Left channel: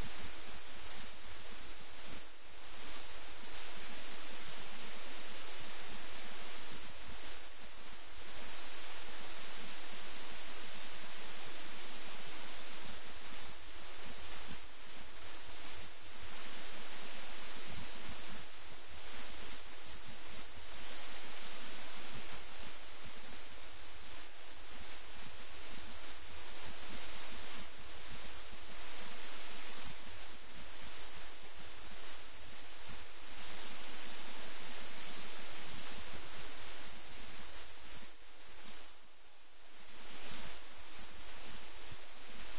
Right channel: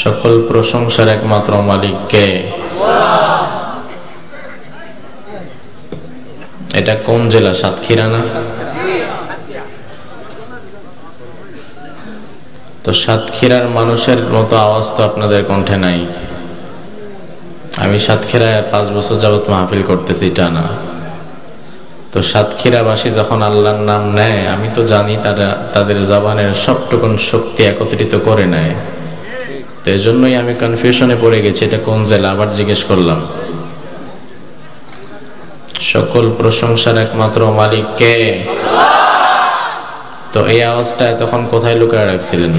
সকল প্রশংসার একমাত্র মালিক কে? এটা কোন জেলা? সাতক্ষীরা না? তো সাতক্ষীরার মানুষের মতো আওয়াজ তো আপনাদের কণ্ঠে নাই। আমি সাতক্ষীরায় 5 বছর যাবত মাহফিল করতেছি টানা। তো সাতক্ষীরাবাসী যখন আল্লাহর নাম নেয়, আমি তো জানি তারা তাদের জবানের সবটুকুন শক্তি একত্রিত করে নেয়। তো এই জন্যই আমি কনফিউশনে পড়ে গেছি এটা কোন জেলা। আবার জিজ্ঞেস করলাম। সকল প্রশংসার একমাত্র মালিক কে? তো এই আওয়াজটা তখন কোথায় লুকায় রাখছিলেন?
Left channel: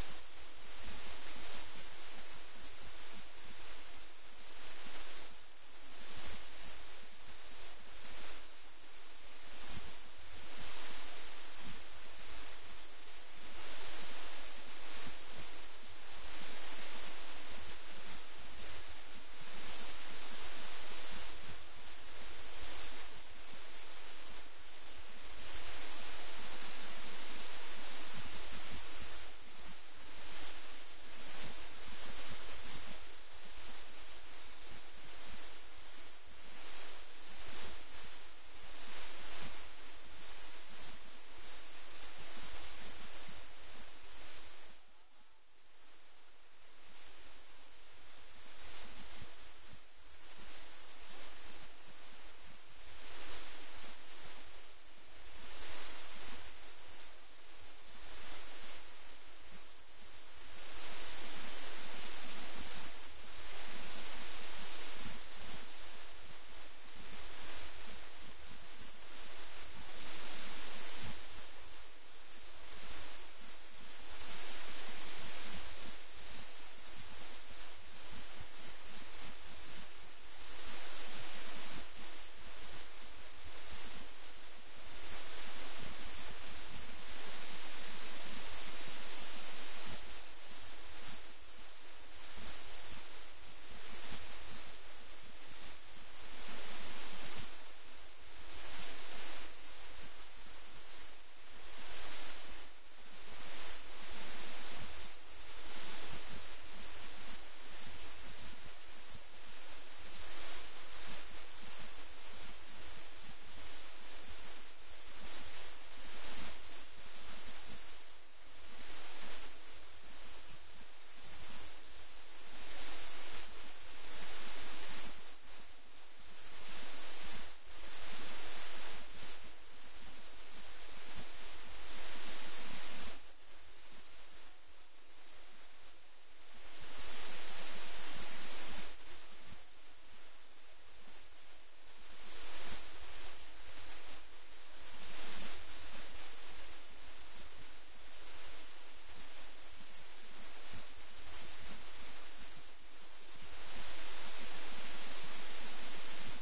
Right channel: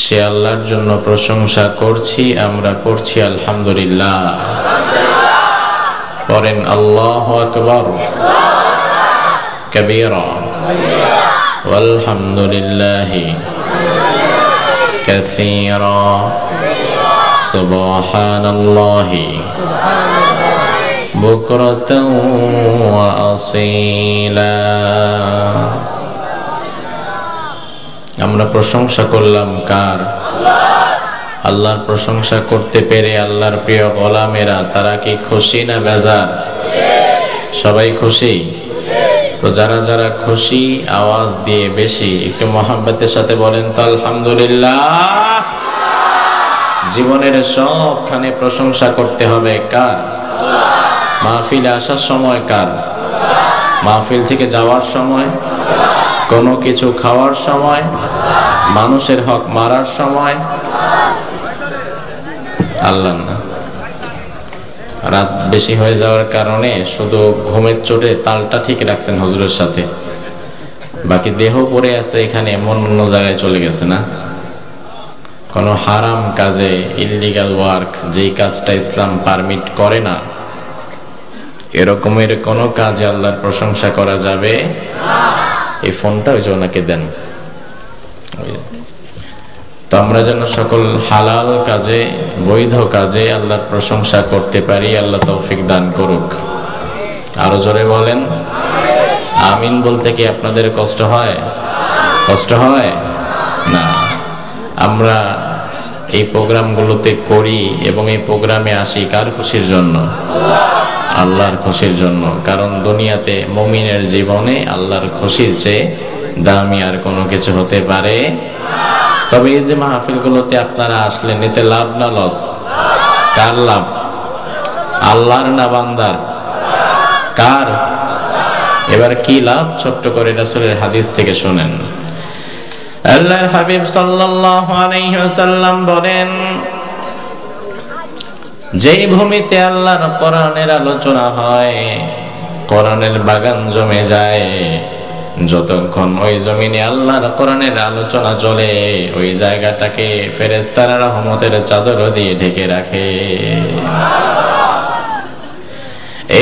সে আল্লাহর জন্য প্রশংসা করছি, আমরা করছি আলহামদুলিল্লাহ। পড়েন আল্লাহু আকবার কাবীরা ওয়ালহামদুলিল্লাহি কাসীরা সুবহানাল্লাহি বুকরাতাও ওয়া আসীলা। আমরা প্রশংসা করলাম কার? আল্লাহর প্রশংসা করতে পেরে আল্লাহর প্রিয় গোলামেরা তারা কি খুশি না বেজার? সবাই খুশি। তো যারা যারা খুশি আওয়াজ দিয়ে বেশি একটু মহব্বতের সাথে বলেন তো আলহামদুলিল্লাহ। জীবনের সবখানে প্রশংসা করতে হবে কার? মাহফিলে আসার সময় কার? মাহফিল থেকে যাওয়ার সময়, কোনো কিছু খাওয়ার সময়, মানুষের হক মারার সময় আল্লাহ না। রাত বেশি হয়ে যাওয়ার কারণে শুধু ঘুমের চোটে তালটা ঠিক রাখছেন হুজুরের সাথে, বাকি দেহ পড়ে আছে এখানে, মন অন্য জায়গায় চলে গেছে না। কোনো হারাম কাজে, ইললিগাল ওয়ার্ক, যেই কাজটা ইসলাম পারমিট করে না, এরকমের কোনো কাজে আল্লাহর প্রশংসা করা যাবে না। এই ফোনটা ওই যে ওনাকে দেন। তো আমরা যেন সকল হালাল কাজে, বৈধ কাজে আল্লাহর প্রশংসা করতে পারি। আল্লাহ তৌফিক দান করুক। আরো জোরে বলেন আমিন। বলতে কি আপনাদের কষ্ট হয়? কষ্ট হয় না? আমরা এই প্রোগ্রামগুলোতে করি এবং এই প্রোগ্রামে আসি কার খুশির জন্য? আল্লাহর খুশির জন্য। কারণ দুনিয়াতে মুমিনের জীবনে আল্লাহর খুশির চেয়ে দামি আর কোনো কিছু হতে পারে। তবে এই যে মাহফিলগুলোতে আপনারা আসলেন, এতে লাভ না লস? কার লাভ? আল্লাহর না বান্দার? কার? এবার কি লাভ? ছোট্ট করে রাসূলের হাদিস থেকে শুনেন। আল্লাহর হাবিব সাল্লাল্লাহু আলাইহি ওয়াসাল্লাম বলেন, যেই ভূমিতে আল্লাহর কোরআনের আলোচনা হয়, কোরআনের বাগান জমে যায়, যতক্ষণ ওই জমিনে আল্লাহর কোরআনের আলোচনা চলে, ওই জায়গাটাকে ফেরেশতারা রহমতের চাদর দিয়ে ঢেকে রাখে।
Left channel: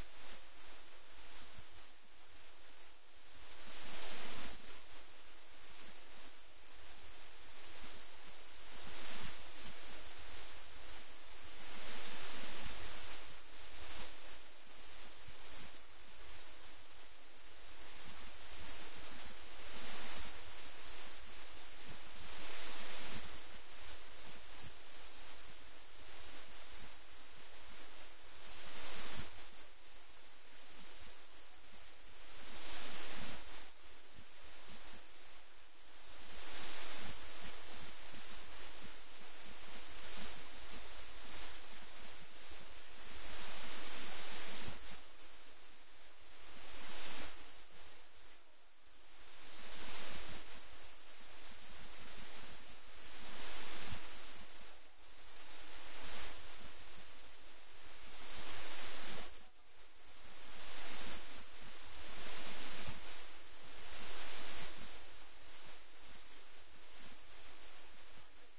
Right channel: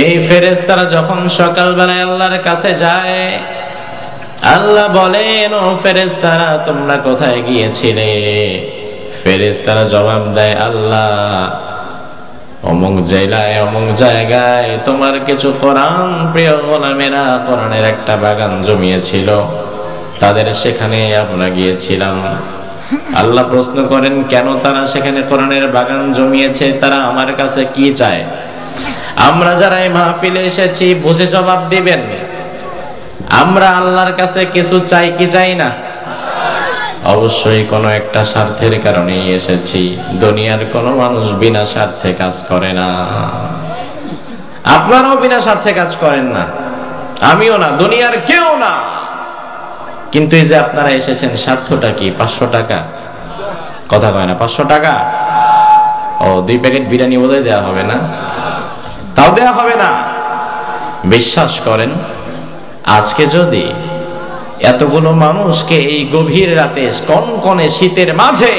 এই ফেরেশতারা যখন সকালবেলায় আল্লাহর কাছে যায়, আল্লাহ বলেন, ও ফেরেশতারা তোমরা কোথায় গিয়েছিলে? ফেরেশতারা জবাব দেয়, আল্লাহ অমুক জেলায় অমুক জায়গায় তোমার কিছু কোরআন প্রিয় গোলামেরা কোরআনের একটা বাগান জমিয়েছিল, তাদের সেখানে আমরা গিয়েছিলাম। আল্লাহ প্রশ্ন করেন, কেন তারা সেখানে কোরআনের বাগান জমিয়েছে? তারা আমার কাছে কি চায়? আমরা যারা এই মাহফিলে এসেছি বুঝে জবাব দিবেন। আমরা আল্লাহর কাছে কিছু চাই কি চাই না? অবশ্যই কোনো একটা স্বার্থের কারণেই এসেছি। দুনিয়ার কোনো মানুষ বিনা স্বার্থে কাজ করে না। আপনারাও বিনা স্বার্থে কাজ করেন না, আমিও না, দুনিয়ার কেউ না। কিন্তু এই যে আপনারা এসেছেন, স্বার্থটা কি? 500 টাকা? কথা কয় না? 500 টাকা? ও 2 প্যাকেট বিরিয়ানি বোধহয় দেওয়া হবে না? তাও দেওয়া হবে না। বিশ্বাস করেন, আজকে যদি এতগুলো মানুষকে এই গভীর রাতে কনকনে শীতের মাঝে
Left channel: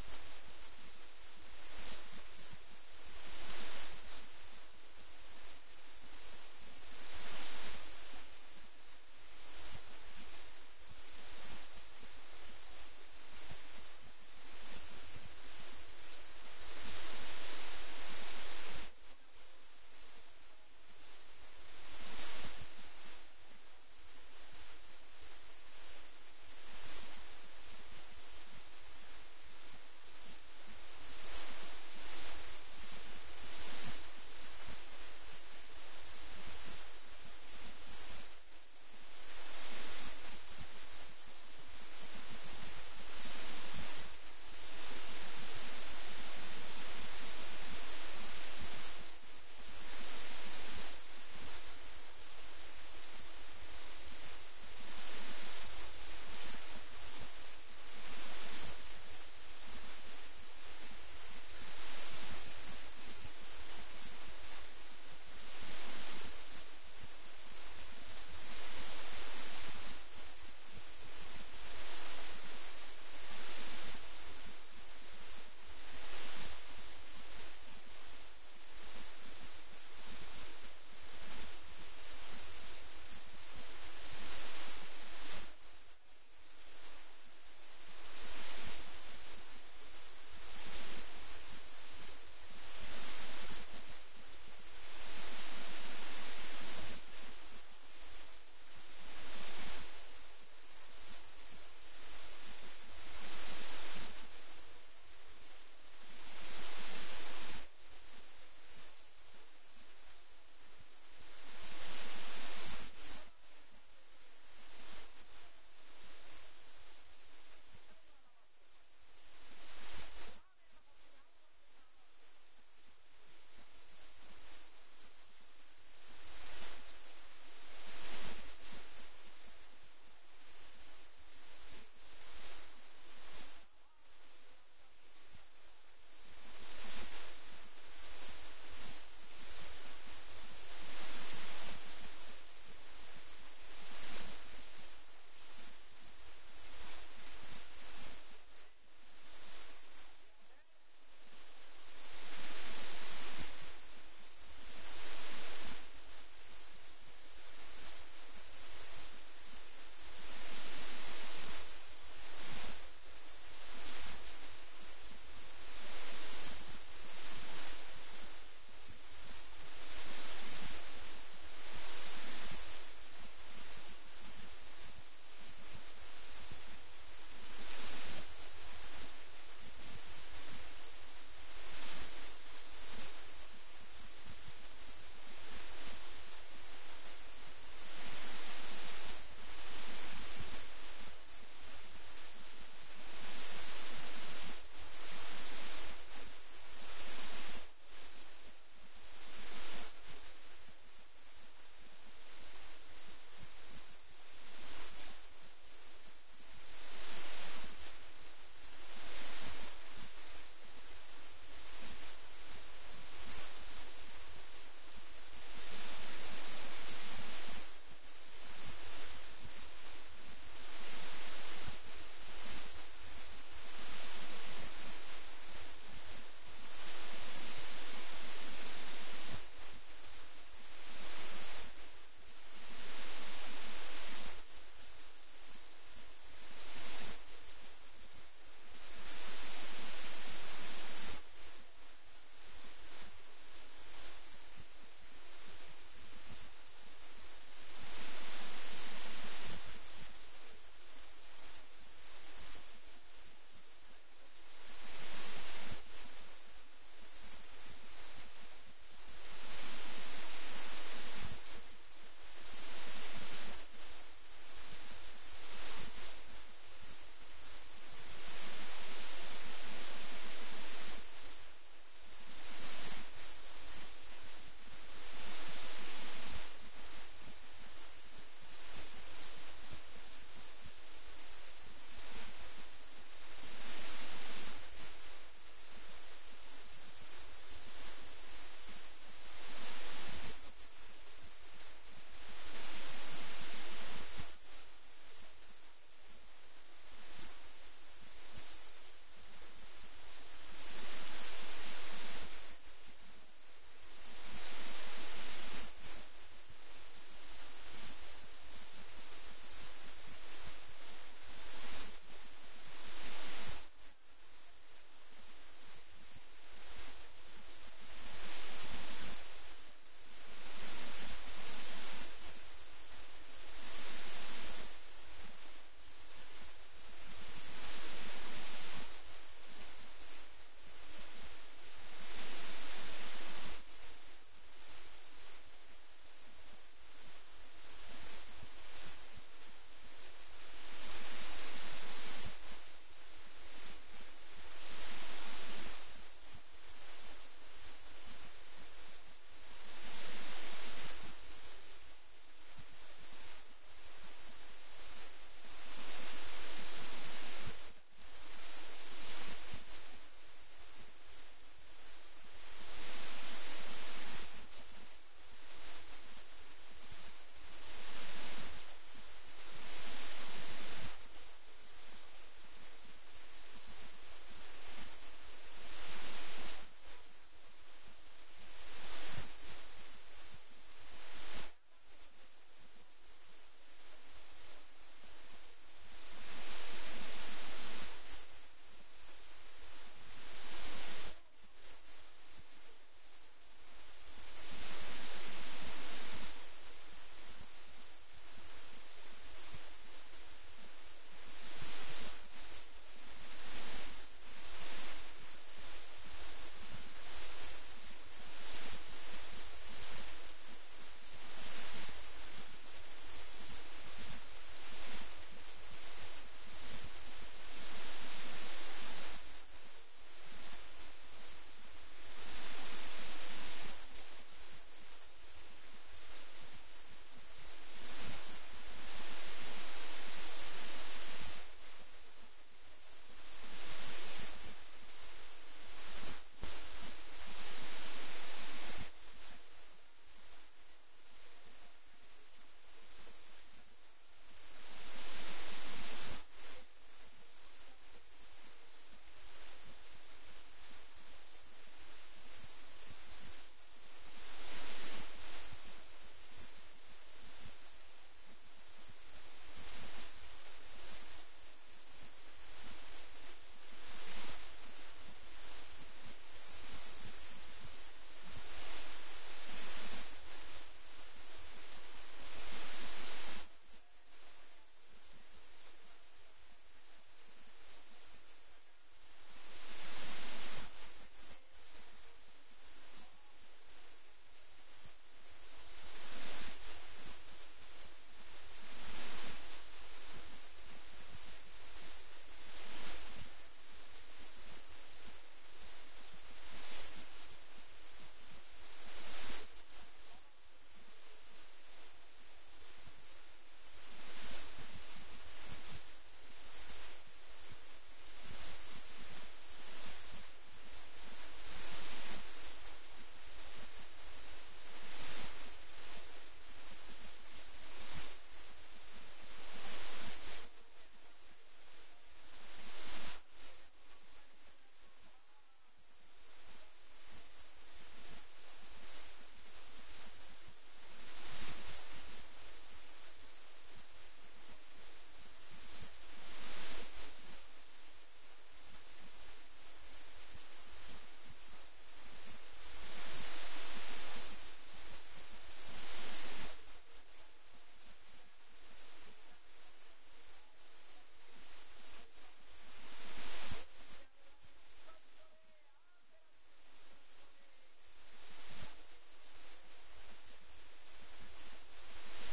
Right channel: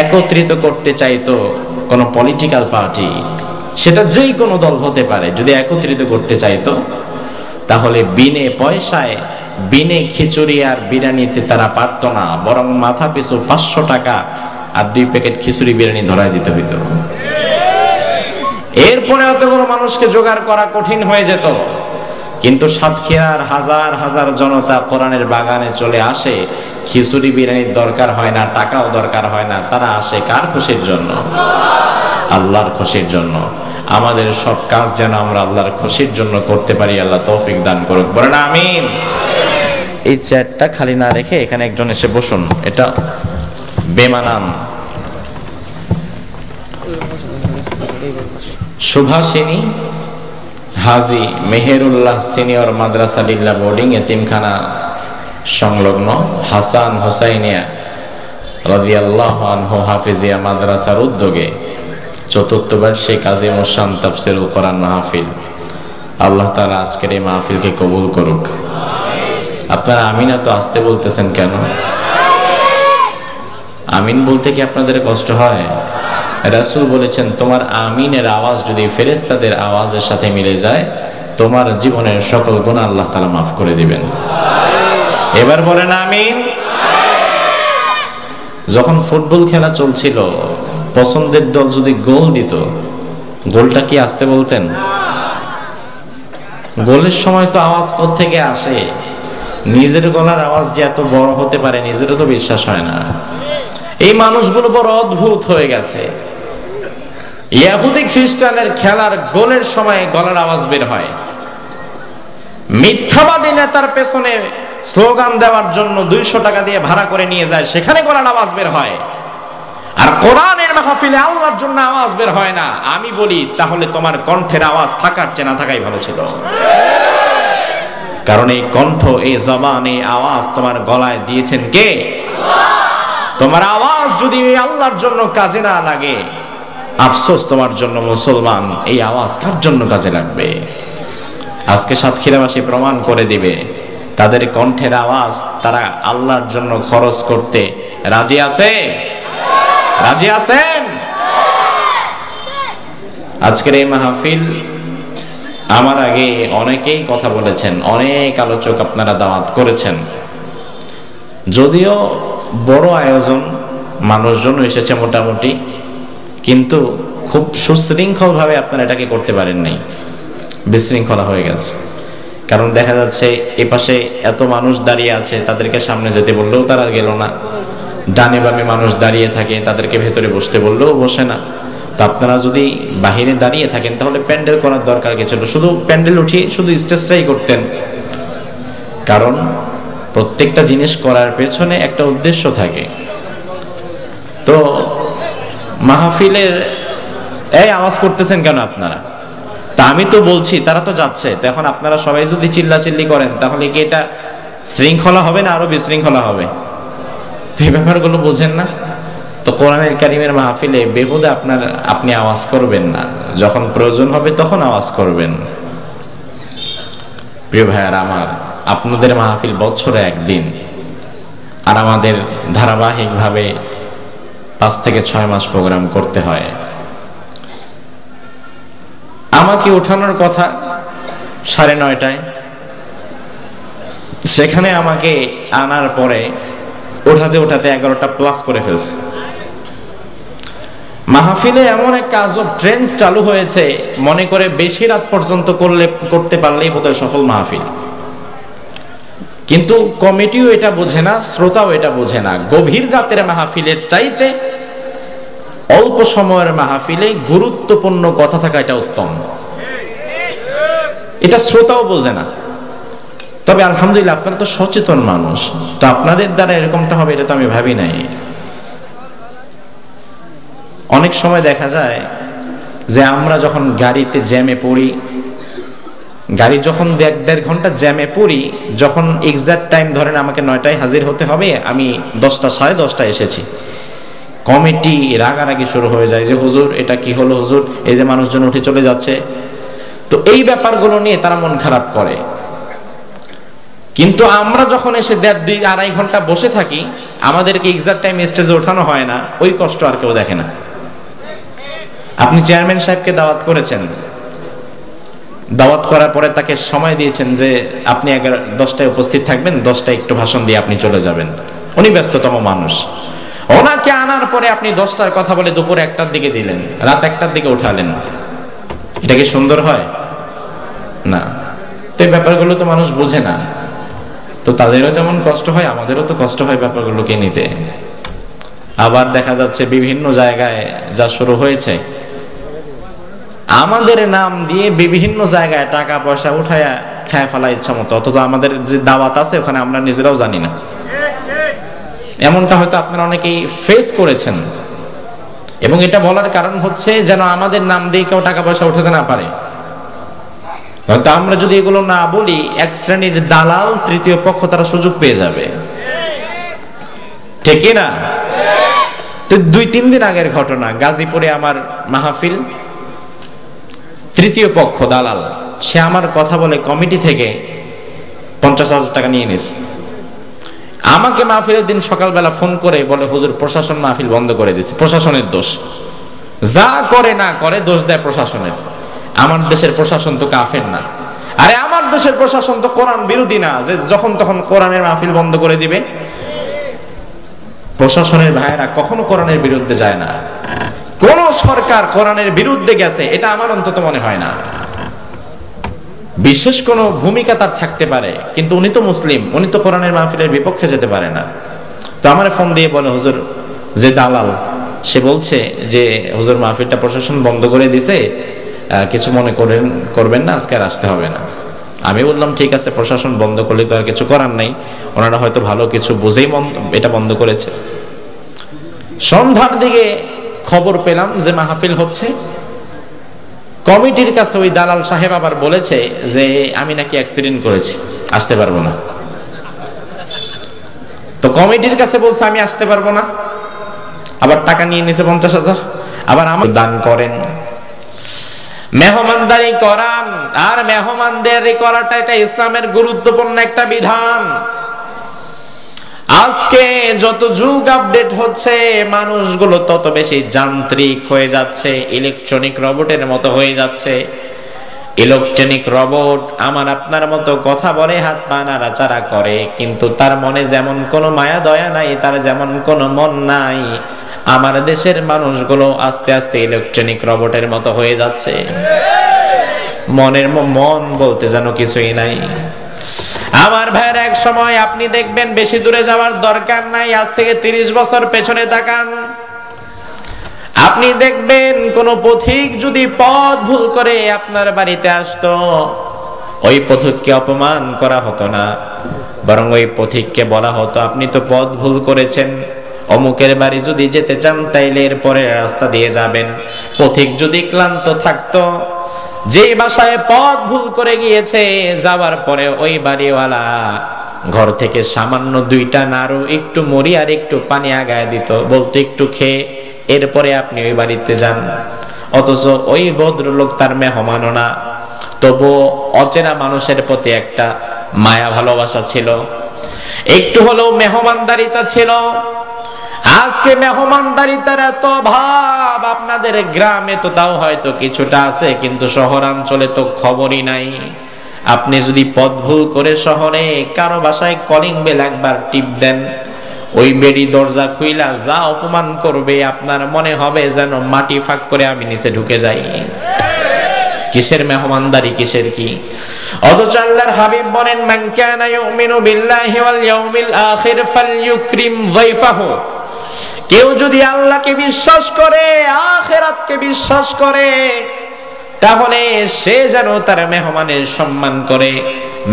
একত্রিত করতে চাইতো কোন পলিটিক্যাল পার্টি, সেটা যেই কোনো দল হতে পারে, যদি একত্রিত করতে চাইতো, তাহলে বিনে পয়সায়, বিনে খিচুড়ি আর বিরিয়ানিতে তারা পারত না, বরং মাথা পিছু 500 টাকা আর 2 প্যাকেট খিচুড়ি বিরিয়ানি ধরায় দিতে হইতো। এরপরে এতগুলো মানুষকে জোগাড় করা কঠিন হয়ে যেত। কিন্তু সাতক্ষীরার হাজার হাজার জনতা কোরআনের বাগানে চলে আসে, খিচুড়ি বিরিয়ানির দরকার হয় না, টাকাও দরকার হয় না, তারা আসে কার খুশির জন্য? আল্লাহর খুশির জন্য। আমাদের সব কাজ যেন আমরা আল্লাহর খুশির জন্য করতে পারি, আল্লাহ তৌফিক দান করুক, বলেন আমিন। এই চেয়ারটা খালি না রেখে এখানে একজন এসে বসুন, এটা বেমানান। সুভাষিনী হাজী মেহেরুল্লাহ সিনিয়র মাদ্রাসা লিল্লাহ বোর্ডিং এতিমখানা সংলগ্ন হাসান হুসাইনিয়া রাদিয়াল্লাহু আনহু হাফিজিয়া মাদ্রাসার উদ্যোগে চতুর্থ বার্ষিক কাজী মুসান তাফসিরুল কোরআন মাহফিল, আল্লাহ তাআলা আজকের এই মাহফিলকে কবুল করুক। আপনারা আমিন এত আসতে বলতেছেন কেন? আমিন বলতে কি আপনাদের কষ্ট হয়? রাসূল বলেছেন, তোমার আমিনের আওয়াজ যদি ফেরেশতাদের আওয়াজের সাথে মিলে যায়, তোমার জীবনের সকল গুনাহ আল্লাহ তাআলা মাফ করে দিবেন। এবার বলেন আমিন। যখন ফুটবল খেলা চলছিল, পছন্দের দল যদি গোল দিত, গোলটা কি আসতে বলতেন? গোলের সময় তো আওয়াজ কোত্থেকে আসে? নিজের গলার আওয়াজ যে এত বড় হতে পারে নিজেরও তো বিশ্বাস হয় না। এই মানুষগুলো বড় অদ্ভুত হয়ে গেছে। ইহুদি খ্রিস্টানের খেলার গোলের সময় গলার আওয়াজ বের হয়, মিথ্যাবাদী নেতার পেছনে স্লোগান দেওয়ার জন্য 200 টাকা দিয়ে ভাড়া করে নিয়ে যায়, সেখানে গলার আওয়াজ বের হয়। আর কোরআনের মাহফিলে আল্লাহর জন্য আওয়াজ বের হয় না। আমি বলি, তাহলে তোমার কণ্ঠের আওয়াজ থাকার চেয়ে না থাকাই ভালো ছিল। কারণ এই কণ্ঠ, এই জবান, এই আওয়াজ তোমার গলায় দিয়েছেন কে? তোমার আওয়াজ যদি আল্লাহর জন্য কাজে না লাগে, আফসোস তোমার জন্য মুসলমান। এই আওয়াজ কার জন্য কাজে লাগবে? আজকে সাতক্ষীরাবাসী প্রমাণ করে দিবে, তাদের কণ্ঠের আওয়াজ তারা আল্লাহর জন্য খরচ করতে রাজি আছে। রাজি আছেন? আজকের এই মাহফিল, আমার আগে অনেকেই কথা বলেছেন, অনেক আলোচক আপনারা দাওয়াত করেছেন। যদিও বড় আয়োজন, মানুষজন এসেছে মোটামুটি, কিন্তু খুব সুশৃঙ্খল ভাবে আপনারা এটাকে করতে পারেন নাই, বিশৃঙ্খলা হয়ে গেছে। কারণ দেখা যাচ্ছে এপাশে এত মানুষ দাঁড়িয়ে আছে, তাদেরকে সামনে যেতে বললেও তারা গেল না, ডানে বামে মানুষ দাঁড়িয়ে থাকে, তাদেরকে ভেতরে বসতে বললেও বসে না। তো আপনারা যদি বাহিরে দাঁড়িয়ে থাকেন তাহলে প্যান্ডেল করার দরকার কি ছিল? শুধু প্যান্ডেল উঠিয়ে শুধু স্টেজটাই করতেন। কারণ প্রত্যেকটা জিনিস করার পেছনে একটা উদ্দেশ্য থাকে। তো মাহফিলের এই আওয়াজ করতেছেন কেন আপনারা? তা আমি তো বলছি, তারা তো যাচ্ছে। তো এখন আপনারা সবাই যদি চিল্লাচিল্লি করেন, তাহলে কি এটা শৃঙ্খলা হবে না আরো বিশৃঙ্খলা হবে? তো এই ব্যাপারগুলো বোঝেন না। তো কোরআনের কারিমের মাহফিলে বেহুদা আপনি আওয়াজ করবেন না, যখন প্রয়োজন হবে তখন আওয়াজ করবেন। প্রিয় ভাইয়ার আমার, আপনাদের মাহফিল বছরে একদিন, আর আমাদের ধারাবাহিকভাবে 5 থেকে 6 মাস প্রোগ্রাম করতে হয়। আমাকে ওঠানোর কথা 9:30টায়, সেখানে আমাকে আনার পরে ওঠাতে 11টা প্লাস করে ফেলছে। মাহফিলে এমন একটা আজব ট্রেন্ড চালু হয়েছে, মনে করে বেশি রাত পর্যন্ত করতে পারলেই বোধহয় সফল মাহফিল। কিন্তু কমিটিও এটা বোঝে না, শ্রোতাও এটা বোঝে না। গভীর রাতের মাহফিলের চাইতে অল্প সময়ের মাহফিলে গুরুত্বপূর্ণ কথা থাকা এটা উত্তম। এটা শ্রোতাও বোঝে না। তবে আলহামদুলিল্লাহ আপনারা তো সচেতন মানুষ, তো আপনাদের দ্বারা এরকমটা হবে এটা তো আমি ভাবি নাই। অনেক সময় দেখা যায় যে আমরা যখন গাড়িতে জ্যামে পড়ি, গাড়ি যখন 1-1.5 ঘন্টা জ্যামে পড়ি, যখন এক্সাক্ট টাইম ধরেন আমাকে 9টায় হাজির হতে হবে, আমি 10টা 10:30টায় এসেছি, কমিটি রাগারাগি শুরু হয়ে যায় যে হুজুর এটা কি হলো, হুজুর এই যে মানুষজন উঠে চলে যাচ্ছে। তো এই ব্যাপারগুলো নিয়ে তারা মন খারাপ করে। কিন্তু আমরা যখন এসে 1.5-2.5 ঘন্টা বসে থাকি, আমাদেরকে এক্সাক্ট টাইম স্টেজে ওঠানো হয় না, ওই কষ্ট আর কেউ দেখে না। আপনি চেয়ারম্যান সাহেবকে দাওয়াত করেছেন, দাওয়াত করার পরে তাকে সময় দিয়েছেন যে আপনি 10টায় উপস্থিত থাকবেন, 10টায় একটু ভাষণ দিয়ে আপনি চলে যাবেন। উনি ব্যস্ততম মানুষ, ওনাকে আনার পরে আপনি 10টার কথা বলে দুপুর 1টার দিকে দিলেন, রাত 1টার দিকে উঠালেন। এটা কি সুন্দর হয়? না। তো এই ব্যাপারগুলো তো মানুষ বোঝে না। তো তাদেরও যেমন কষ্ট হয়, আমাদেরও তো কষ্ট হয় ব্যাপারগুলোকে নিতে। আবার দেখা যাচ্ছে বিভিন্ন জায়গায় যা শুরু হয়েছে, আমাদের নাম দিয়ে বিভিন্ন জায়গায় টাকা পয়সা উঠায়া খায় ফেলা ইচ্ছা মতো, অথচ আমাদের যে দাওয়াত আছে ওখানে আমরা নিজেরাও জানি না। এমনটা হয়তো আপনারা অনেকেই ফেস করেছেন, এবং এটা বলার কারণ হচ্ছে যেন আমাদের নাম দিয়ে কেউ টাকা পয়সা উঠাতে না পারে। হয়তো আমরা যদি এগুলো না বলি, এক শ্রেণীর দালাল, তৃতীয় পক্ষ তারা সুযোগ পেয়ে যাবে, ঠিক না? তো 2-3 দিন আগের ঘটনা, গাজীপুরে আমার মাহফিল, তৃতীয় পক্ষ দালাল সে আমার কথা বলে কমিটি থেকে 50,000 টাকা নিয়ে নিস। আমাকে মাহফিলের দিন সকালবেলা ফোন করে বলে, হুজুর প্রশাসন মাহফিল বন্ধ করে দিচ্ছে, প্রশাসনের দোষ। যা করে না করে দোষ দেয় প্রশাসনের। আমার দেশের প্রশাসন তো কাফের না। আরে আমার দেশের প্রশাসন তো কোরআন বিরোধী না যে যখন তখন কোরআনের মাহফিল বন্ধ করে দিবে। প্রশাসনের ভাইয়েরা কখনো কোরআনের বিরুদ্ধে যায় না। কোন সরকার কোরআনের বিরুদ্ধে গেছে এটা আমার অন্তত মনে হয় না। বিশেষ কোনো ভূমিকা তার থাকতে পারে, কিন্তু উনি তো মুসলিম, উনি তো কোরআনের মাহফিলের বিপক্ষে যেতে পারে না। তো আমার ফোন দিয়ে বলে, হুজুর যে দালাল সে বলছে যে হুজুর মাহফিলটা প্রশাসন বন্ধ করে দিছে, কিছু মনে করবেন না, আজকে আর আসতে হবে না। আমি বললাম ঠিক আছে, প্রশাসন বন্ধ করলে তো আর কিছু করার নাই, ওনারা হয়তো ভালো কিছু বুঝেই এটা বন্ধ করেছে। সন্ধ্যার দিকে খবর পেলাম যে মাহফিল হচ্ছে। কমিটির কাছে ওই দালাল সাহেব আবার বলেছে যে আমি নাকি অ্যাক্সিডেন্ট করেছি, আসতে পারবো না। তো কমিটির কাছে বলছে আমি আসতে পারবো না, আবার টাকা নিয়ে নিছে 50,000। আবার আমার দান করেন, মেহমানদারি করান। আর মেহমানদারি করাটা এটা ইসলামের গুরুত্বপূর্ণ একটা বিধান। আজকে যত যুগ আপডেট হচ্ছে, মানুষগুলো তত বেশি যান্ত্রিক হয়ে যাচ্ছে, ইলেকট্রনিক রোবটের মতো হয়ে যাচ্ছে। ইলেকট্রনিক রোবট আমার আপনার মতো কথা বলে, হাত পা নাড়াচাড়া করে, কিন্তু তার মনে যেমন কোনো মায়া দয়া নাই, তার যেমন কোনো মন নাই। আমার দেশের মানুষগুলো আস্তে আস্তে ইলেকট্রনিক রোবটের মতো হয়ে যাচ্ছে। মন বলতে যেন কিছুই নাই। আমার ভাইয়ের এক সময় আপনি দেখবেন, বেশি দূরে যাওয়ার দরকার নাই, আজ থেকে 30 বছর পেছনে তাকান, আপনি দেখবেন কোন পথিক যদি পথ ভুল করে আপনার বাড়িতে আসতো, ওই পথিককে অপমান করা হতো না, বরং ওই পথিককে বলা হতো আপনি তো পথ ভুল করেছেন, অমুকের বাড়ি যদি যেতে চান তাইলে এর পরের রাস্তা দিয়ে যাবেন। পথিক যদি ক্লান্ত থাকতো, যেই বাসায় পথ ভুল করে গিয়েছে, যাওয়ার পরে ওই বাড়িওয়ালা ঘর থেকে সামান্য 2টা নাড়ু, একটু মুড়ি আর একটু পানি আগায় দিত, বলতো একটু খেয়ে এরপরে আপনি ওই বাড়িতে যান। অথচ ওই ভদ্রলোক তার মেহমানও না, তবু অচেনা মানুষের প্রতি একটা মায়া ভালোবাসা ছিল, একটু হলেও মেহমানদারিতা ছিল। আজকে মেহমানদারিতার এত অভাব। আপনাদের গ্রামে তো তাও হয়তো কিছুটা আছে, কিন্তু শহরাঞ্চলে তো খবরই নাই। আপনি যদি পথ ভুল করে শহরে কারো বাসায় কলিং বেল একবার টিপ দেন, ওই বেড়ি দরজা খুইলা যা অপমান করবে, আপনার মনে হবে যেন মাটি ফাঁক করে আমি নিচে ঢুকে যাই। কিসের মেহমানদারি, কিসের কি? অথচ আল্লাহর হাবিব বলেন, মান কানা ইউমিনু বিল্লাহি ওয়াল ইয়াউমিল আখির ফালইউকরিম যায়ফাহু। কেউ যদি আল্লাহকে বিশ্বাস করে, আখিরাতকে বিশ্বাস করে, তাহলে সে যেন তার মেহমানের সম্মান করে,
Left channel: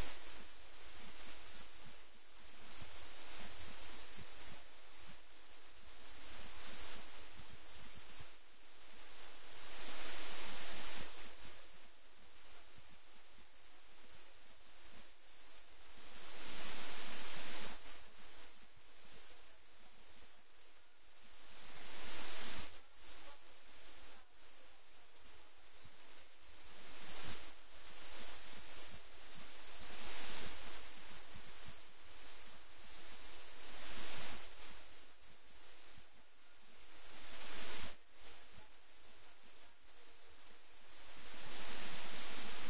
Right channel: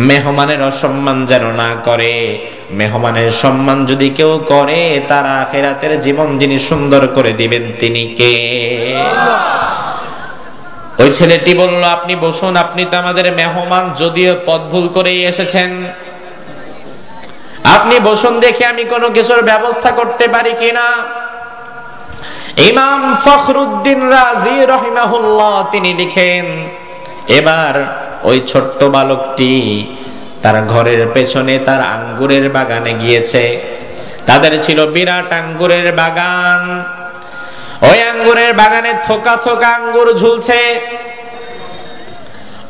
মেহমানের অসম্মান যেন না করে। মেহমানের সম্মান যদি কেউ করে, তার আখিরাতের জীবন যিনি সুন্দর করে দিবেন তিনি কে? ওই ছেলেটি বলল, আপনি বসুন, আপনি তো আমাদের মেহমান, যদিও পথ ভুল করেই এসেছেন, আপনি বসুন, দেখি আমি কোনো কিছুর ব্যবস্থা করতে পারি কিনা। ইমাম ফখরুদ্দিন রাজি রহিমাহুল্লাহ তিনি লিখেন, এবার ওই ছোট্ট বালকটি তার ঘরের পেছনে তার আঙ্গুরের বাগানে গিয়েছে। তাদের ছিল বিরাট আঙ্গুরের বাগান। ওই আঙ্গুরের বাগানে থোকা থোকা আঙ্গুর ঝুলছে।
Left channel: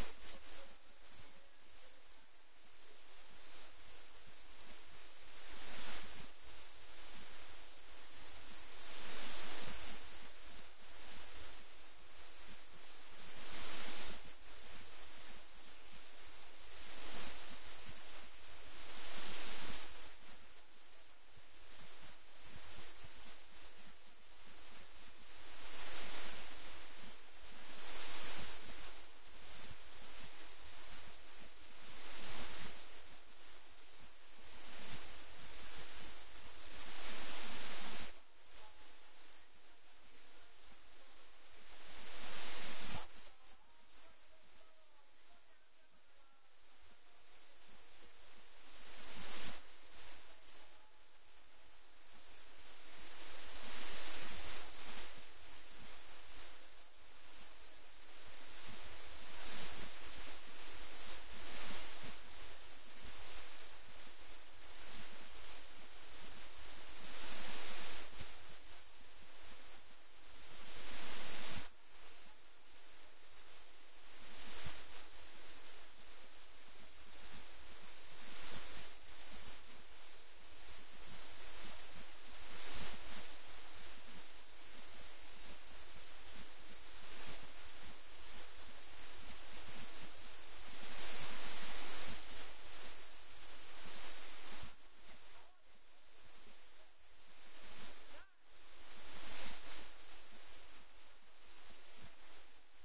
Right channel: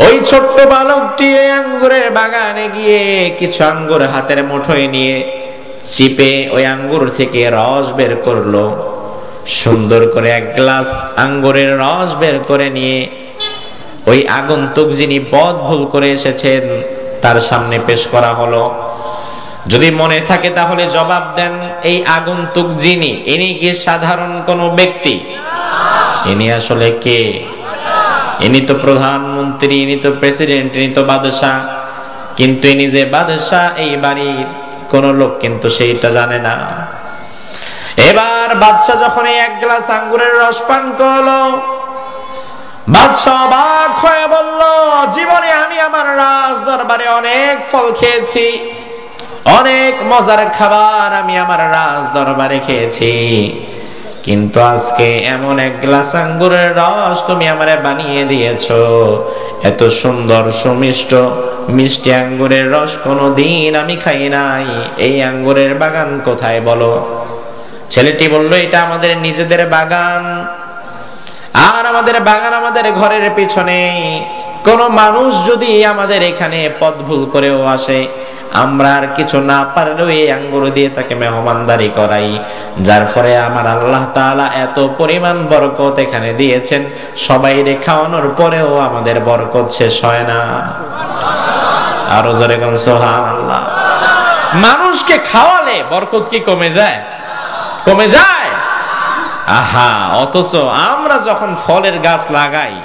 ওই ছোট্ট বালকটি ওই আঙ্গুরের বাগানে গিয়ে কিছু আঙ্গুর হাতের মুঠোয় নিয়ে চিপে ওই আঙ্গুর থেকে রস বের করলো। সুন্দর করে 1 গ্লাস আঙ্গুরের রস বের করে নিয়ে ওই আগন্তুক যিনি পথ ভুল করে এসেছেন তার সামনে পেশ করা হলো। যদি মনে থাকে তাহলে জবাব দেন, এই আগন্তুক যিনি, ইনি কি সাধারণ কোনো ব্যক্তি? ইনি আসলে কে? ইনি তো প্রধানমন্ত্রী, ইনি তো প্রেসিডেন্ট, ইনি তো বাদশাহ। কিন্তু ইনি যে বাদশাহ এই বাড়ির কোন লোক কিন্তু সেইটা জানে না। এবার বাদশাহ যখন এই এক গ্লাস আঙ্গুরের রস পান করলো, বাদশাহ অবাক হয়ে বলল, জীবনে আমি আমার রাজ দরবারে অনেক ফল খেয়েছি, অনেক মজার খাবার আমি আমার রাজ দরবারে খেয়েছি, কিন্তু আজকে এমন এক গ্লাস আঙ্গুরের রস তুমি আমারে বানিয়ে দিয়েছো, এত সুন্দর সুমিষ্ট মিষ্টি আঙ্গুরের রস কোনোদিন আমি খাই নাই। এই আঙ্গুরের বাগান কোথায় বলো? ছেলেটি বলল, এটা আমাদের নিজেদের বাগান, আর আমাদের বাগান আমাদের ঘরের পিছনে। কোন মানুষ যদি আমাদের এখানে পথ ভুল করেও আসে, আমরা আর কিছু না পারলেও এই আঙ্গুর দিয়ে তাকে মেহমানদারি করাই, যার ফলে আমার আল্লাহ তাআলা এত পরিমাণ বরকত এখানে দিয়েছেন, সবাই রে খাওয়ানোর পরেও আমাদের বরকত শেষ হয় না। আরো জোরে কোন সুবহানাল্লাহ। মানুষকে খাওয়ালে বরকত কি কমে যায়? কমে যায়? আহা, অথচ আমরা যখন ফলের গাছ লাগাই,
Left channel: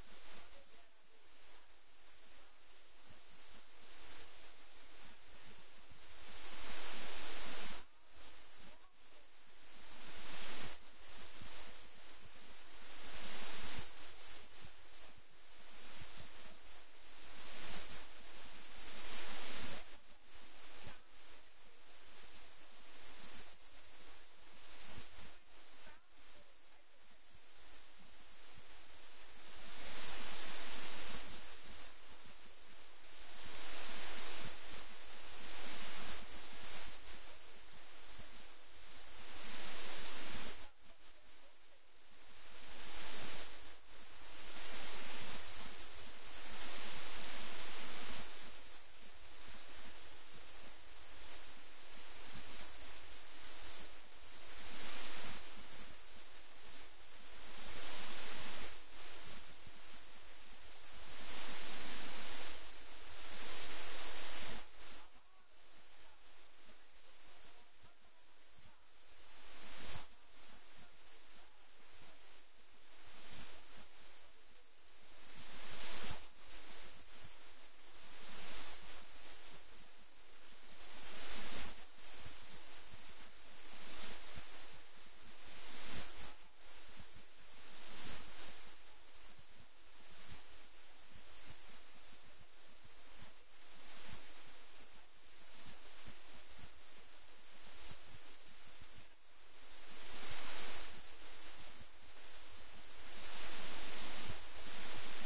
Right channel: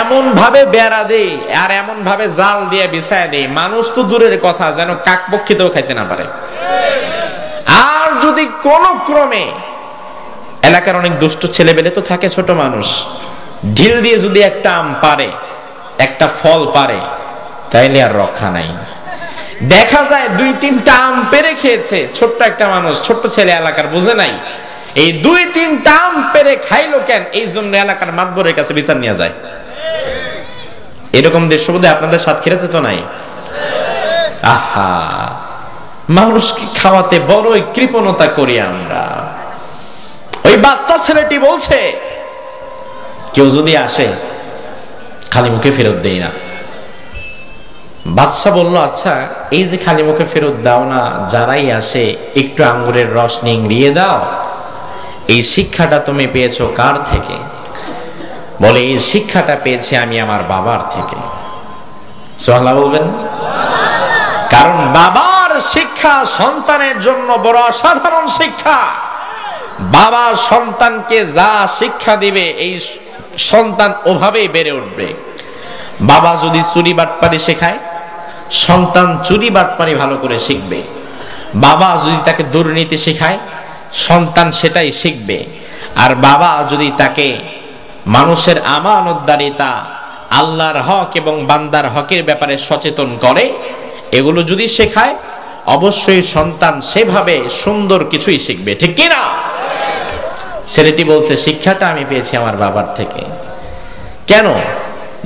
এমন ভাবে বেড়া দেই আর এমন ভাবে জাল দিয়ে বিছায় দেই, মানুষ তো দূরের কথা, যেন কাকপক্ষীতেও খাইতে না পারে। আর যদি কোন ক্রমে এলাকার অনেক দুষ্ট ছেলেবেলে তো থাকে, ছোট মানুষ, ঢিল দিয়ে যদি একটা আম পারে, একটা ফল পারে, তাইলে আর রক্ষা নাই। দেখা যায় 2-3টা আম পেরে খেয়েছে ছোট্ট একটা মানুষ, ছোট্ট ছেলে এলাকার, বুঝে নাই এই 2-3টা আম পেরে খাইলো কেন, এই জন্য এলাকার মাতবরের কাছে বিচার নিয়ে যায়। এরকম দেশবোধে আপনাদের সাতক্ষীরাতে তো নাই? আহা, মানুষকে খাওয়াতে বড়ই কৃপণতা করি আমরা। ওই বাচ্চা ছেলেটি বলছে, কেউ যদি আসে খালি মুখে ফেরত দেই না। বাদশা বলল, আচ্ছা এই যে খালি মুখে ফেরত দাও না, যারাই আসে একটু আঙ্গুরের রস নিংড়িয়ে দাও, এই শিক্ষাটা তুমি পেয়েছো কার থেকে? বলে, এই শিক্ষাটা পেয়েছি আমি আমার বাবার থেকে। সুবহানাল্লাহ বলবেন? কারণ বাবার শিক্ষা সন্তানের জন্য বড় অসাধারণ শিক্ষা। বাবা সন্তানকে যা শিক্ষা দিবে, এই সন্তান ওভাবেই বেড়ে উঠবে। বাবা যদি চুরি বাটপারি শেখায়, সন্তান চুরি বাটপারি ভালো করে শিখবে। বাবা যদি তাকে দুর্নীতি শেখায়, সন্তান সেটাই শিখবে। আর বাবা যদি তাকে মানুষের আমানতদারিতা, আল্লাহর হক এবং বান্দার হকের ব্যাপারে সচেতন করে, এগুলো যদি শেখায়, অবশ্যই সন্তান সেভাবে সুন্দর কিছুই শিখবে। ঠিক কি না? ছেলেটি বলছে, শিক্ষাটা আমি পেয়েছি আমার বাবার থেকে। কেন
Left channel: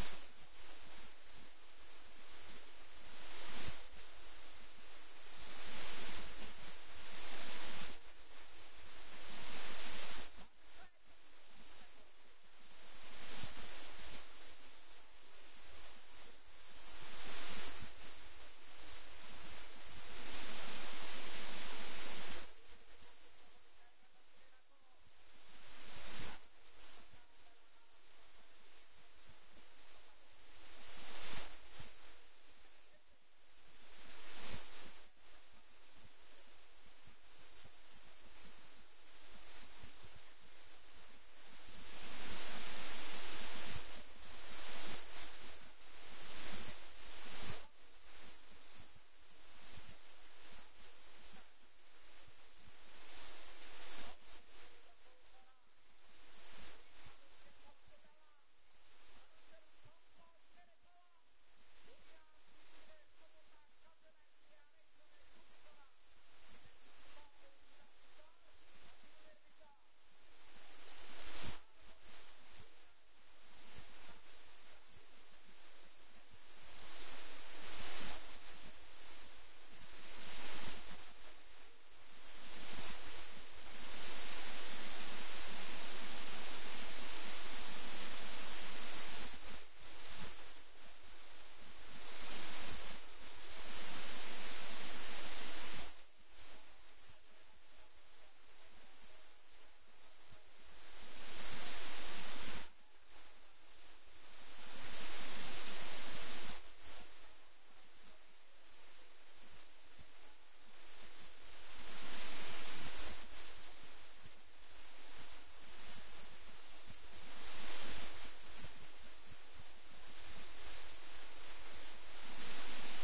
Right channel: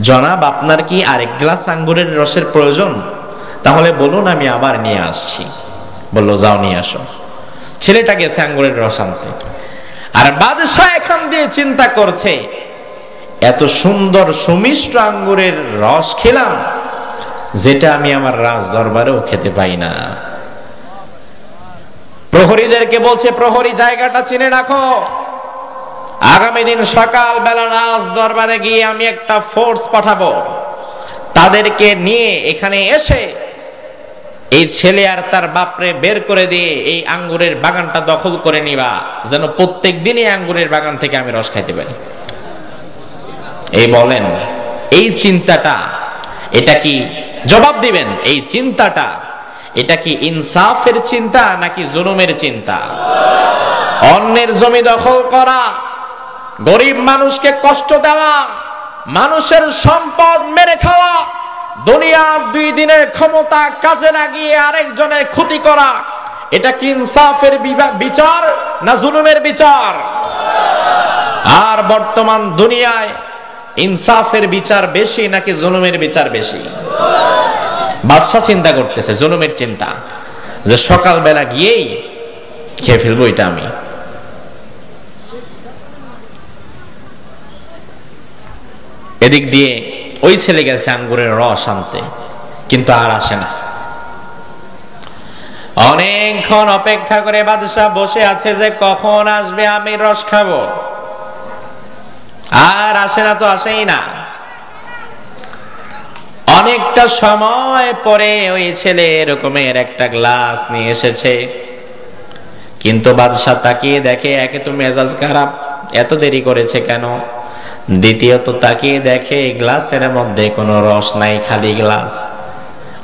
জনাব, আপনার কি আরেক গ্লাস আঙ্গুরের রসের প্রয়োজন? তাহলে বলুন, আমি আবার নিয়ে আসছি। বলল, যাও নিয়ে আসো। ছেলেটা গেছে আঙ্গুরের রস আনতে, আর বাদশাহ এখান দিয়ে চিন্তা করছে, এত সুন্দর সুমিষ্ট আঙ্গুরের রস খেলাম, যেটা আমি আমার রাজ দরবারেও খেতে পাই না। প্রহরীদেরকে বলছে, প্রহরী জায়গাটা চিনে রাখো, আগামী দিন সকাল বেলা রাজ দরবারে গিয়ে আমি একটা ফোর্স পাঠাবো, তাদেরকে নিয়ে এখানে এসে এই ছেলে আর তার বাপরে বের করে দিয়ে এই আঙ্গুরের বাগানটা দখল করে নিবা, যেন প্রত্যেক দিনই আঙ্গুরের বাগান থেকে আমি রস খাইতে পারি। এই বলেন, এই চিন্তাটা, এটা কি, জবাব দিবেন, এই চিন্তাটা এটা কি ইনসাফের চিন্তা নাকি জুলুমের চিন্তা? অন্যের জমি দখল করা, গরিব মানুষকে কষ্ট দেওয়া, মানুষের সম্পদ মেরে খাওয়া, দুনিয়ার 2 দিনের ক্ষমতা কাজে লাগিয়ে আরেকজনের ক্ষতি করা, এটা কি ইনসাফের বিচার না জুলুমের বিচার? আর বর্তমান দুনিয়ায় ইনসাফের বিচার বেশি নাকি জুলুমের বিচার বেশি? বাদশা চিন্তা করতেছে, জুলুমের চিন্তা, যে সকালবেলা গিয়েই খেয়ে ফেলবো এটা আমি। এদিক দিয়ে ওই ছেলে গেছে আঙ্গুরের রস আনতে, কিন্তু আর আসে না। অনেকক্ষণ অপেক্ষা করে বাদশা বসে আছে যে কখন আসবে আমি রস খাবো, আর আসে না তো আসেই না। অনেকটা সময় পরে ওই ছেলে এরকমের একটা গ্লাস নিয়ে এসেছে, কিন্তু বাদশা তাকিয়ে দেখে একে তো মেজাজ খারাপ, এত দেরি করেছে কেন। দ্বিতীয়ত তাকিয়ে দেখে গ্লাসের মধ্যে কোনো রস নাই, খালি গ্লাস।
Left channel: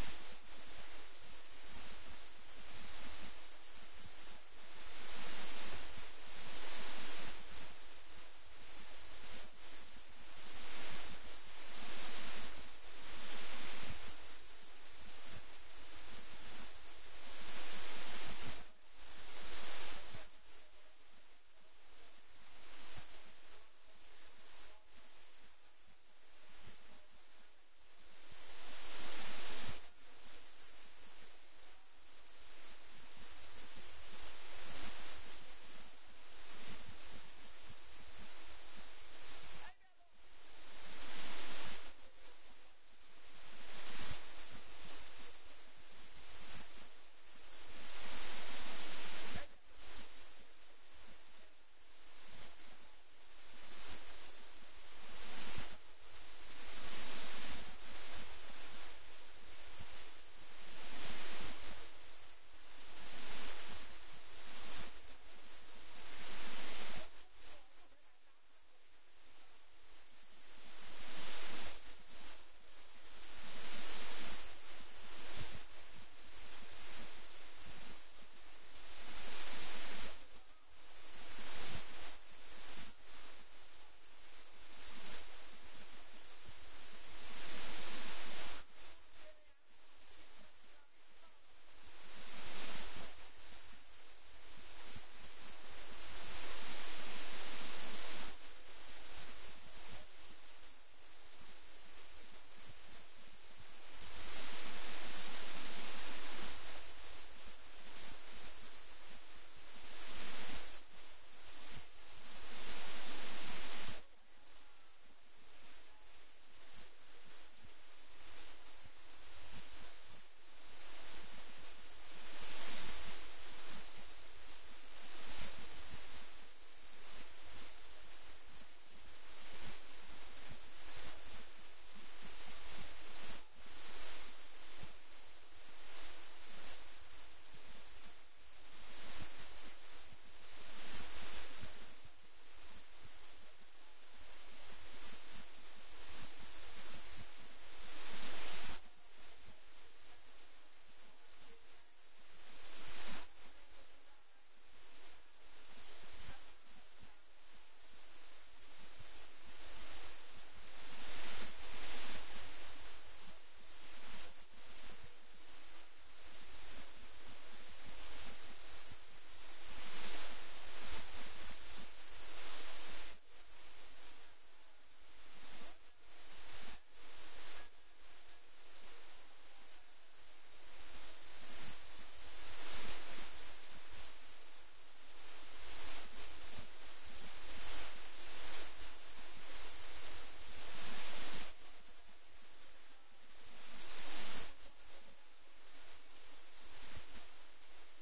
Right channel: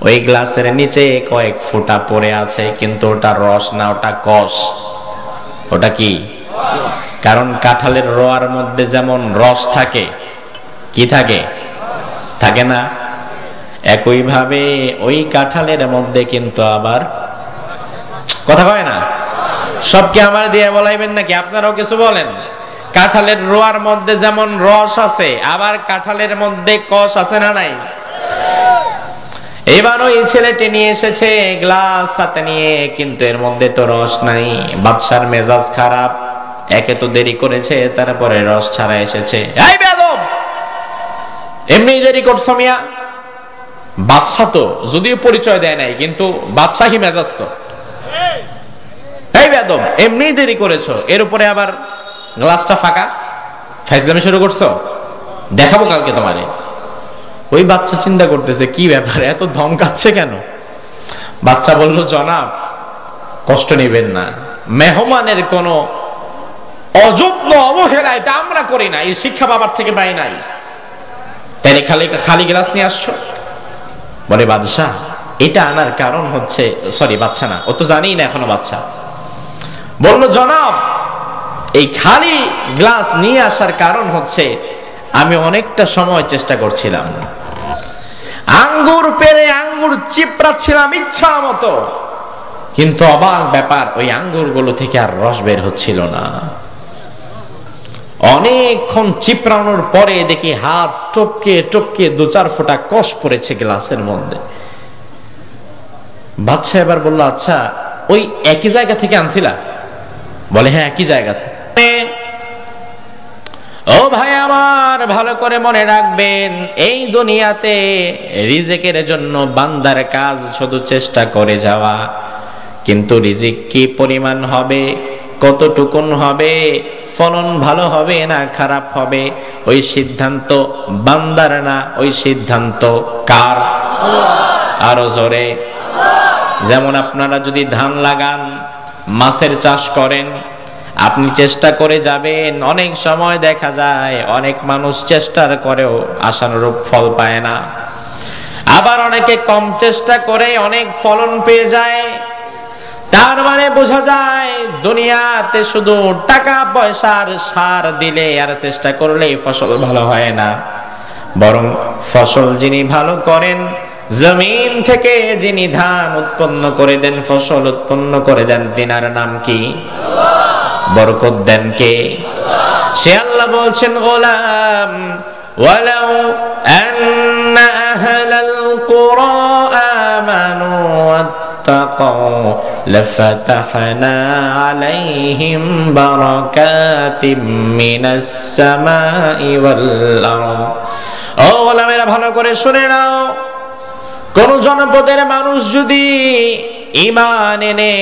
ওই গ্লাসের নিচে কয়েক ফোঁটা পড়ে আছে, কিন্তু ওটা রস না, ওটা কষ। ওটা কি? কারণ কাঁঠালের রোয়ার মধ্যে যেমন রস থাকে, কি থাকে? থাকে না? একইভাবে ওই কাঁঠালের মধ্যে কিন্তু আবার, কথা কয় না, সবকে আমার দিয়ে বলাইবেন নাকি? আপনারাও কিছু বলেন। কাঁঠালের রোয়ার মধ্যে যেমন রস আছে, আবার কাঁঠালের মধ্যে কষ আছে না নাই? এবার ওই ছেলেটি নিয়ে এসেছে গ্লাস হাতে নিয়ে, কিন্তু এর মধ্যে তো রস নাই। বাদশার মেজাজ খারাপ, একে তো দেরি করেছে, তারপরে রস ছাড়া এসেছে। এই বেয়াদব, এমনি দেরি করছো মিয়া। বাদশা তো যদিও পরিচয় দেয় নাই, কিন্তু বাদশাহী মেজাজ তো। এই বেয়াদব, এমনি দেরি করেছো, এর উপরে আবার গ্লাসটা ফাঁকা, ফাইজলামি শুরু করছো, দেখাবো কালকে তোমারে। ওই বাচ্চা চিন্তা করতেছে কি ব্যাপার, এত ধমকাচ্ছে কেন? বাচ্চা বলল, জনাব কষ্ট নেবেন না, মেহমানের কোনো অযত্ন অবহেলা এটা আমরা করি না, এই শিক্ষা বাবার থেকে পাই নাই, তাইলে খালি খালি গ্লাস নিয়ে আসছো। বলে বাদশাহ, এটা আনার কারণ হচ্ছে, সরি বাচ্চা না, ও তো জানিই না এখনো বাচ্চা। বলল, জনাব এই খালি গ্লাস নিয়ে আসার কারণ হচ্ছে আমি অনেকটা সময় চেষ্টা করছিলাম, আঙ্গুর পেরে আঙ্গুর চিপড়াচ্ছিলাম ইচ্ছা মতো, কিন্তু অবাক ব্যাপার, ওই আঙ্গুরগুলো থেকে আর রস বের হচ্ছিল না। অনেকক্ষণ চিপড়ানোর পরে দেখি হাত টপকে টপকে 2-4 ফোঁটা কষ পড়েছে গ্লাসের মধ্যে। বাদশা এবার বলল, আচ্ছা ওই একই জায়গা থেকে আনছিলা? বলে, হ্যাঁ একই জায়গা থেকে। ও ভাই আমার, ভালো করে মনে রাখবেন, এই দুনিয়াতে রিজিকের জন্য বান্দার কাজ শুধু চেষ্টা করে যাওয়া, কিন্তু রিজিক কি পরিমাণ হবে, কতটুকুন হবে, ফলন ভালো হবে না খারাপ হবে, ওই সিদ্ধান্ত বান্দার না, ওই সিদ্ধান্ত কার? আরো জোরে। যেমন আপনারা যদি ধান লাগান, মাছের চাষ করেন, আপনি চেষ্টা করে যাবেন, অনেক সময় দেখা যায় অনেক মানুষ চেষ্টার করেও আশানুরূপ ফল পায় না, আবার অনেকে কম চেষ্টা করে অনেক ফলন পেয়ে যায়। তার মানে বোঝা যায় দুনিয়াতে শুধু টাকা পয়সার সার দিলে আর চেষ্টা করলে ফসল ভালো হয় না, বরং ফসল যিনি ভালো করেন, জমিন থেকে যিনি ধান উৎপন্ন করে দেন, ফসল উৎপন্ন করে দেন, তিনার নাম কি? বরকত দেন কে? সে আল্লাহ বলছেন, গোলাম ওয়ালাউ আন্না আহলাল কুরা আমানু ওয়াত্তাকাউ লাফাতাহনা আলাইহিম বারাকাতিম মিনাস সামাই ওয়াল আরদ। ও গোলামেরা, ভালো করে শুনে নাও, কোন জনপদের মানুষ যদি ঈমান এনে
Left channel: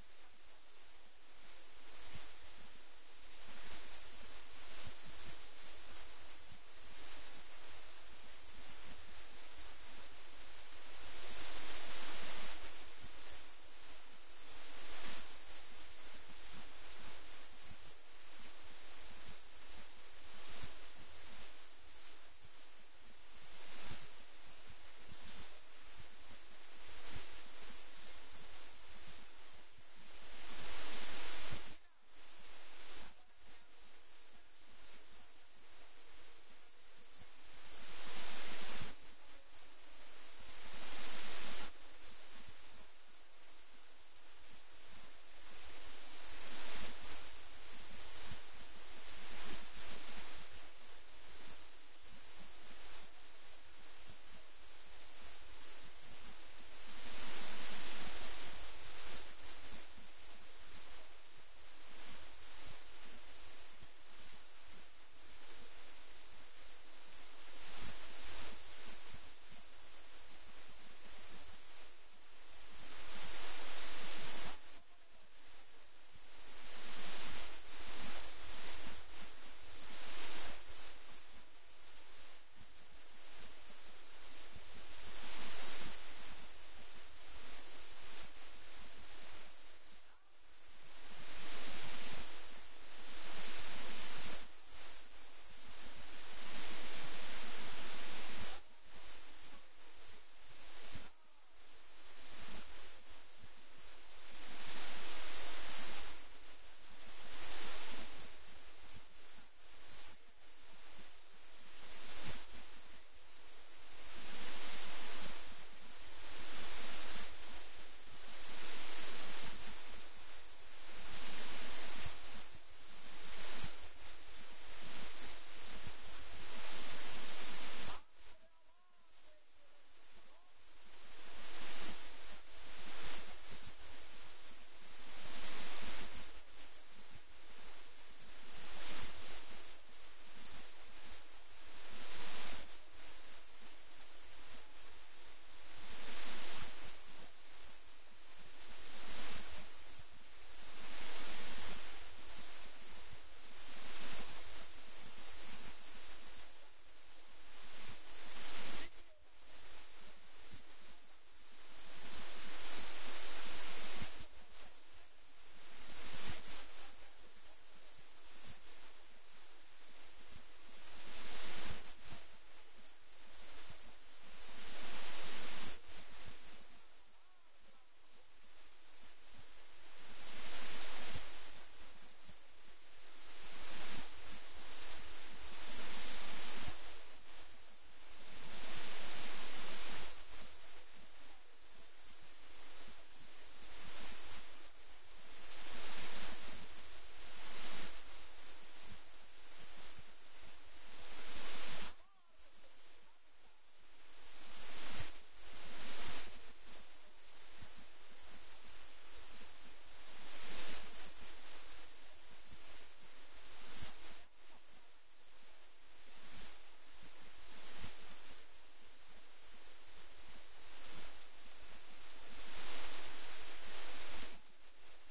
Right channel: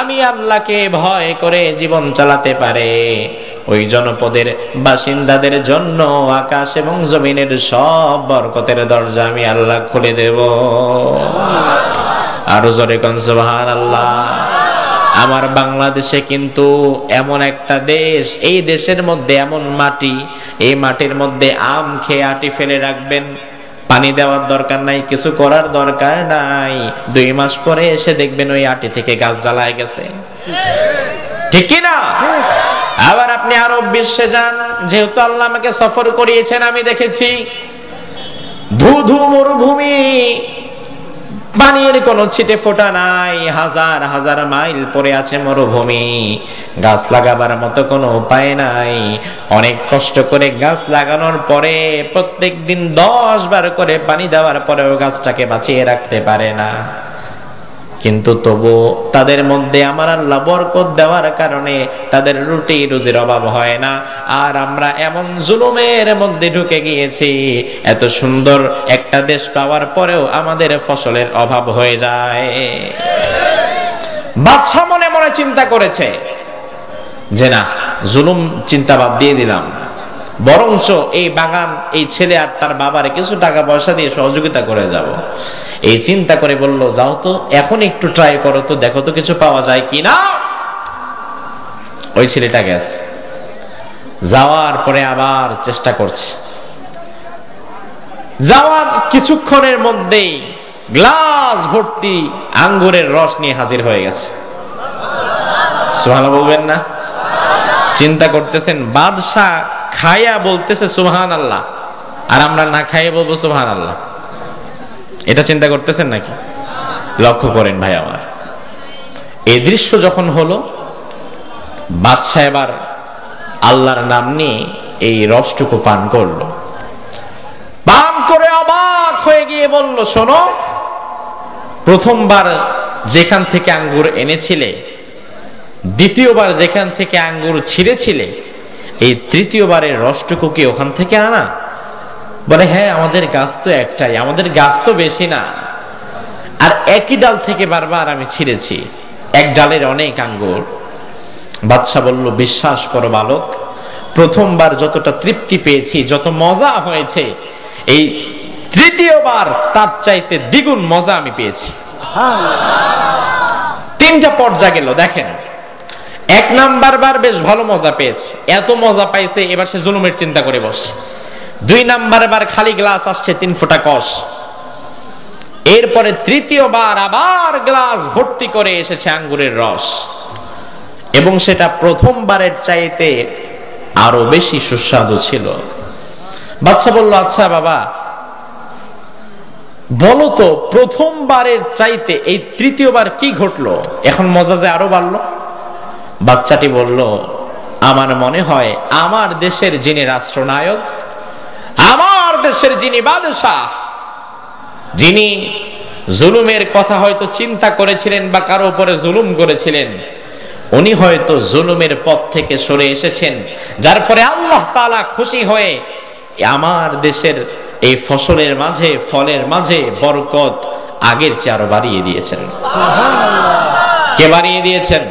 আমি আল্লাহকে ভয় করে জীবন চালাতে পারে, ওই জনপদের বাসিন্দাদের জন্য আকাশ এবং জমিনের সব বরকতের দরজা আমি আল্লাহ খুলে দেব। আরো জোরে কোন সুবহানাল্লাহ। আমার বাংলাদেশে কিন্তু এমন একটা দেশ, এই দেশের মধ্যে এমন মাটি, এই মাটির মধ্যে আম খেয়ে আটি ফেলে রাখবেন, পানি দেওয়ার দরকার নাই, কিছু করার দরকার নাই, 2 মাস পরে এসে দেখবেন ওই আটি থেকে গাছ জ্বালায় গেছে, ঠিক কি না? আবার আপনি আরব বিশ্বে যান, যেহেতু আল্লাহ আমাকে সফর করিয়েছেন, আমি দেখেছি ধুধু মরুভূমি, পানির কোনো ছিটে ফোঁটা নাই, হাজার হাজার মাইল পরে আছে মরুভূমি, গাছ লাগাবার মতো কোনো উপায় নাই। অনেক কষ্ট করে গাছ লাগানোর পরে প্রত্যেক দিন 10 বার করে পানি দেওয়ার পরেও গাছটাকে বাঁচিয়ে রাখতে পারে না, কিন্তু তবু তাদের মধ্যে আমার আল্লাহ বরকত দেওয়ার কারণে তাদের রুটি রুজির অভাব হয় না। আর আমরা এমন জুলুমের মধ্যে ঢুকে গিয়েছি, এত সুন্দর একটা দেশ পাওয়ার পরেও আমাদের ফসলের অভাব হয়ে যায়। বাদশা মনে মনে চিন্তা করেছে যে না, জুলুম চিন্তা বাদ দিয়ে দিলাম, বরঞ্চ এই বাগান এই ছেলে আর তার বাবারে কিছু টাকা পয়সা দিয়ে সহযোগিতা করে যাব। এই চিন্তা করে বলল, যাও তো এখন একটু ট্রাই করো তো, দেখো তো কিছু পাওয়া যায় কিনা। ওই ছেলেটা গেছে, যাওয়ার পরে আবার চেষ্টা করছে। যাওয়ার কিছুক্ষণের মধ্যেই গ্লাস ভর্তি আঙ্গুরের রস নিয়ে হাজির হয়ে গেছে। সুবহানাল্লাহ বলবেন না? চিন্তা করতেছেন, বাদশা খায়া বলতেছে সুবহানাল্লাহ, আর আমরা না খাইয়ে বলবো সুবহানাল্লাহ। এটা চিন্তা করতেছেন নাকি? লক্ষ্য করেন ভাই আমার, এই দৃশ্য যখন হলো, বাদশা এবার আল্লাহর নাম নিয়ে এই রসটুকু পান করলো। পান করে অবাক হয়ে গিয়ে বলল, শোনো, প্রথমবার যেখান থেকে আঙ্গুর এনেছিলে, দ্বিতীয়বার যেখান থেকে আঙ্গুর ছিঁড়েছিলে, এই তৃতীয়বারের রসটুকু কি ওখান থেকে আনা? বলে, হ্যাঁ, আমাদের গাছ তো একটাই, আমাদের গাছ তো বেশি না, আর একই ডাল থেকে বারবার আমি ছিঁড়েছি, এক ডালের অনেক আঙ্গুর। বাদশা বলল, বিশ্বাস করো বালক, প্রথমবার যতটা তৃপ্তি পেয়েছি, যত মজা হয়েছে, এই তৃতীয়বার তার চাইতে দ্বিগুণ মজা আমি পেয়েছি। তিনটা পর্যায়ে গেল, দেখেন। এক নাম্বার বার বেশ ভালো মজা পেয়েছে, এত মজা পাইছে এবার সে জুলুমের চিন্তা করে বসে। দুই নাম্বার বার খালি গ্লাস আসছে 3 ফোঁটা কষ। এরপরে তৃতীয়বার আবার গ্লাস ভর্তি করে এসেছে আঙ্গুরের রস, এবং সেটা প্রথমবারের চাইতে আরো বেশি সুস্বাদু ছিল। বাদশা বলল, আচ্ছা বাবা, বলো তো প্রথমবারের চাইতে এই তৃতীয়বার কি ঘটলো, এখন মজা যে আরো বাড়লো? বাচ্চাটি বলল, আমার মনে হয় আমার দেশের যিনি রাষ্ট্রনায়ক, আমার দেশের যিনি বাদশাহ, যিনি জুলুমের কথা হয়তো চিন্তা করেছিলেন বা কারো উপরে জুলুম করেছিলেন, উনি হয়তো জুলুমের পথ থেকে সরে এসেছেন, যার ফলে আল্লাহ তাআলা খুশি হয়ে আমার দেশের এই ফসলের মাঝে, ফলের মাঝে বরকত আগের চেয়ে আরো বাড়িয়ে দিয়েছেন। কে বাড়িয়ে দিয়েছেন?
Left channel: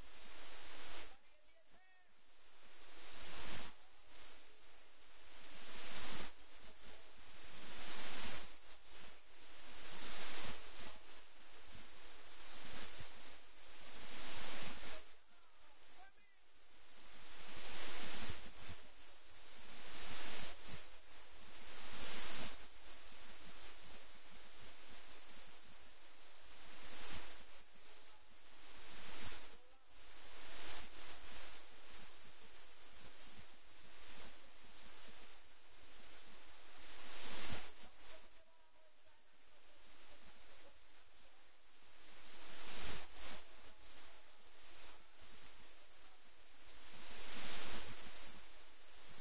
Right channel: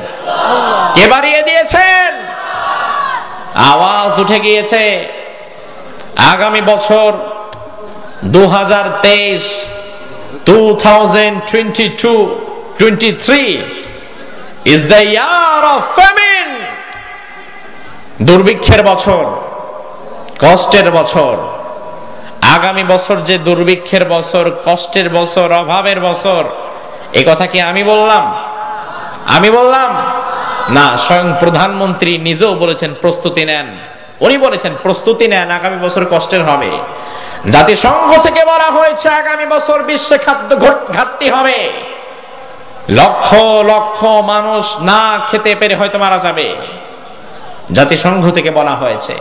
কে বাড়িয়ে দিয়েছেন? আওয়াজ উঠে গিয়েছে, আগামী বছর 2023, 2022-23 is the year of famine, দুর্ভিক্ষের বছর, কষ্টের বছর। আগামী বছর যে দুর্ভিক্ষের বছর, কষ্টের বছর, অভাবের বছর, এই কথা কি আমি বললাম? আমি বললাম না, স্বয়ং প্রধানমন্ত্রী নিজেও বলেছেন প্রস্তুতি নেন। উনি বলেছেন প্রস্তুতি নেন, আগামী বছর কষ্টের হবে। জাতিসংঘ থেকে বলা হয়েছে আগামী বছর বিশ্বে খাদ্য ঘাটতি হবে, লক্ষ লক্ষ মানুষ না খেতে পেরে হয়তো মারা যাবে। জাতিসংঘ থেকে বলা হয়েছে,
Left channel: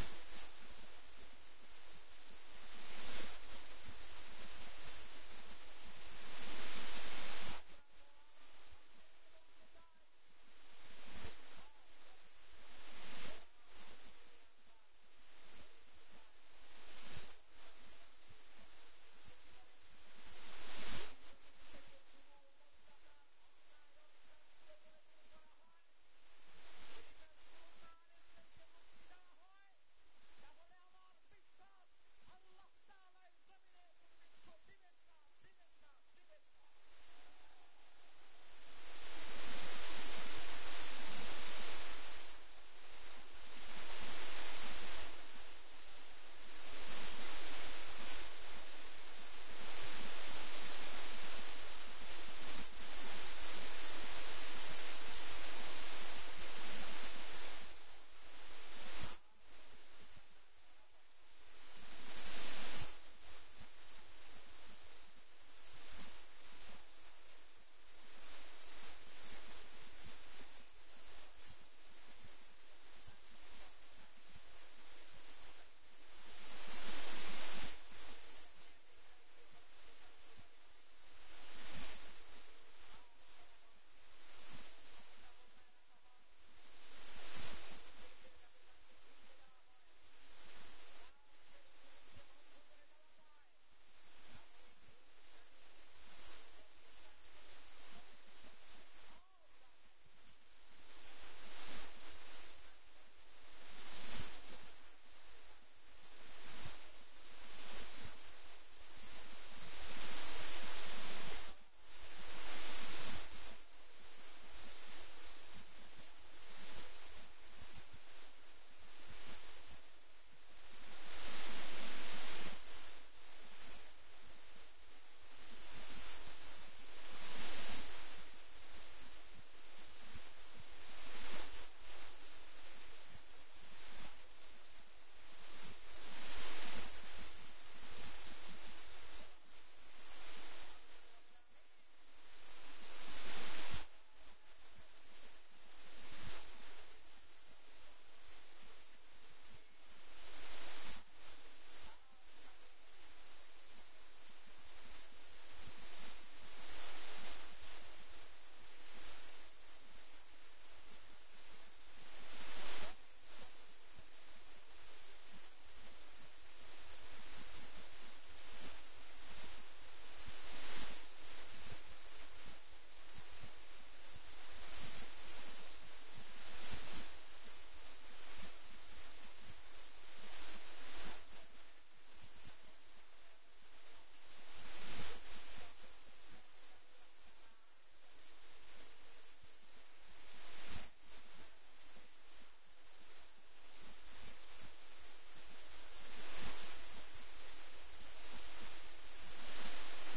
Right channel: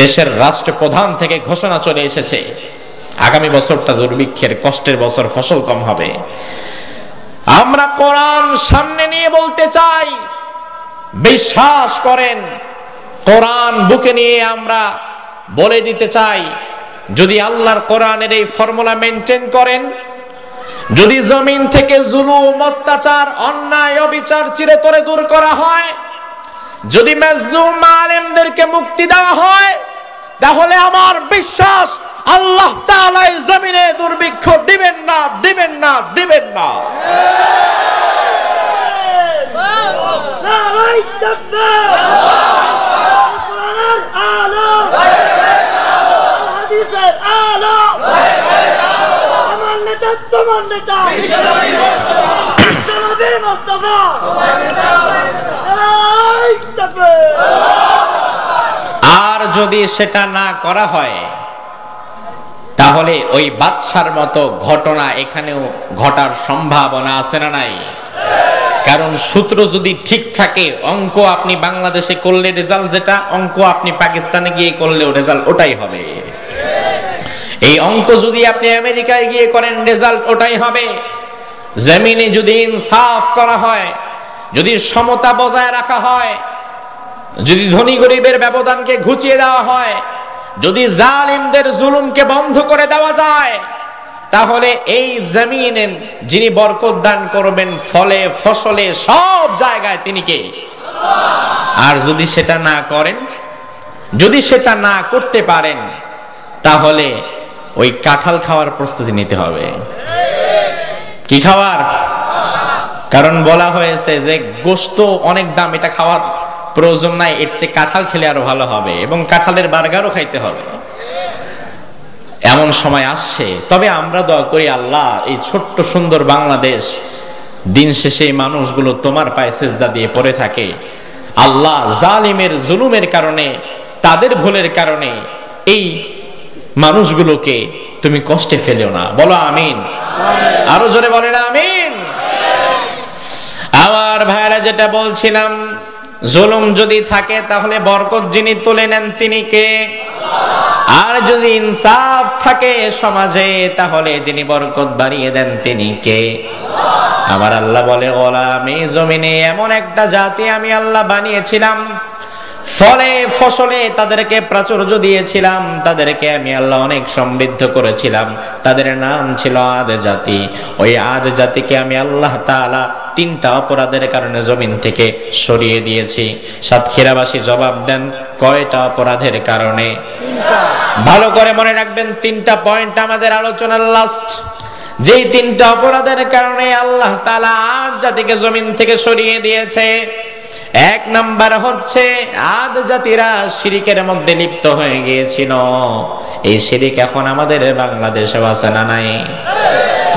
দেশের রাষ্ট্রপ্রধান থেকে ঘোষণা চলে এসেছে, আগামী বছরটা দুর্ভিক্ষের, কষ্টের বছর, ফসল কম হবে। আমরা কোরআন সামনে নিয়ে বলতে চাই, বিশ্বাস করেন, কোরআন বুকে নিয়ে আমরা বলে দিতে চাই, যদি আল্লাহর কোরআনের এই ফর্মুলা মেনটেন করেন, যদি জমিন থেকে জুলুম, অত্যাচার, অন্যায়, অবিচার চিরতরে দূর করা হয়, যদি মাজলুম আলেমদেরকে মুক্তি দেওয়া হয়, তাহলে আমার বিশ্বাস আল্লাহ তাআলা এই জমিনে দুর্ভিক্ষ দিবেন না, দিবেন না, দিবেন না। আর যদি সেটা না করা হয়, তাহলে ওই বাদশার মতো ঘটনা এখানেও ঘটার সম্ভাবনা আছে না নাই? কারণ সূত্র যদি ঠিক থাকে, অঙ্ক আপনি বাংলাদেশে করলে রেজাল্ট যেটা, অঙ্ক আপনি পাকিস্তানে গিয়ে করলেও রেজাল্ট ওটাই হবে। এই অঙ্ক যদি আপনি আমেরিকায় গিয়ে করেন, রেজাল্ট ওটাই হবে। জমিনে যদি ইনসাফ করা হয়, যদি সমতা বজায় রাখা হয়, যদি ধনী গরিবের ব্যবধানকে ঘুচিয়ে দেওয়া হয়, যদি জালিমদের জুলুমকে বন্ধ করে দেওয়া যায়, তাহলে এই জমিনে যিনি বরকত দান করবেন, ফলে ফসলে সব জায়গায় তিনি কে? আর যদি সেটা না করেন, যদি সেটা না করতে পারেন তাহলে ওই কাঁঠাল খাওয়ার প্রস্তুতি নিতে হবে। কি খাওয়ার? কারণ বলা হয়েছে যে গোশত অনেক দাম, এটা খাওয়ার প্রয়োজন নাই, এর চেয়ে কাঁঠাল খেলে আরো ভালো হবে, এবং কাঁঠালের বার্গারও খাইতে হবে। এমন সময় আসছে। তবে আমরা দোয়া করি, আল্লাহ এই ছোট্ট সুন্দর বাংলাদেশ, দিন শেষে এই মানুষগুলো তোমার পায়ে সিজদা দিয়ে পড়ে থাকে। আল্লাহ জালিমের জুলুমের কারণে, তাদের ভুলের কারণে এই মানুষগুলোকে তুমি কষ্টে ফেলেও না। বলো আমিন। আরো জোরে বলেন আমিন। আমার ভাইরা, যেটা বলছিলাম, জুলুম যদি থাকে তাহলে বরকত যিনি তুলে নেন তিনি কে? আর যদি ইনসাফ থাকে সমাজে তাহলে যিনি বরকত বাড়িয়ে দেন তিনি কে? আমার আল্লাহ বলে, আমি জমিনে এমন একটা জাতি আমি আল্লাহ বানিয়েছিলাম, ফলে ফসলে তাদেরকে প্রাচুর্য দিয়েছিলাম, তাদেরকে আমি আল্লাহ অনেক সমৃদ্ধ করেছিলাম। তাদের নাম ছিল আদ জাতি। ওই আদ জাতিকে আমি আল্লাহ তাআলা 3টা অপরাধের কারণে জমিন থেকে সরিয়ে দিয়েছি। সাতক্ষীরাবাসী জবাব দেন, কয়টা অপরাধের কারণে? ভালো করে মনে রাখবেন, 3টা পয়েন্ট আমাদের আলোচনার লাস্ট। যেই 3টা অপরাধের কারণে আল্লাহ তাআলা আদ জাতিকে জমিন থেকে সরিয়ে দিয়েছে। 1 নাম্বার হচ্ছে, আদ জাতিরা শিরিকের মধ্যে লিপ্ত হয়ে গিয়েছিল। এই শিরিক এখন আমাদের বাংলাদেশে আছে না নাই?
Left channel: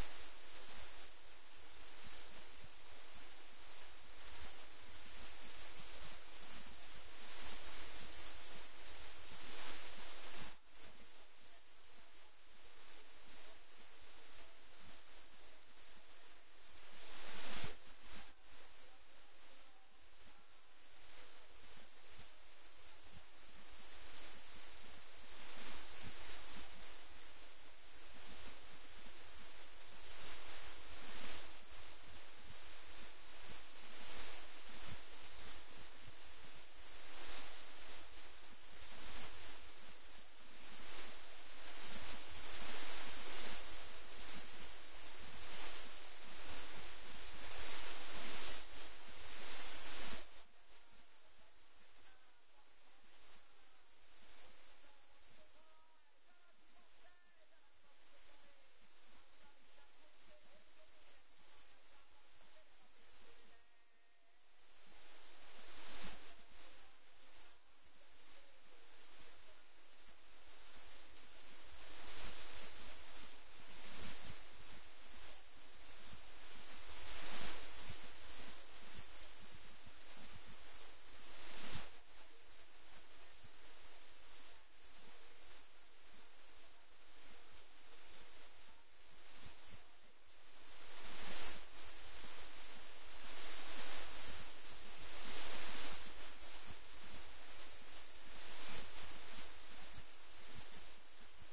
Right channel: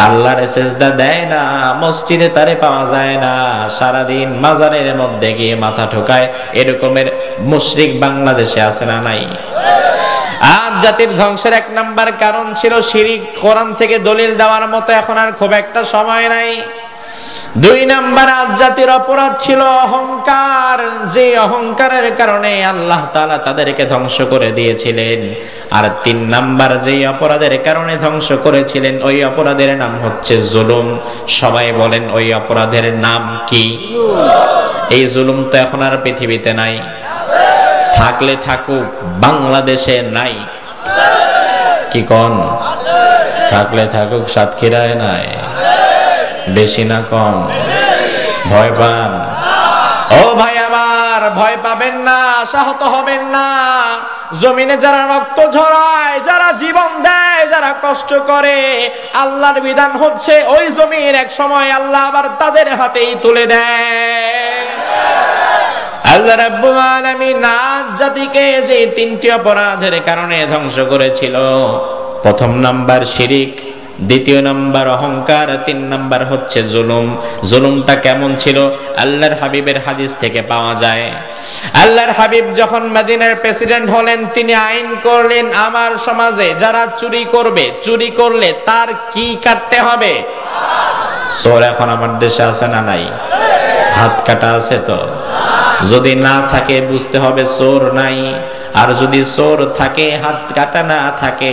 আল্লাহর সিজদা দেয় না, মসজিদে তারে পাওয়া যায় না, সারাদিন মাজারের মধ্যে গিয়ে মাথা ঠোকায়, এরকমের মুশরিক বাংলাদেশে আছে না নাই? আদ জাতির ধ্বংসের 1 নাম্বার কারণ ছিল শিরিক। কোরআন থেকে দলিল দেওয়ার মতো এখন আর খুব একটা সময় নাই। 2 নাম্বার আদ জাতির অপরাধ ছিল অহংকার। যে অহংকারের কারণে আল্লাহ তাআলা তাদেরকে ধ্বংস করে দিয়েছিলেন। আর 3 নাম্বার যে অপরাধের কারণে ধ্বংস করেছিলেন, ওই অপরাধের নাম হচ্ছে জুলুম। সবাই বলেন, ওই অপরাধের নাম কি? এই জুলুম তো এখন আর পৃথিবীতে নাই। থাকলে থাকুক, বাংলাদেশে নাই। কি কোন? থাকলে থাকুক, সাতক্ষীরায় নাই। বেশি না কম? ভয় পান? ও ভাই আমার, ভয় পাবেন না, আশাহত হবেন না। জমিনে যারা রক্ত ঝরায়, যারা জীবন দেয়, যারা কষ্ট করে, আল্লাহর বিধান হচ্ছে ওই জমির এক সময় আল্লাহ আবার তাদের হাতেই তুলে দেয়। আল্লাহ রাব্বুল আলামিন আদ জাতিকে যে 3টি অপরাধের কারণে ধ্বংস করেছিল, 1 নাম্বার শিরিক, 2 নাম্বার অহংকার, 3 নাম্বার হচ্ছে জুলুম। জুলুমটা কেমন ছিল? আল্লাহর হাবিবের হাদিস থেকে পাওয়া যায়। আল্লাহর হাবিব যখন মদিনার প্রেসিডেন্ট হলেন, তিনি আইন করলেন, আমার সমাজে যারা চুরি করবে, চুরি করলে তার কি কাটতে হবে? চোর এখন আমার দেশে আছে না নাই? হাত কাটা আছে তো? যদি না থাকে বুঝতে হবে চোর নাই। আর যদি চোর থাকে, হাত কাটা না থাকে,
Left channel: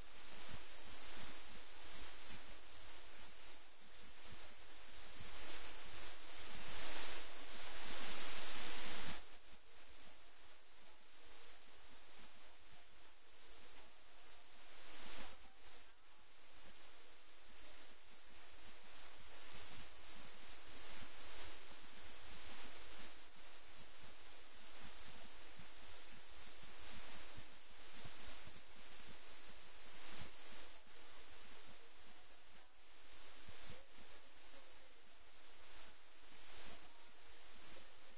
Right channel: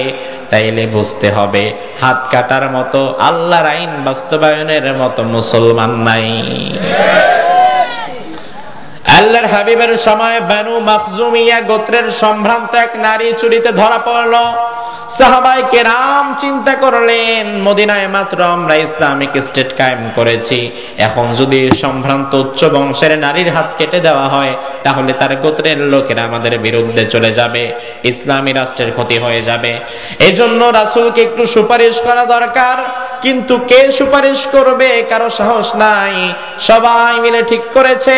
তাইলে বুঝতে হবে হাত কাটার মতো, আল্লাহর আইন বাস্তবায়নের মতো মুসলমান নাই। আল্লাহর হাবিবের সময় বানু মাখজুমিয়া গোত্রের সম্ভ্রান্ত এক নারী চুরিতে ধরা পড়ল। সাহাবায়ে কেরাম চিন্তা করলেন, মদিনায় মাত্র আমরা ইসলামিক স্টেট কায়েম করেছি, এখন যদি সম্ভ্রান্ত উচ্চ বংশের নারীর হাত কেটে দেওয়া হয় তাহলে তার গোত্রের লোকেরা আমাদের বিরুদ্ধে চলে যাবে, ইসলামী রাষ্ট্রের ক্ষতি হয়ে যাবে। এজন্য রাসূলকে একটু সুপারিশ করা দরকার। কিন্তু কে সুপারিশ করবে? কারো সাহস নাই। সবাই মিলে ঠিক করেছে,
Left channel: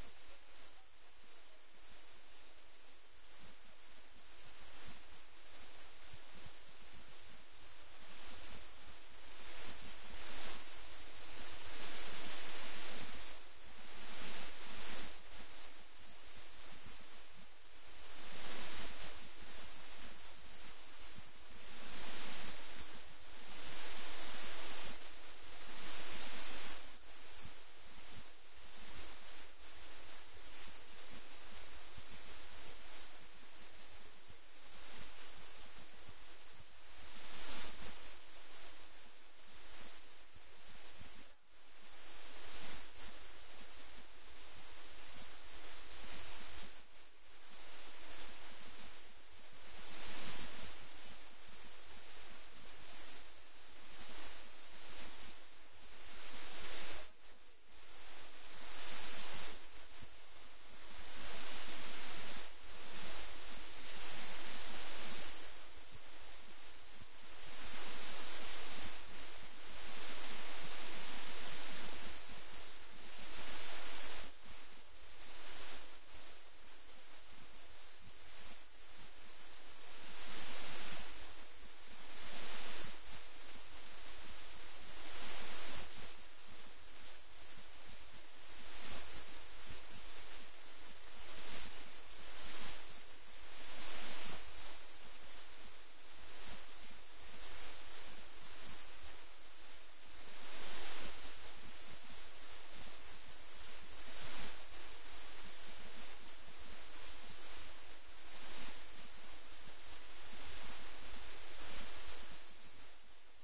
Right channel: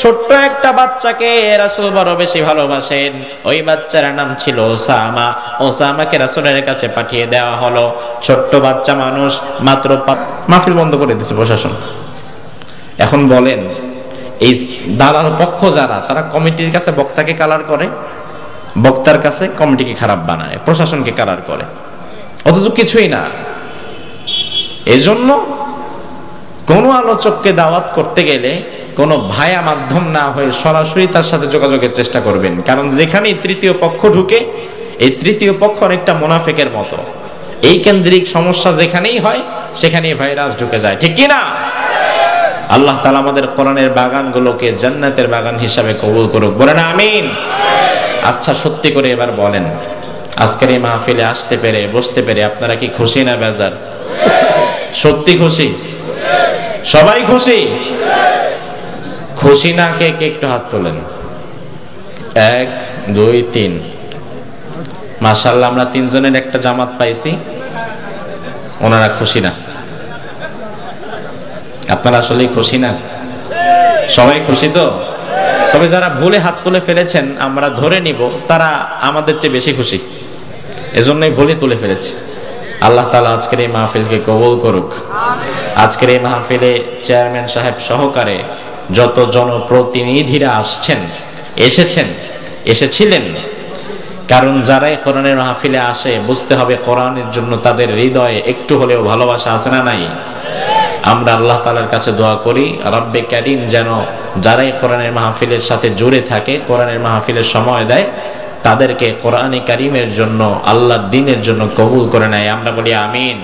ছোট্ট একটা বাচ্চাকে রাসূল বড় বেশি ভালোবাসেন। ওই বাচ্চার নাম ছিল ওসামা। ওসামাকে রাসূলের কাছে পাঠিয়ে দেওয়া হলো। ছোট্ট বাচ্চা মানুষ, মাত্র মাহফিল বন্ধ করে দিয়েছে প্রশাসন। এখন বলেন, এই দালাল পক্ষ যারা, তারা কমিটির কাছে বক্তাকে কালার করে, বক্তার কাছে কমিটিকে খারাপ বানায়, প্রশাসনকে কালার করে, অথচ কিছুই না। এজন্য কোন আলোচককে দাওয়াত করতে গেলে কোনো ভায়া মাধ্যম না হয়ে সরাসরি তার সাথে যোগাযোগের চেষ্টা করবেন। কারণ যেখানেই 3য় পক্ষ ঢুকে, এই 3য় পক্ষ অনেকটা মুনাফিকের মতো। এই কেন্দ্রিক সমস্যা যেখানেই হয় সেখানেই ভাইরাস ঢুকে যায়, ঠিক কি না? আল্লাহ তাআলা আমাদের কোরআনের বাগানগুলোকে জান্নাতের বাগান হিসাবে কবুল করুক, বলেন আমিন। আচ্ছা, সত্যি করে এবার বলেন, আজকের এই মাহফিলে আসতে পেরে, বসতে পেরে আপনারা কি খুশি না বেজার? সত্যি খুশি? সবাই খুশি? খুশি না কে কে একটু হাত তোলেন। 1 2 3 মাশাআল্লাহ আমরা তিনজনের একটা জামাত পাইছি। ওনারা খুশি না? আপনারা আসলে খুশি না? সবাই খুশি তো? তবে যারা ভুলে হাত তুলে ফেলেছেন আমরা ধরে নিব তারা আমাদের চেয়ে বেশি খুশি, এজন্যই ভুলে তুলে ফেলেছে। আল্লাহ তাআলা আজকের এই মাহফিলকে কবুল করুক। আজকের এই মাহফিলে চেয়ারম্যান সাহেব সহকারে যত জনপ্রতিনিধিরা এসেছিলেন, কারণ যারাই কোরআনের মাহফিলে আসে বুঝতে হবে কোরআনের জন্য তাদের হৃদয়ে একটু হলেও ভালোবাসা আছে না নাই? আমরা আল্লাহ তাআলার কাছে দোয়া করি রব্বে কারীম যেন যারাই কোরআনের মাহফিলের সাথে জুড়ে থাকে, কোরআনের মাহফিলের সময় দেয়, তাদেরকে কোরআনে কারীমের জন্য, আল্লাহর দ্বীনের জন্য কবুল করে নেয়। আমরা বলি আমিন।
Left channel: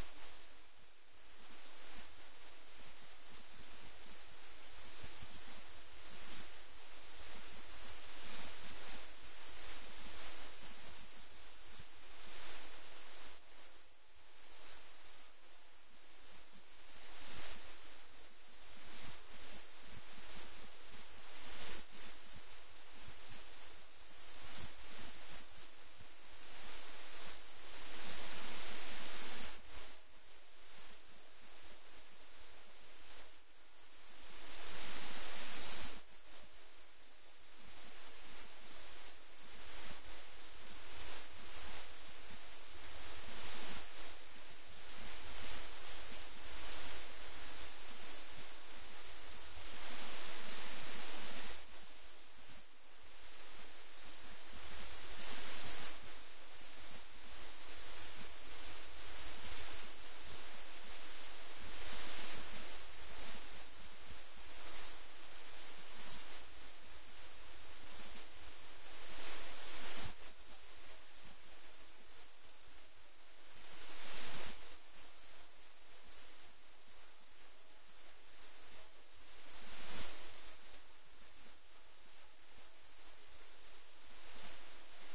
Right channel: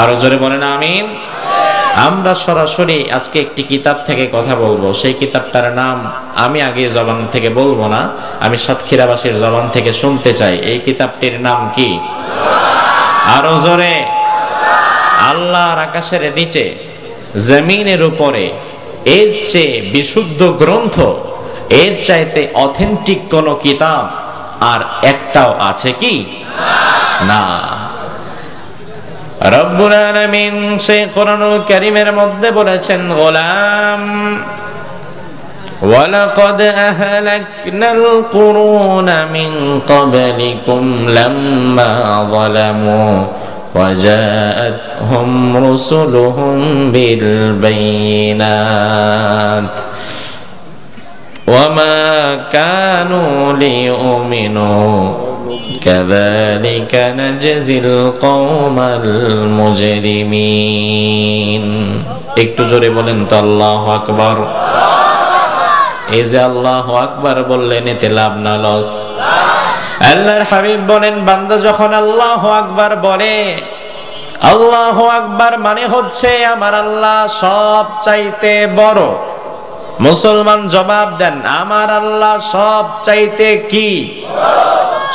আরো জোরে বলেন আমিন। আমরা সরাসরি আজকে একটি কিতাব থেকে কথা বলবো। সেই কিতাবটার নাম আমি আগে জবান থেকে বলবো না, আমি সাতক্ষীরাবাসীর জবান থেকে শুনতে চাই। এই কিতাবটির নাম কি? আরো জোরে। আল্লাহর আকাশের নিচে জমিনের উপরে এর চেয়ে বিশুদ্ধ গ্রন্থ, এর চাইতে অথেন্টিক কোন কিতাব আর একটাও আছে কি? না। রব্বুল আলামিন সেই কোরআনুল কারীমের মধ্যে বলেছেন গোলাম ওয়ালাকাদ আহলাকনাল কুরুনা মিন ক্বাবলিকুম লাম্মা যালামু وجاءتهم رسلهم بالبينات وما كانوا ليؤمنوا كذلك نجزي القوم المجرمين একটু জোরে বলেন তো আল্লাহু আকবার। এই যে আল্লাহু আকবার বললেন এতে লাভ না লস? আল্লাহর হাবিব বলেন বান্দা যখন আল্লাহু আকবার বলে, আল্লাহু আকবার মানে হচ্ছে আমার আল্লাহ সব চাইতে বড়। মুসলমান জবাব দেন আমার আল্লাহ সব চাইতে কি?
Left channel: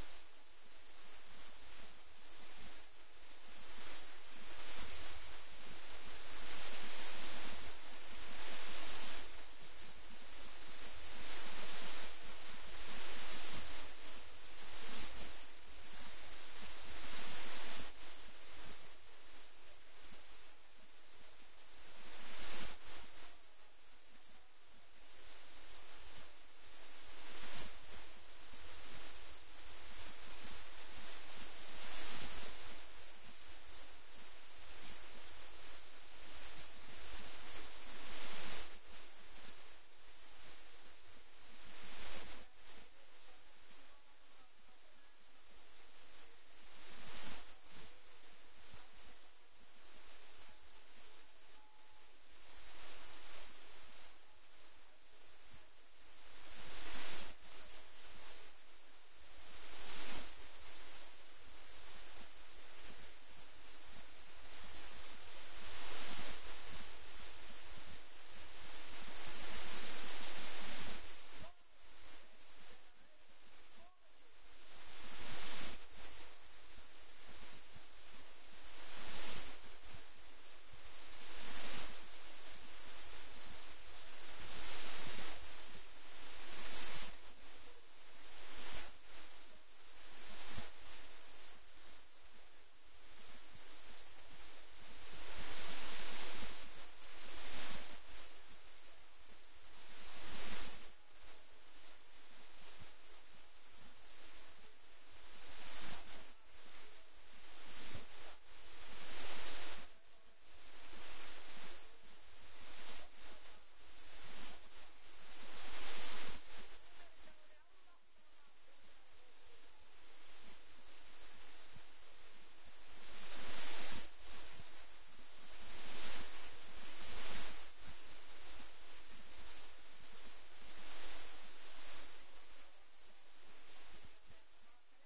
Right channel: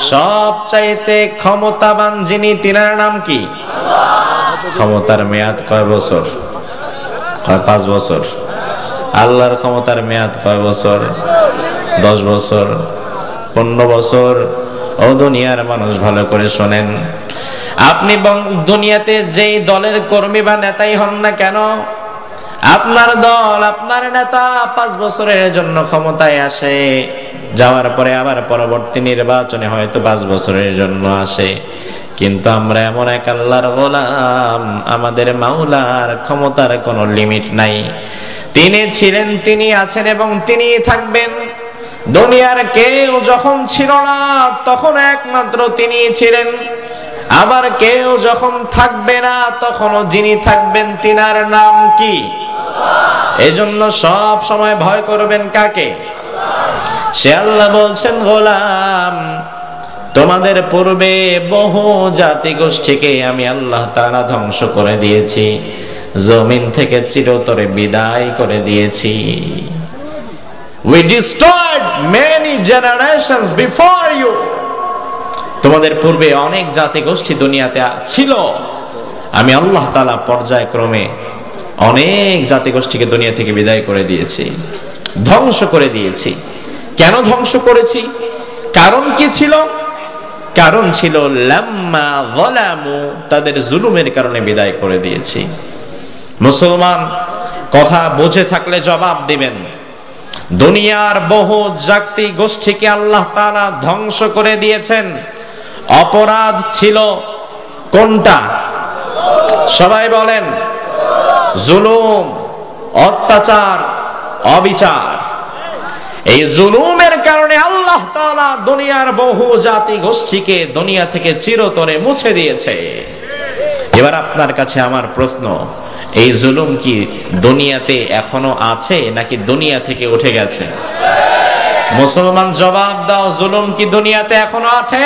সব চাইতে ক্ষমতাবান যিনি তিনার নাম কি? ক্ষমতার মেয়াদ কয় বছর? 5 বছর। আল্লাহর ক্ষমতার মেয়াদ কয় বছর? 10 বছর, 15 বছর। ও দুনিয়ার মানুষ ভালো করে শোনেন, আপনি দুনিয়াতে যেই দলের কর্মী বা নেতাই হন না কেন, আপনার দল, আপনার নেতা 5 বছরের জন্য ক্ষমতায় আসে, যাওয়ার পরে আবার পরবর্তী নির্বাচনে হয়তো 5 বছরের জন্য আসে। কিন্তু আমরা এমন এক আল্লাহর গোলাম, আমাদের মাওলার ক্ষমতার কোনো লিমিট নাই। তিনি ছিলেন, তিনি আছেন এবং তিনি থাকবেন। দুনিয়ার কেউ যখন ছিল না তখন একমাত্র তিনি ছিলেন, আবার কেউ যখন থাকবে না তখনও যিনি থাকবেন তিনার নাম কি? এজন্য সব সময় ভয় করবেন কাকে? সে আল্লাহ বলছেন গোলাম তোমাদের পূর্বে বহু জাতি গোষ্ঠীকে আমি আল্লাহ তাআলা ধ্বংস করে দিয়েছি, জমিন থেকে চিরতরে বিদায় করে দিয়েছি। We destroyed many generations before you. তোমাদের পূর্বে অনেক জাতি গোষ্ঠী দুনিয়াতে ছিল, আমি আল্লাহ তাআলা পর্যায়ক্রমে অনেক জাতি গোষ্ঠীকে দুনিয়া থেকে বিদায় করে দিয়েছি, ধ্বংস করে দিয়েছি। কেন ধ্বংস করেছি? কারণ কি ছিল? কারণ ছিল লাম্মা যালামু, তাদের জুলুমের কারণে বিদায় করে দিয়েছি। মুসলমান কথা বুঝে থাকলে জবাব দিবেন। দুনিয়ার বহু জাতি গোষ্ঠীকে আল্লাহ তাআলা ধ্বংস করে দিয়েছেন। অপরাধ ছিল কোনটা? সবাই বলেন। জুলুম, অত্যাচার, অবিচার। এই জুলুমের কারণে আল্লাহ তাআলা দুনিয়ার বহু জাতি গোষ্ঠীকে দুনিয়া থেকে চিরতরে মুছে দিয়েছে। এবার আপনার কাছে আমার প্রশ্ন, এই জুলুম কি দুনিয়াতে এখনো আছে নাকি দুনিয়া থেকে উঠে গেছে? মুসলমান জবাব দাও, জুলুম কি দুনিয়াতে এখনো আছে?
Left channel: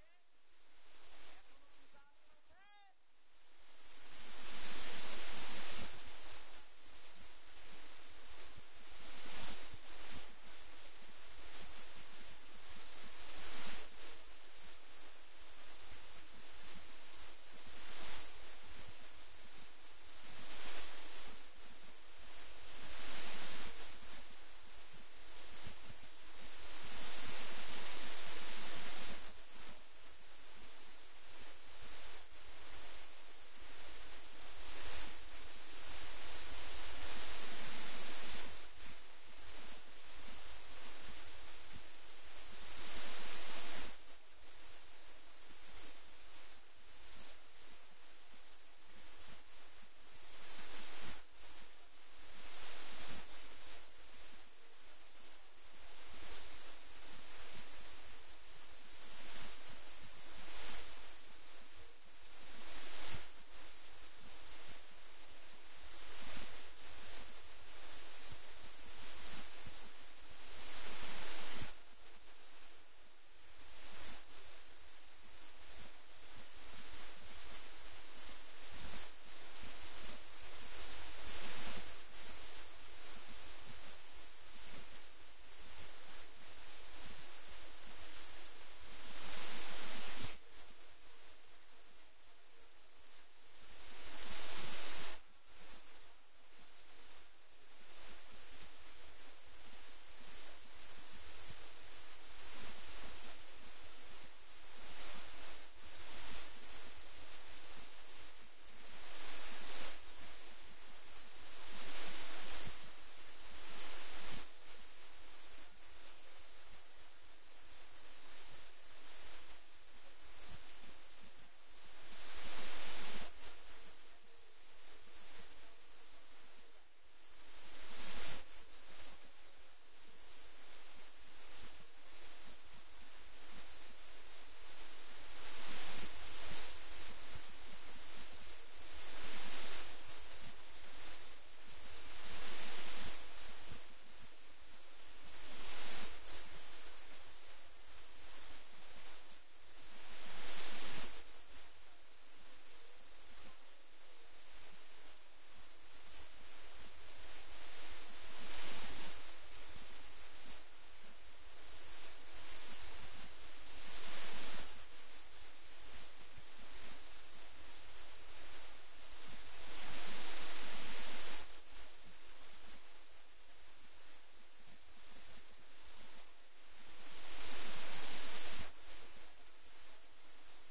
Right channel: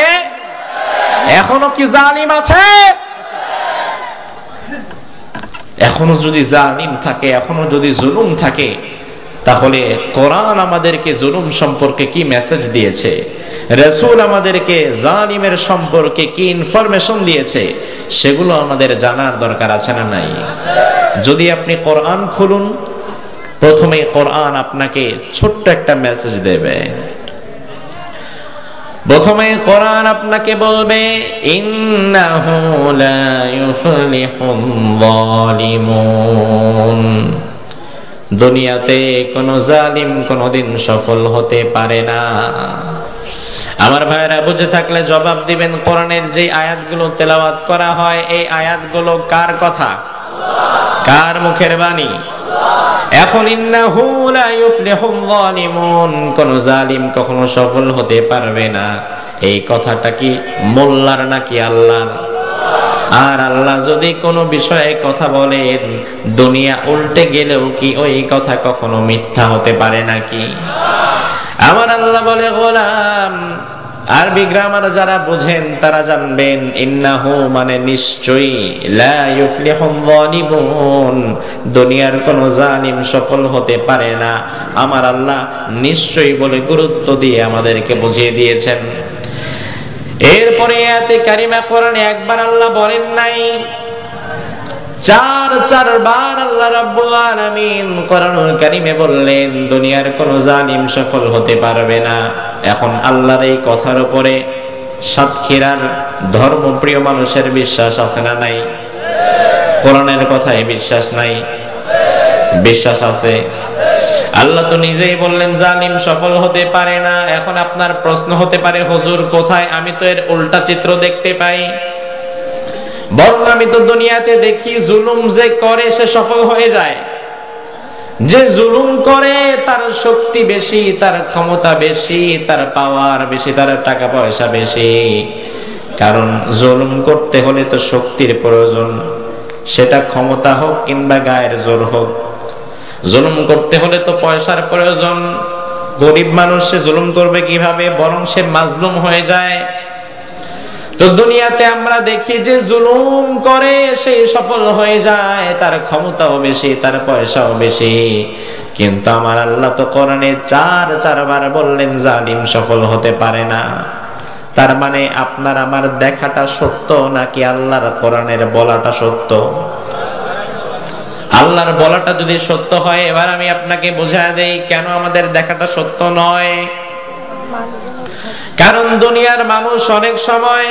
এখনো কি জালিম আছে? এখনো যদি জালিম থাকে, এখনো যদি জুলুম থাকে, তাহলে কোরআন আমাদেরকে জুলুম সম্পর্কে কি মেসেজ দিয়েছে, রাসূল আমাদেরকে জালিমের সম্পর্কে কি ইনফরমেশন দিয়েছে, সেগুলো আমাদের জানার দরকার আছে না নাই? যদি আপনি কোরআন খুলুন, প্রথমে কোরআন আপনাকে ছোট্ট একটা মেসেজ দেবে। প্রথমে কোরআন আপনাকে বলবে ইন্নাহু লা ইউফলিহুল যালিমুন, দুনিয়াতে কোন জালিম কোনদিন সফল হতে পারে না। আমার ভাইরা বুঝে থাকলে জবাব দিবেন, কোরআনের যে আয়াতগুলো তেলাওয়াত করা হয় এই আয়াতগুলো কার কথা? কার মুখের বাণী? এখন ইন্নাহু লা ইউফলিহুল যালিমুন, কোন জালিম কখনো সফল হতে পারবে না, এই কথাটা কি মোল্লার নাকি আল্লাহর? আর আল্লাহ যদি কোনো বিষয়ে কথা বলেন, দুনিয়া উল্টে গেলেও কি ওই কথা কখনো মিথ্যা হতে পারে নাকি? আমার আল্লাহ বলে, গোলাম, আরবি গ্রামার যারা বুঝেন তারা জানবেন ইন্নাহু মানে নিশ্চয়ই, লা ইউফলিহুল যালিমুন, দুনিয়ার কোন জালিম সফল হতে পারে না। আমার আল্লাহ নিশ্চয়ই বলে গুরুত্ব দিয়ে আমাদেরকে বুঝিয়ে দিয়েছেন। এরপরে আয়াতে কারিমা কোরআনে একবার আল্লাহ বলেন নাই, চারবার আল্লাহ রাব্বুল আলামিন কোরআনুল কারীমে বললেন দুনিয়ার কোন জালিম সফল হতে পারবে না। এখন আল্লাহর এই কথার উপরে সাতক্ষীরার ধর্মপ্রিয় মানুষের বিশ্বাস আছে না নাই? কোরআনের কথায় বিশ্বাস নাই? বিশ্বাস আছে। আল্লাহ তো নিজেই বললেন জালিম সফল হতে পারে না। এখন আপনার প্রশ্ন হতে পারে, হুজুর কোথায়? আমি তো এর উল্টা চিত্র দেখতে পাই। বরং আমি তো দুনিয়াতে দেখি জুলুম যে করে সে সফল হয়ে যায়। যে জুলুম করে তার শক্তি বেশি, তার ক্ষমতা বেশি, তার পাওয়ার বেশি, তার টাকা পয়সা বেশি। কারণ জুলুম করতে হলে তো শক্তির প্রয়োজন, সেটা ক্ষমতা হোক কিংবা গায়ের জোর হোক। জুলুম করতে হলে তো পয়সার প্রয়োজন। গরিব মানুষ সে জুলুম করবে কিভাবে? বরং সে মাজলুম হয়ে যায়। তো দুনিয়াতে আমরা দেখি যে জুলুম করে সে সফল হয়ে যায়, তার ক্ষমতাও বেশি, তার পয়সাও বেশি। কিন্তু আমার আল্লাহ তো কোরআনে চারবার বললেন জালিম সফল হতে পারে না। তার মানে আপনার আমার দেখাটা সত্য নাকি আল্লাহর কোরআনের বলাটা সত্য? আল্লাহর বলাটা যদি সত্য হয়, এবার আমি আপনাকে বোঝায় দেই কেন আমাদের দেখাটা সত্য নয়। কারণ দুনিয়ার মানুষ অনেক সময়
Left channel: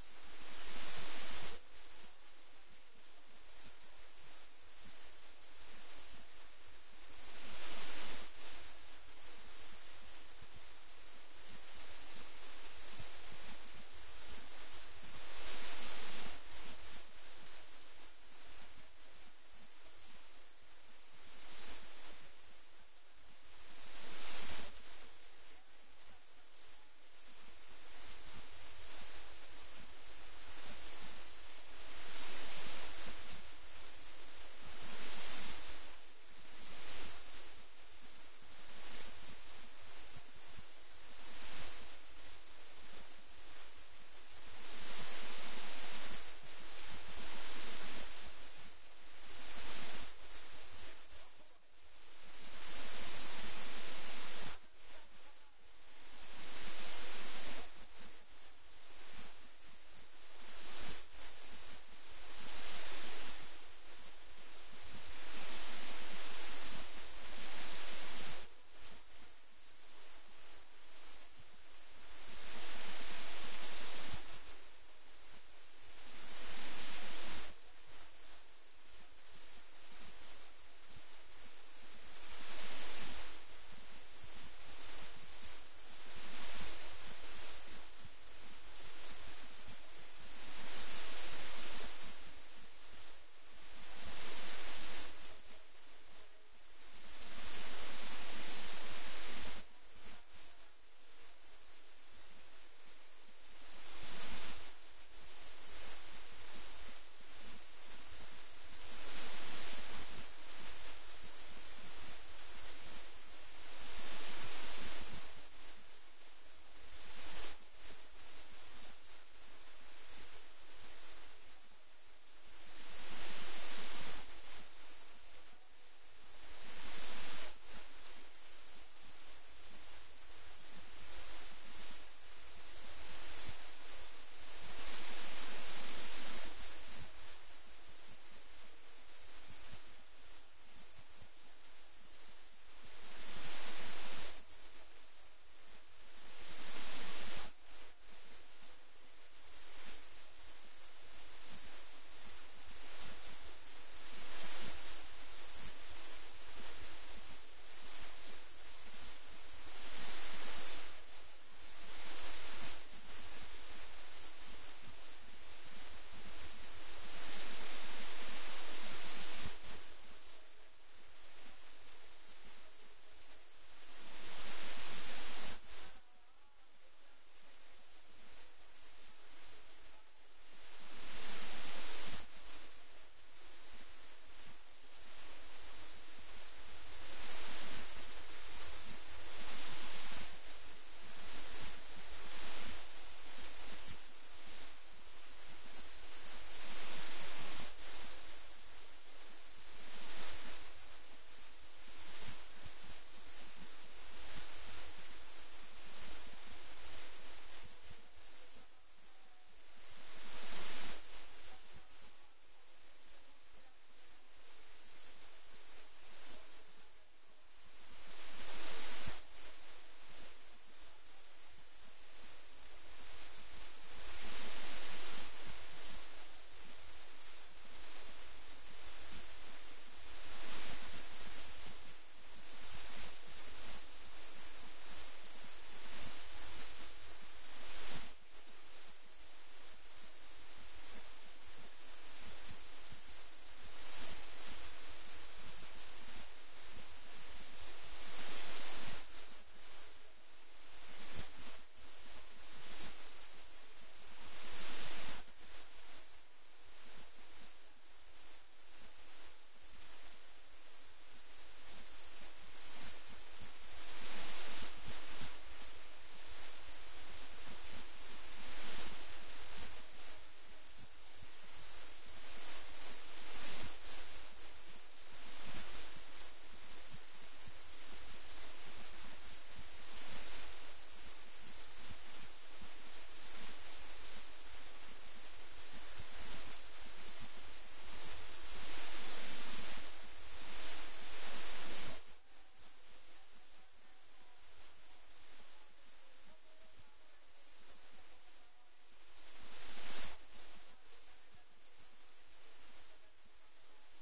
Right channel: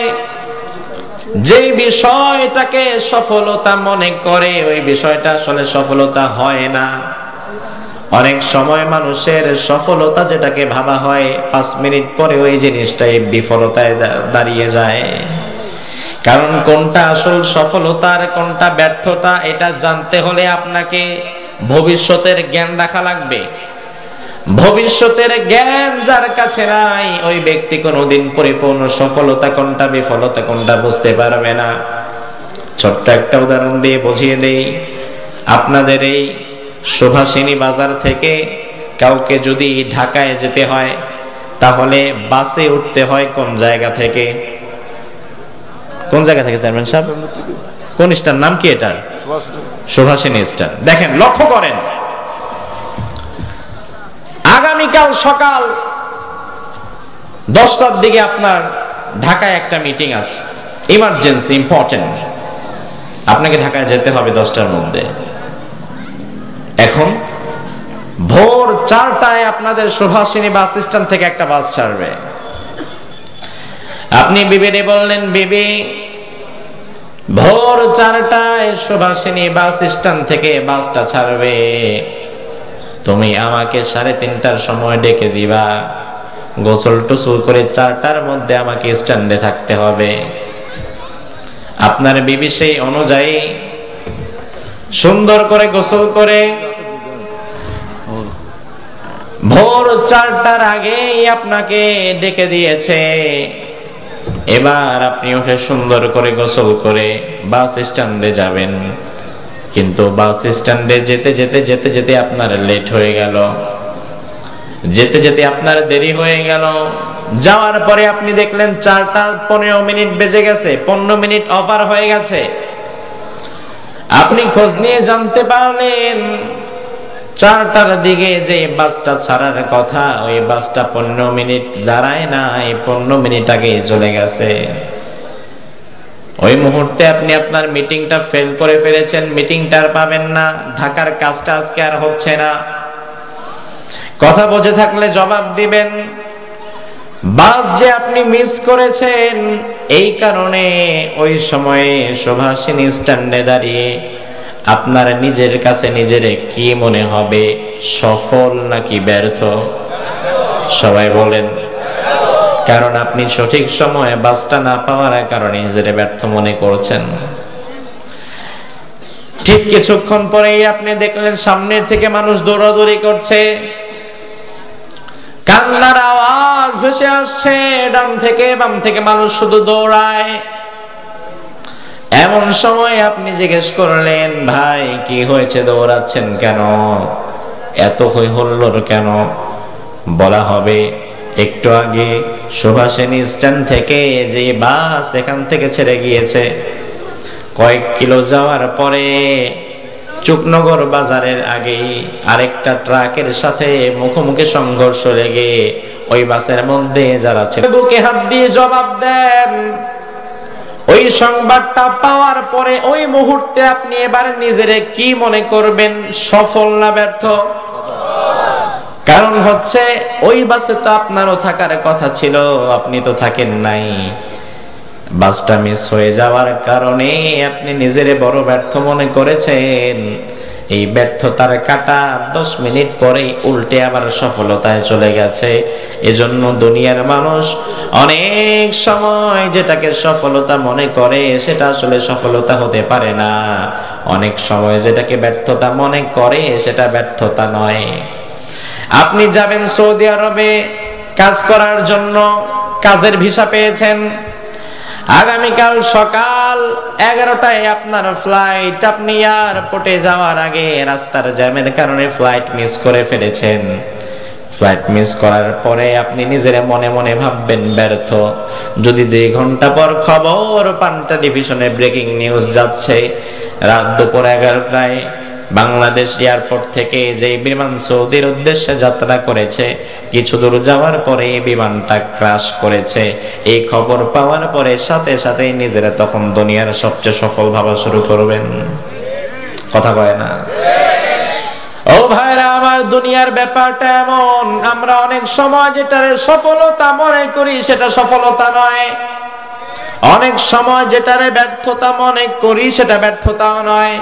যে বিষয়টাকে সফলতা মনে করে ওই বিষয়টা আসলে সফলতা হয় না। অনেক সময় মানুষের সফলতা যেটাকে ভাবা হয় 5 মিনিট পরে ওই জিনিসটাই বিফলতায় দাঁড়িয়ে যায়। কারণ কোনটা আসল সফলতা আর কোনটা ব্যর্থতা এটা জানতে হলে আপনাকে ভবিষ্যতের জ্ঞান রাখা লাগবে। ভবিষ্যতের জ্ঞান যার কাছে নাই ওই ব্যক্তি কোনোদিন পরিপূর্ণ সফলতা কোনটা বিফলতা কোনটা বুঝতে পারবে না। ছোট্ট একটা উদাহরণ দিয়ে বুঝিয়ে দেই। আপনাদের এই সুভাষিনী বাজার থেকে কাউকে যদি ঢাকায় যেতে হয় তাহলে বাসে উঠতে হয় কোন জায়গা থেকে? কোন জায়গা থেকে চেয়ারম্যান সাহেব? কোন স্টার? নাম কি এটার? সুভাষিনী স্টার। দেখেন, লক্ষ্য করেন, আগামীকাল সকাল 10টার দিকে আপনার ঢাকায় একটা মিটিং আছে, ইমার্জেন্সি, ইম্পর্টেন্ট। আপনাকে ঢাকায় যেতে হবে 10টার মধ্যে। এখন ভোর 4টায় আপনাদের সুভাষিনী বাস স্ট্যান্ড থেকে একটা বাস ছাড়বে। আপনি বিবিরে বললেন, বিবি ভোর 4টায় সুভাষিনী বাস স্ট্যান্ড থেকে বাসটা ছাড়বে, তুমি আমাকে 3:30টার সময় ডেকে দিবা। গোসল টোসল করে 4টার মধ্যে আমাকে স্ট্যান্ডে থাকতে হবে। আপনার বিবি সেই অনুযায়ী সুন্দর করে গোসল করে ভোর 4টার আগেই আপনাকে ডেকে দিয়েছে। এবার আপনি উঠে সুন্দর করে গোসল করে বাস স্ট্যান্ডে যাবেন। কিন্তু বাস স্ট্যান্ডে যেতে যেতে যেতে যেতে আপনার লেট হয়ে গেল, যেতে যেতে আপনার দেরি হয়ে গেল। যাওয়ার পরে আপনি দেখলেন 4:15 বেজে গেছে, 15 মিনিট ওভার হয়ে গেছে। আপনি খোঁজ নিয়ে জানতে পারলেন 4টার দিকে যে বাসটা ছাড়ার কথা ওই বাসটা 15 মিনিট দাঁড়ায় নাই, 15 মিনিট আগে চলে গেছে। ওই মুহূর্তে আপনি আপনার মিটিংটা ফেল করে ফেলেছেন, মিটিংটা আর পাবেন না, ঢাকার কাজটা আজকে আর হচ্ছে না। কথা বুঝে থাকলে জবাব দিবেন। বাস যে আপনি মিস করেছেন, এই কারণে ওই সময়ে সুভাষিনী স্ট্যান্ডে দাঁড়িয়ে আপনার নিজের কাছে নিজেরে কি মনে হবে, সফল নাকি ব্যর্থ? সবাই বলেন। কারণ আপনি সঠিক সময়ে বাসটা না পাওয়ার কারণে নিজেরে ব্যর্থ মনে করছেন। ঠিক কিছুক্ষণ পরেই আপনি দেখলেন সামনের থেকে মানুষ দৌড়াদৌড়ি করছে, কান্নার আওয়াজ ভেসে আসছে, ডান থেকে বাম থেকে মানুষ শুধু দৌড়ায়। এমন সময় আপনি জিজ্ঞেস করলেন, ভাই কি হয়েছে, দৌড়াচ্ছেন কেন, এত হই হুল্লোড় কেন? বলা হবে, একটু আগে সুভাষিনী স্ট্যান্ড থেকে যে বাস এখান থেকে ছেড়ে গিয়েছে, কয়েক কিলো যাওয়ার পরে চুকনগর বাজারের আগেই আরেকটা ট্রাকের সাথে মুখোমুখি সংঘর্ষ লেগে ওই বাসের মধ্যে যারা ছিল বুকে হাত দিয়ে জবাব দেন। ওই সংবাদটা পাওয়ার পরে ওই মুহূর্তে আপনি এবার নিজেরে কি মনে করবেন, সফল না ব্যর্থ? কারণ হচ্ছে ওই বাসে তো আপনারও থাকার কথা ছিল, আপনি তো থাকেন নাই। বাসটা মিস হয়ে যাওয়ার কারণে আপনি নিজেরে বড় ব্যর্থ মনে করেছেন। এই ব্যর্থতার কাঁটা 10 মিনিট পরেই উল্টে আবার সফলতায় চলে গেছে। এজন্য দুনিয়ার মানুষ অনেক সময় যেটাকে সফলতা মনে করে সেটা আসলে সফলতা হতে পারে না। অনেক সময় যেটাকে ব্যর্থতা মনে করে সেটা ব্যর্থতা নয়। আপনি যাবেন সৌদি আরবে কাজ করার জন্য, কাজের ভিসা পেয়েছেন, আগামীকাল সকাল 11টায় আপনার ফ্লাইট। আপনি এয়ারপোর্টে যাওয়ার আগে রাস্তার জ্যামের কারণে ফ্লাইট মিস করে ফেলেছেন। ফ্লাইট মিস করার পরে আপনি নিজের মনে মনে ভাববেন ব্যর্থ। যদি 2 ঘন্টা পর খবর পান্টা ডিভিশনে ব্রেকিং নিউজ যাচ্ছে, রাত দুপুর 11টায় বাংলাদেশ এয়ারপোর্ট থেকে যে বিমান সৌদির উদ্দেশ্যে যাত্রা করেছে, কিছু দূর যাওয়ার পরে বিমানটা ক্র্যাশ করেছে, এই খবর পাওয়ার পরে সাথে সাথে নিজেরা তখন দুনিয়ার সবচেয়ে সফল ভাবা শুরু করবেন। কথা কয় না? ও ভাইরা আমার, দুনিয়ার ব্যাপারটা এমন, আমরা অনেক সময় যেটারে সফলতা মনে করি সেটা সফলতা নয়, অনেক সময় যেটারে ব্যর্থতা মনে করি সেটা ব্যর্থতাও নয়।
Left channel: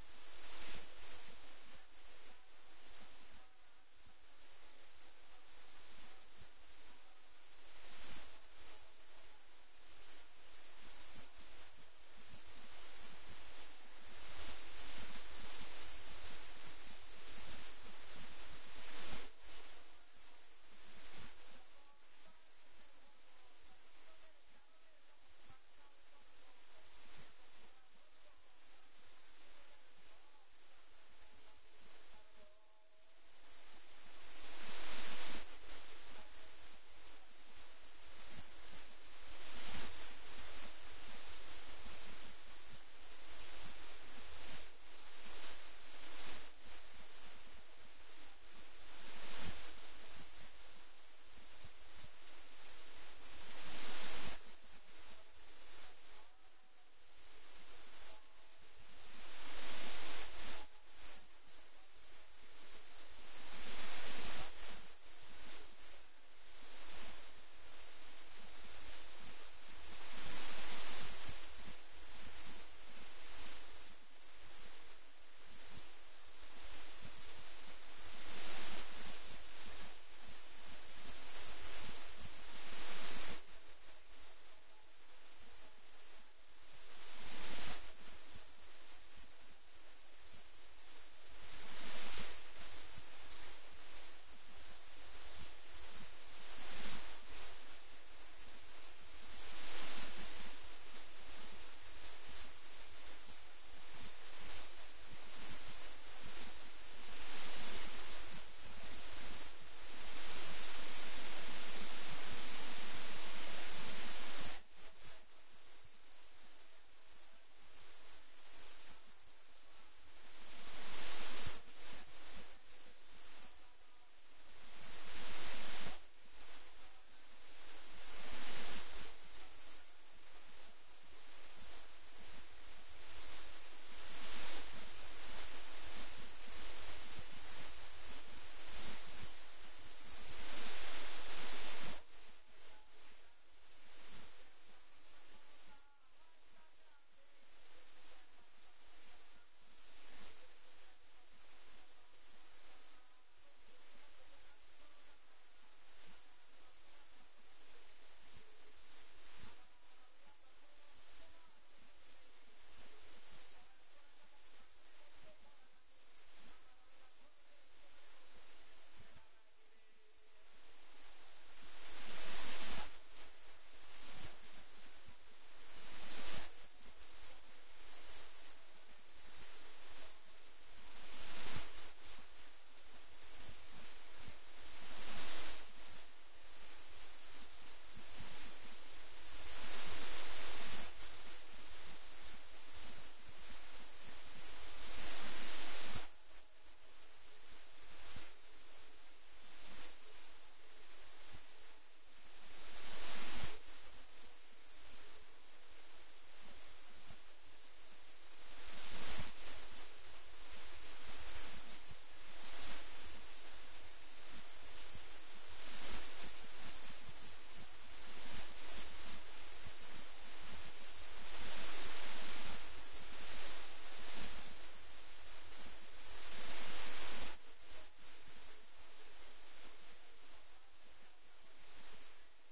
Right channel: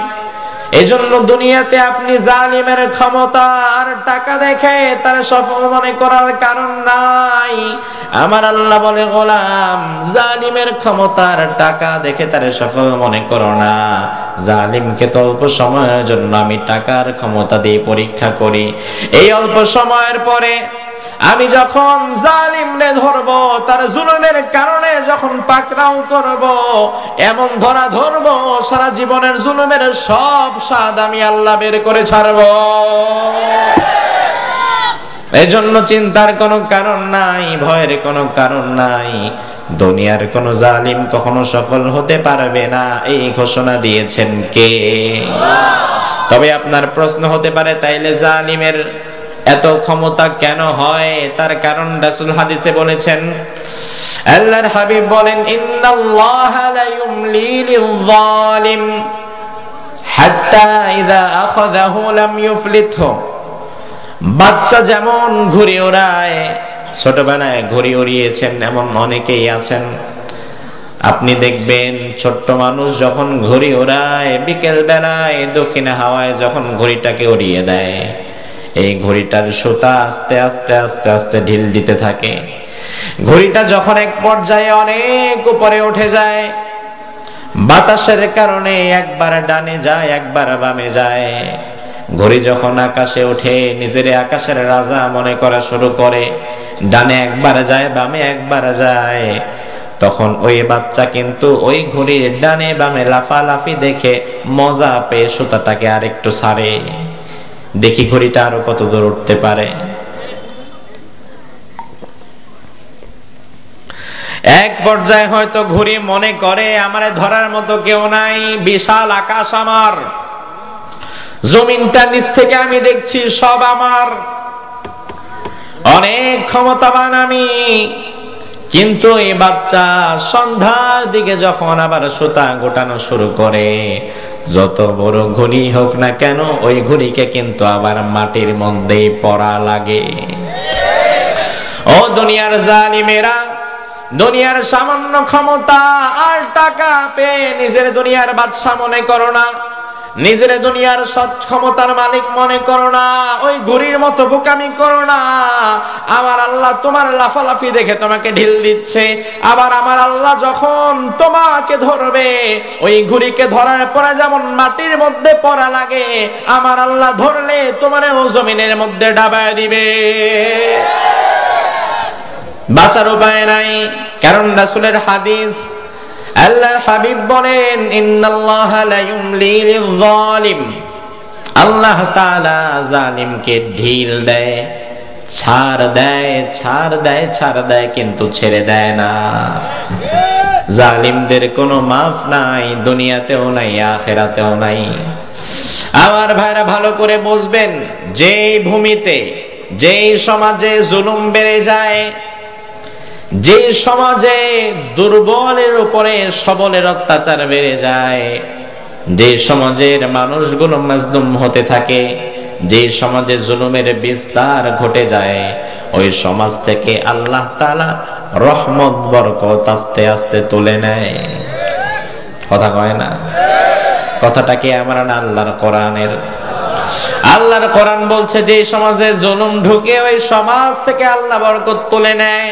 এজন্য দুনিয়াতে আপনি জালিমের ক্ষমতা আর টাকা দেখে তার সফল মনে করার কারণ নাই। আমার আল্লাহ বলে, গোলাম জালিমের ক্ষমতার টাকা দেখে তার সফল মনে করো না। জালিমকে তো অল্প সময়ের জন্য আমি টাকার ক্ষমতা দিয়ে পরীক্ষা করি। এই অল্প সময়ের পরে আমি যখন জালিমরে ধরব, তার জুলুমের কারণে যখন পাকড়াও করব, এমন ধরা ধরব সারা জীবনের জুলুমের সব স্বাদ আমি আল্লাহ বের করে ছাড়ব। এজন্য চিন্তার কোনো কারণ নাই, ভয়ের কোনো কারণ নাই। দুনিয়ার কোন জালিম কখনো সফল হতে পারবে না, এই ঘোষণা দিয়েছেন কে? তবে আপনার প্রশ্ন হতে পারে, তাইলে জালিমের এত ক্ষমতা কেন হয়? তার কারণ রাসূল হাদিসে বলেছেন, আল্লাহর হাবিব বলেন, ইন্নাল্লাহা লা ইউমলি লিয-যালিম হাত্তা ইযা আখাযাহু লাম ইউফলিতহু। বাচ্চা যেমন ঘুড়ি ওড়ায়, ছোটবেলায় ঘুড়ি উড়িয়েছেন এমন অনেকেই আছেন। আপনি দেখবেন ছোট্ট মানুষ যখন ঘুড়ি ওড়ায়, বিকেল বেলায় দক্ষিণ হাওয়ায় যখন ঘুড়িটাকে উড়িয়ে দেয়, এই ঘড়িটার সুতা আস্তে আস্তে আস্তে আস্তে ঢিল দিতে থাকে। ঘড়িটা যখন এক পর্যায়ে অনেক উপরে উঠে যায়, বাতাসের কারণে একবার ডানে যায় একবার বামে যায়। ঘড়ি যখন আকাশে ওঠে, নিজের আকাশের রাজা মনে করা শুরু করে, ডানে একবার যায় বামে একবার যায়, তখন ওই বাচ্চা কিন্তু ওই ঘড়ির ডানে বামে লাফালাফি দেখে মজা পেয়ে সুতাটাকে আরেকটু ছাড়ে, দেখি ঘড়িটা আরো কত দূর উঠতে পারে। এক পর্যায়ে হয়তো ঘুড়ি মনে করে আমারে ধরার মতো কেউ নাই, বিশাল আকাশ আমার, জমিনটা নিচ থেকে আমি দেখছি সব আমার, অনেক ক্ষমতাবান আমি। কিন্তু এই বাচ্চা সন্ধ্যার দিকে যখন আবার সুতা গোটানো শুরু করে, যত বড় ঘড়ি হোক না কেন ওই ঘড়িকে কিন্তু আবার মাটির মধ্যেই পড়া লাগে। ও দুনিয়ার জালিমেরা, দুনিয়ার সামান্য ক্ষমতা আর টাকা পেয়ে নিজের দুনিয়ার বাদশা মনে করো না, নিজের দুনিয়ার সব ক্ষমতার মালিক মনে করো না, ওই ঘুড়ির মতো বোকামি করো না। আমার আল্লাহ তোমার লাফালাফি দেখে তোমাকে ঢিল দিচ্ছে, আবার আমার আল্লাহ যখন তোমাকে ধরবে, ওই ঘুড়িকে ধরার পরে যেমন মাটির মধ্যে পড়া লাগে, আমার আল্লাহ ধরলে তোমারও জমিনের মধ্যে ডাবায় দিবে। বাঁচার উপায় নাই, কারণ রাসূলের হাদিস, আল্লাহর হাবিব বলেন, ইন্নাল্লাহা লা ইউমলি লিয-যালিম, আল্লাহ তাআলা জালিমকে ঢিল দেয়, ছাড় দেয়, ছাড় দেয়, ছাড় দেয়, কিন্তু ছেড়ে দেয় না। জালিমদের কোনো মাফ নাই, দুনিয়াতেও নাই, আখিরাতেও নাই। আমার ভাইরা ভালো করে বুঝবেন, যেই ভূমিতে, যেই সমাজে জুলুম বেড়ে যায়, যে সমাজে দুর্বলের উপরে সবলের অত্যাচার বেড়ে যায়, যে সমাজের মানুষগুলো মাজলুম হতে থাকে, যে সমাজে জুলুমের বিস্তার ঘটে যায়, ওই সমাজ থেকে আল্লাহ তাআলা রহমত বরকত আস্তে আস্তে তুলে নেয়। কথা কয় না? কথাটা কি আমার না আল্লাহর কোরআনের? আল্লাহর কোরআন বলছে, যে সমাজে জুলুম ঢুকে ওই সমাজ থেকে আল্লাহ বরকত তুলে নেয়।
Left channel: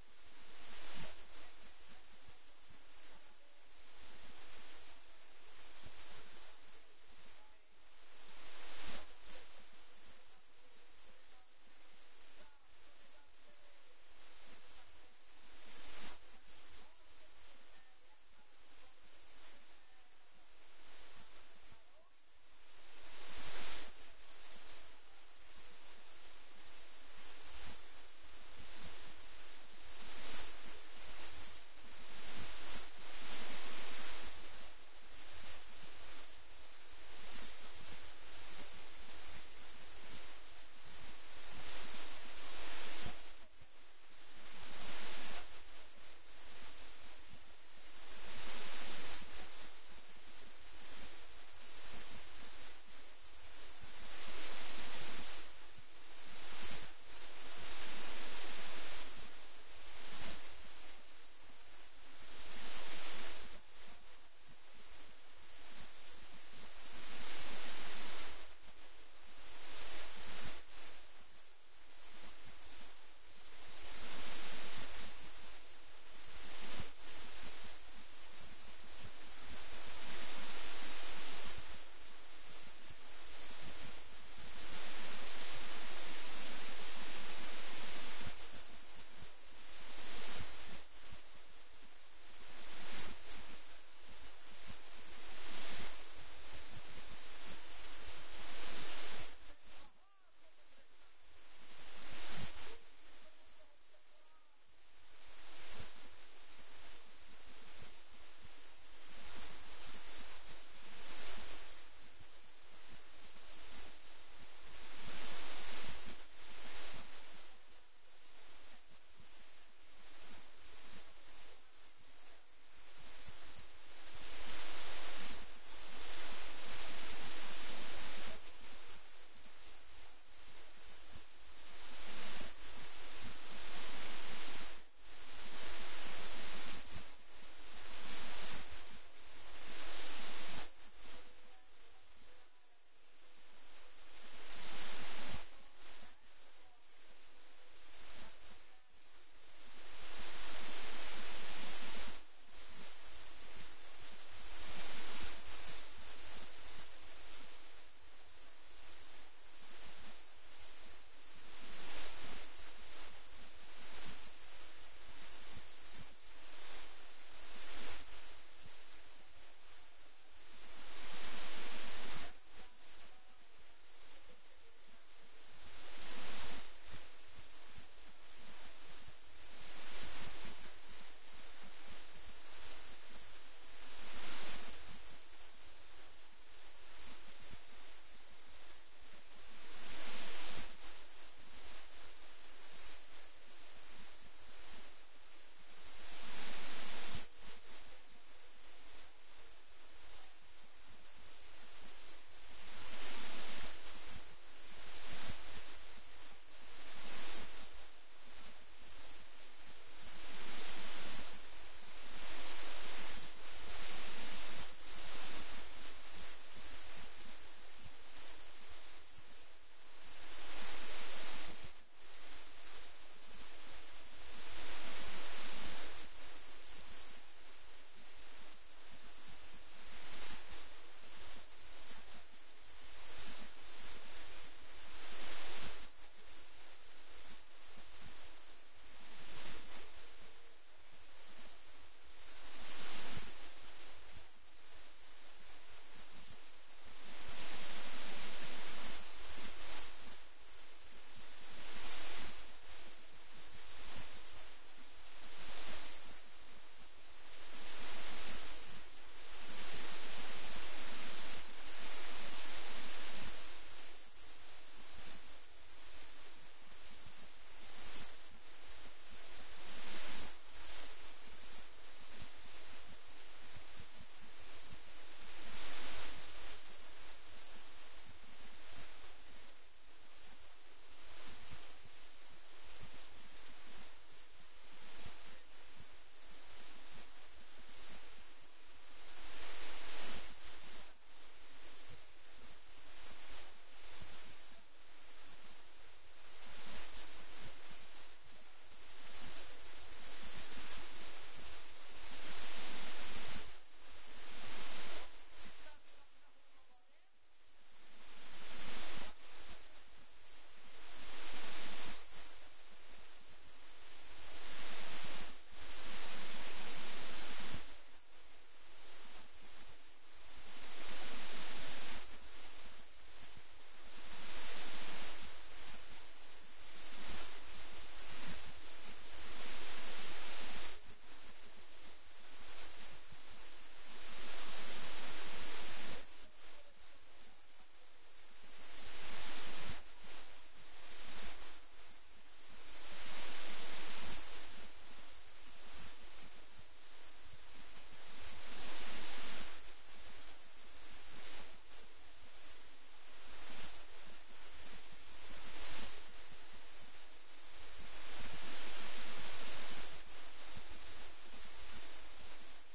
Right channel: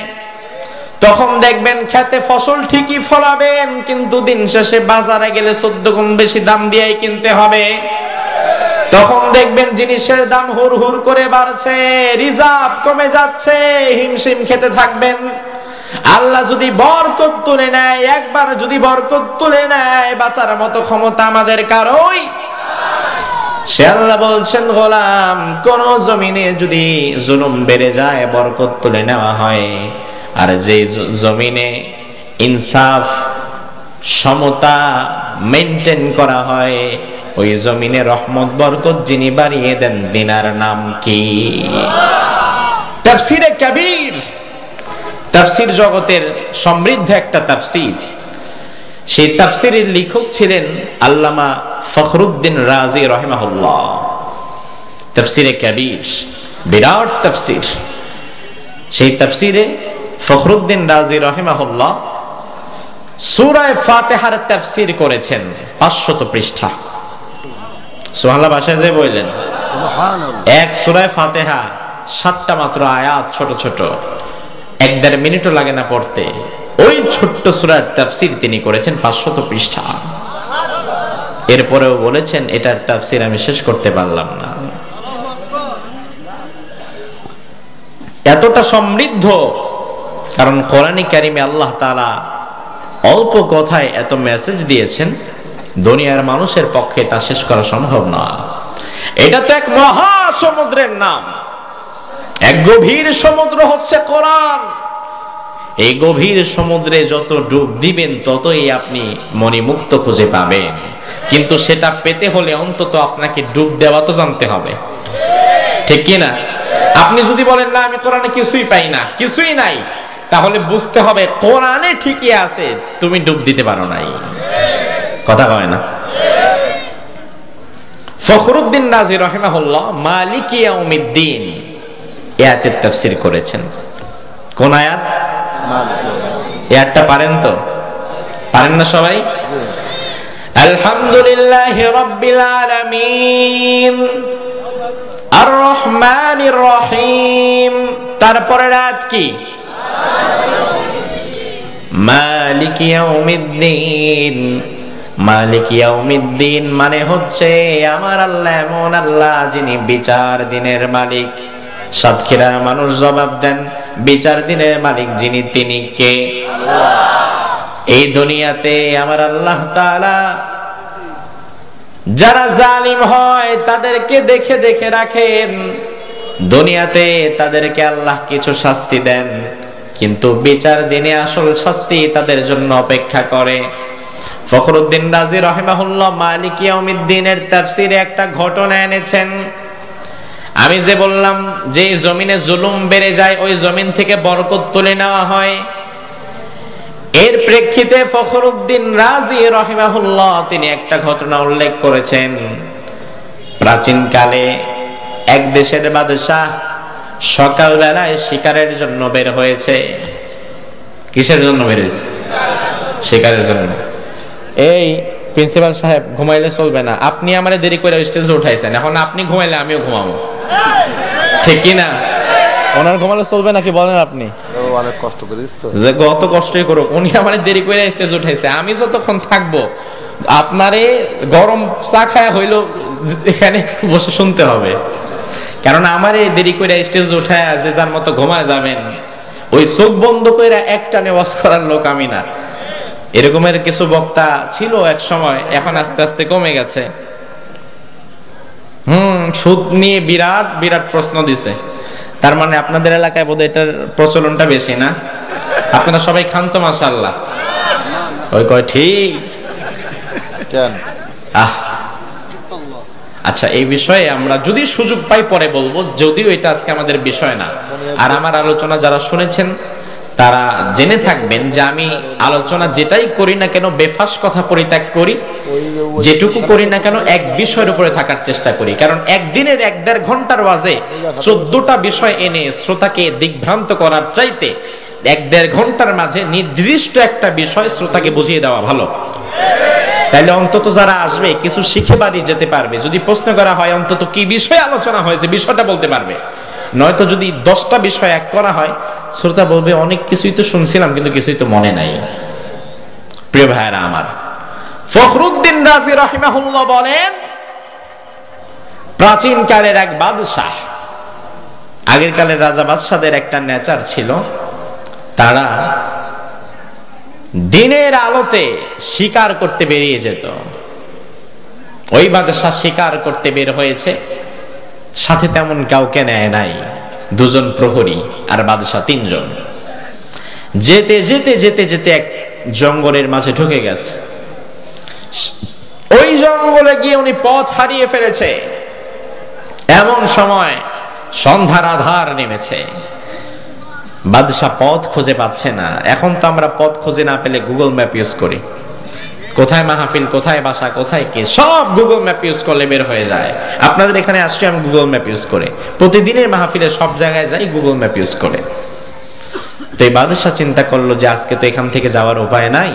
তখন দেখবেন খেতে ফসল ঠিকই ফলাবেন, কিন্তু দিন শেষে বাজারে গেলে 14 গুণ বেশি দাম দিয়েই কিনতে হবে। তখন দেখবেন জিনিসের দাম হুর হুর করে বাড়ছে, রিজার্ভ কমে যাচ্ছে, হিমশিম খেতে থাকবেন। আল্লাহ যদি বরকত তুলে নেয়, একবার যদি বরকত তুলে নেয়, বাঁচার মতো ক্ষমতা আমাদের কারোই। সে আল্লাহ বলছেন, গোলাম, কোন জমিনে যদি জুলুম বেড়ে যায়, বরকত তুলে নেওয়া হয়, আর যে জমিনে ইনসাফ সমতা মেইনটেইন করা হয়, ওই জমিনে রহমত বরকত যিনি বাড়িয়ে দেন, দিনার নাম কি? তাফসিরে কবির, তাফসির জগতের সমৃদ্ধ একটা তাফসির। সেই তাফসিরের লেখক ছিলেন আল্লামা ফখরুদ্দিন রাজি রাহিমাহুল্লাহ। তাফসিরে কবির বিরাট তাফসির। সেই তাফসিরে ফখরুদ্দিন রাজি রাহিমাহুল্লাহ সূরা ফাতিহার তাফসীর করেছেন 500 পৃষ্ঠা। সুবহানাল্লাহ, ভাষায় যে বললেন সুবহানাল্লাহ। এক সূরা ফাতিহা 7টা মাত্র আয়াত, ছোট ছোট, 1-1.5 মিনিটও লাগে না পড়তে। ওই ছোট্ট সূরার তাফসীর তিনি করেছেন 500 পৃষ্ঠা। এরপরেও বলেছেন, এটার তাফসীর আমি শেষ করতে পারলাম না। এতটা সমৃদ্ধ, কারণ কোরআনে কারিমে আল্লাহ তাআলা অল্প কথায় এত মেসেজ দিয়েছেন, দুনিয়ার মানুষের পক্ষে তা শেষ করা সম্ভব না। এটা তো এক মহা সমুদ্রের নাম, এক গভীর সমুদ্র হচ্ছে কোরআন। এই গভীর সমুদ্রে যত ডুব দিবেন, ততই আপনি মণিমুক্ত খুঁজে পাবেন। কিন্তু সেটা পেতে হলে অন্তত আপনাকে ডুব দেওয়া তো জানতে হবে, ঠিক কি না? আপনি যদি বলেন, না আমি কোরআনে কিছুই পাই না, কিছুই নাই, তাহলে বুঝতে হবে কোরআনে ঠিকই আছে, তুমি ডুব দিতে পারো নাই। কথা কয় না? ফখরুদ্দিন রাজি রাহিমাহুল্লাহ মালিক ইয়াউমিদ্দিন আয়াতের তাফসীর করেছেন। কোন আয়াত? আয়াতটা পারেন তো? পারেন না সবাই? আলহামদুলিল্লাহি রাব্বিল আলামিন আর রহমানির রহিম। তারপরের আয়াত কি? মালিক ইয়াউমিদ্দিন। মালিক ইয়াউমিদ্দিন মানে হচ্ছে আমার আল্লাহ এমন আল্লাহ যিনি বিচার দিনের মালিক। সাতক্ষীরার মানুষ জবাব দেন, বিচার দিনের মালিক যিনি, তিনি কে? এই দুনিয়াতে আমার আল্লাহ তাআলা যারা জালিম হয় তাদেরকে দেখে দেখে রাখেন। দুনিয়াতে তাদেরকে আল্লাহ কিছু শাস্তি দেন, কিন্তু বিচার দিনে আসল শাস্তি তাদের জন্য অপেক্ষা করে। ফখরুদ্দিন রাজি রাহিমাহুল্লাহ মালিক ইয়াউমিদ্দিনের তাফসীরে একটা ঘটনা এনেছেন। আমি যে বললাম যে জমিনে জুলুম বেড়ে যায়, ওই জমিন থেকে বরকত তুলে নেওয়া হয়, এর প্রেক্ষিতে ফখরুদ্দিন রাজি রাহিমাহুল্লাহ তিনি একটা ঘটনা উল্লেখ করেছেন। প্রাচীন কালে এক দেশের বাদশাহ সকালবেলায় শিকারের জন্য বের হয়েছে। কিসের জন্য বের হয়েছে? শিকারের জন্য। এই প্রিন্সিপাল সাহেব, ঘুমাইলে চলবে না, আপনি আমারে দেরি করে স্টেজে উঠাইছেন, এখন আপনি ঘুমাইলে আমিও ঘুমাবো, ঠিক কি না? ওনার ঘুমালে চলবে নাকি বলেন আপনি? অনেক কষ্ট করিস তো, যে কত কষ্টই করুক, উনি আমারে দেরি করে স্টেজে উঠাইছে, আমি যতক্ষণ থাকবো আপনারে গরম চা খায়া হইলো এখানে বসে শুনতে হবে। কারণ আমারে দেরি করে স্টেজে উঠায় যে যার মতো ঘুমায় যাবেন, ওই চোখ বন্ধ করে একটানে ওয়াজ করার লোক আমি না। এরকমের কিছু বক্তা ছিল এক সময়, এখন আস্তে আস্তে কমে গেছে। সুদ নিয়ে বিরাট বিরাট প্রশ্ন দিছে। তার মানে আপনাদের এলাকায় বোধহয় এটার প্রচলনটা বেশি না? আপনারা সবাই খান তো মাশাআল্লাহ? ওই কয় ঠিক। আচ্ছা, এই বিষয়ে আমরা যদি সুযোগ পাই পরে বলবো, যদিও এটা আজকে আমাদের বিষয় না। আর আমার আলোচনা যারা শুনেছেন তারা জেনে থাকবেন যে আমি আলোচনা যেটাই করি না কেন বেফাস কথা পরিত্যাগ করি, যেটুকু করি না কেন এক বিষয়ের উপরে থাকার চেষ্টা করি। কারণ একদিনের 1-1.5 ঘন্টার ওয়াজে 14টা বিষয় এনে শ্রোতাকে দিগ্ভ্রান্ত করার চাইতে 1-1.5 ঘন্টার মাঝে নির্দিষ্ট একটা বিষয় শ্রোতাকে বুঝিয়ে দেওয়া ভালো। তাইলে অন্তত যারা আসবে কিছু শিখে বাড়ি যেতে পারবে। যদি প্রশ্ন করা হয় অন্তত কি বিষয়ে আলোচনা হয়েছে বিষয়টা বলতে পারবে। নয়তো যদি 10টা বিষয় এক করা হয়, শ্রোতা বলবে অনেক কিছুই তো শুনছিলাম কিন্তু কিছুই তো মনে নাই। প্রিয় ভাইরা আমার, ফখরুদ্দিন রাজি রাহিমাহুল্লাহ বলেন, প্রাচীন কালের এক বাদশাহ, আগের কালের রাজা বাদশাদের একটা নেচার ছিল, তারা দিনের আলোতে শিকার করতে বেরিয়ে যেত। ওই বাদশাহ শিকার করতে বের হয়েছে, সাথে তেমন কাউকে নেয় নাই, 2 জন প্রহরী আর বাদশাহ 3 জন। যেতে যেতে যেতে যেতে এক জঙ্গলের মাঝে ঢুকে গেছে। ওই জঙ্গলে গিয়ে উনি পথ হারিয়ে ফেলেছে। এমন সময় সন্ধ্যার আধার নেমেছে, বাদশাহ পথ খুঁজে পাচ্ছে না। এখন তো আমরা পথ খুঁজে না পেলে গুগল ম্যাপ ইউজ করি, কোথায় মাহফিল, কোথায় বাসা, কোথায় কি, সব গুগল ম্যাপ ইউজ করলে বের হয়ে যায়। আপনাদের এখানে আসছি আমি গুগল ম্যাপ ইউজ করে, প্রতিদিনের মাহফিলে সব জায়গায় যাই গুগল ম্যাপ ইউজ করে। তো এই বাদশাহ চিন্তা করলো যে আজকে তো এখান থেকে যাওয়ার উপায় নাই,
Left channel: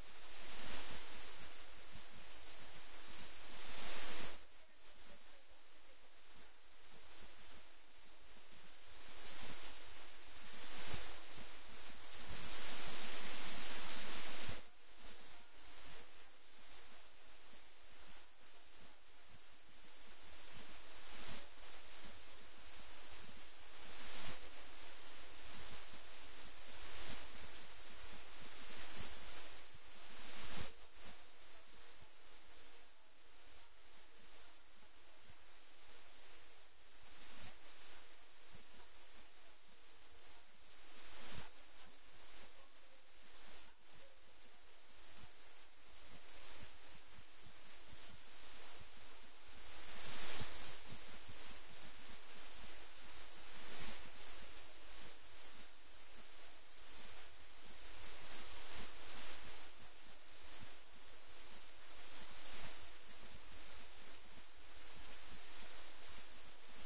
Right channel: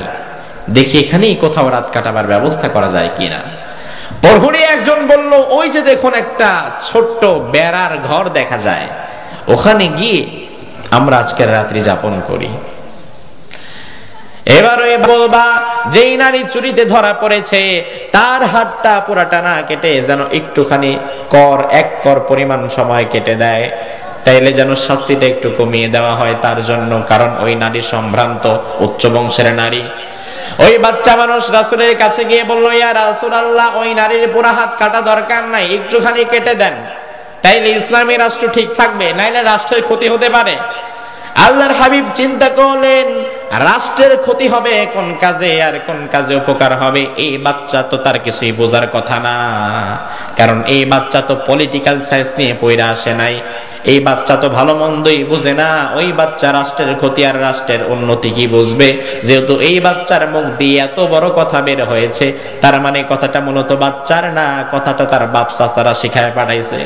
দেখি এখানেই কোথাও রাত কাটাবার ব্যবস্থা করা যায় কিনা। প্রহরী একজন বলল, ওই যে দেখুন একটা ছোট্ট বেড়ার ঘর দেখা যায়, ওখানে গিয়ে আমরা আজকের রাত্রি যাপন করি। এবারে বলবা যেই নারী চুরিতে ধরা পড়েছে তার হাতটা পুরাটা না কেটে যেন একটুখানি এক কর পরিমাণ সময় কেটে দেয়, তাইলে যেন শাস্তিটা একটু কমিয়ে দেওয়া হয় তার জন্য, কারণ ওই নারী সম্ভ্রান্ত উচ্চ বংশের নারী। ওই বাচ্চা মানুষ রাসূলের কাছে গিয়ে বলল, ইয়া রাসূলুল্লাহ, ওই নারীর পুরা হাত কাটা দরকার নাই, একটুখানি কেটে দেন, তাইলে ইসলামী রাষ্ট্র ঠিক থাকবে, নাইলে রাষ্ট্রের ক্ষতি হতে পারে। আল্লাহর হাবিব চিন্তা করলেন, রাষ্ট্রের ক্ষতি হবে কোন কাজে আর কোন কাজে উপকার হবে, এই বাচ্চা তো তার কিছুই বোঝার কথা না, কারণ এই বাচ্চা তো পলিটিক্যাল সায়েন্স নিয়ে পড়া আসে নাই, এই বাচ্চা তো ভালো মন্দই বুঝে না, ওই বাচ্চা রাষ্ট্রের ক্ষতি আর রাষ্ট্রের উন্নতি কি বুঝবে। যেহেতু এই বাচ্চার মুখ দিয়ে এত বড় কথা বের হয়েছে, তার মানে কথাটা মূলত বাচ্চার না, কথাটা তার বাপ চাচারা শিখায় পাঠাইছে।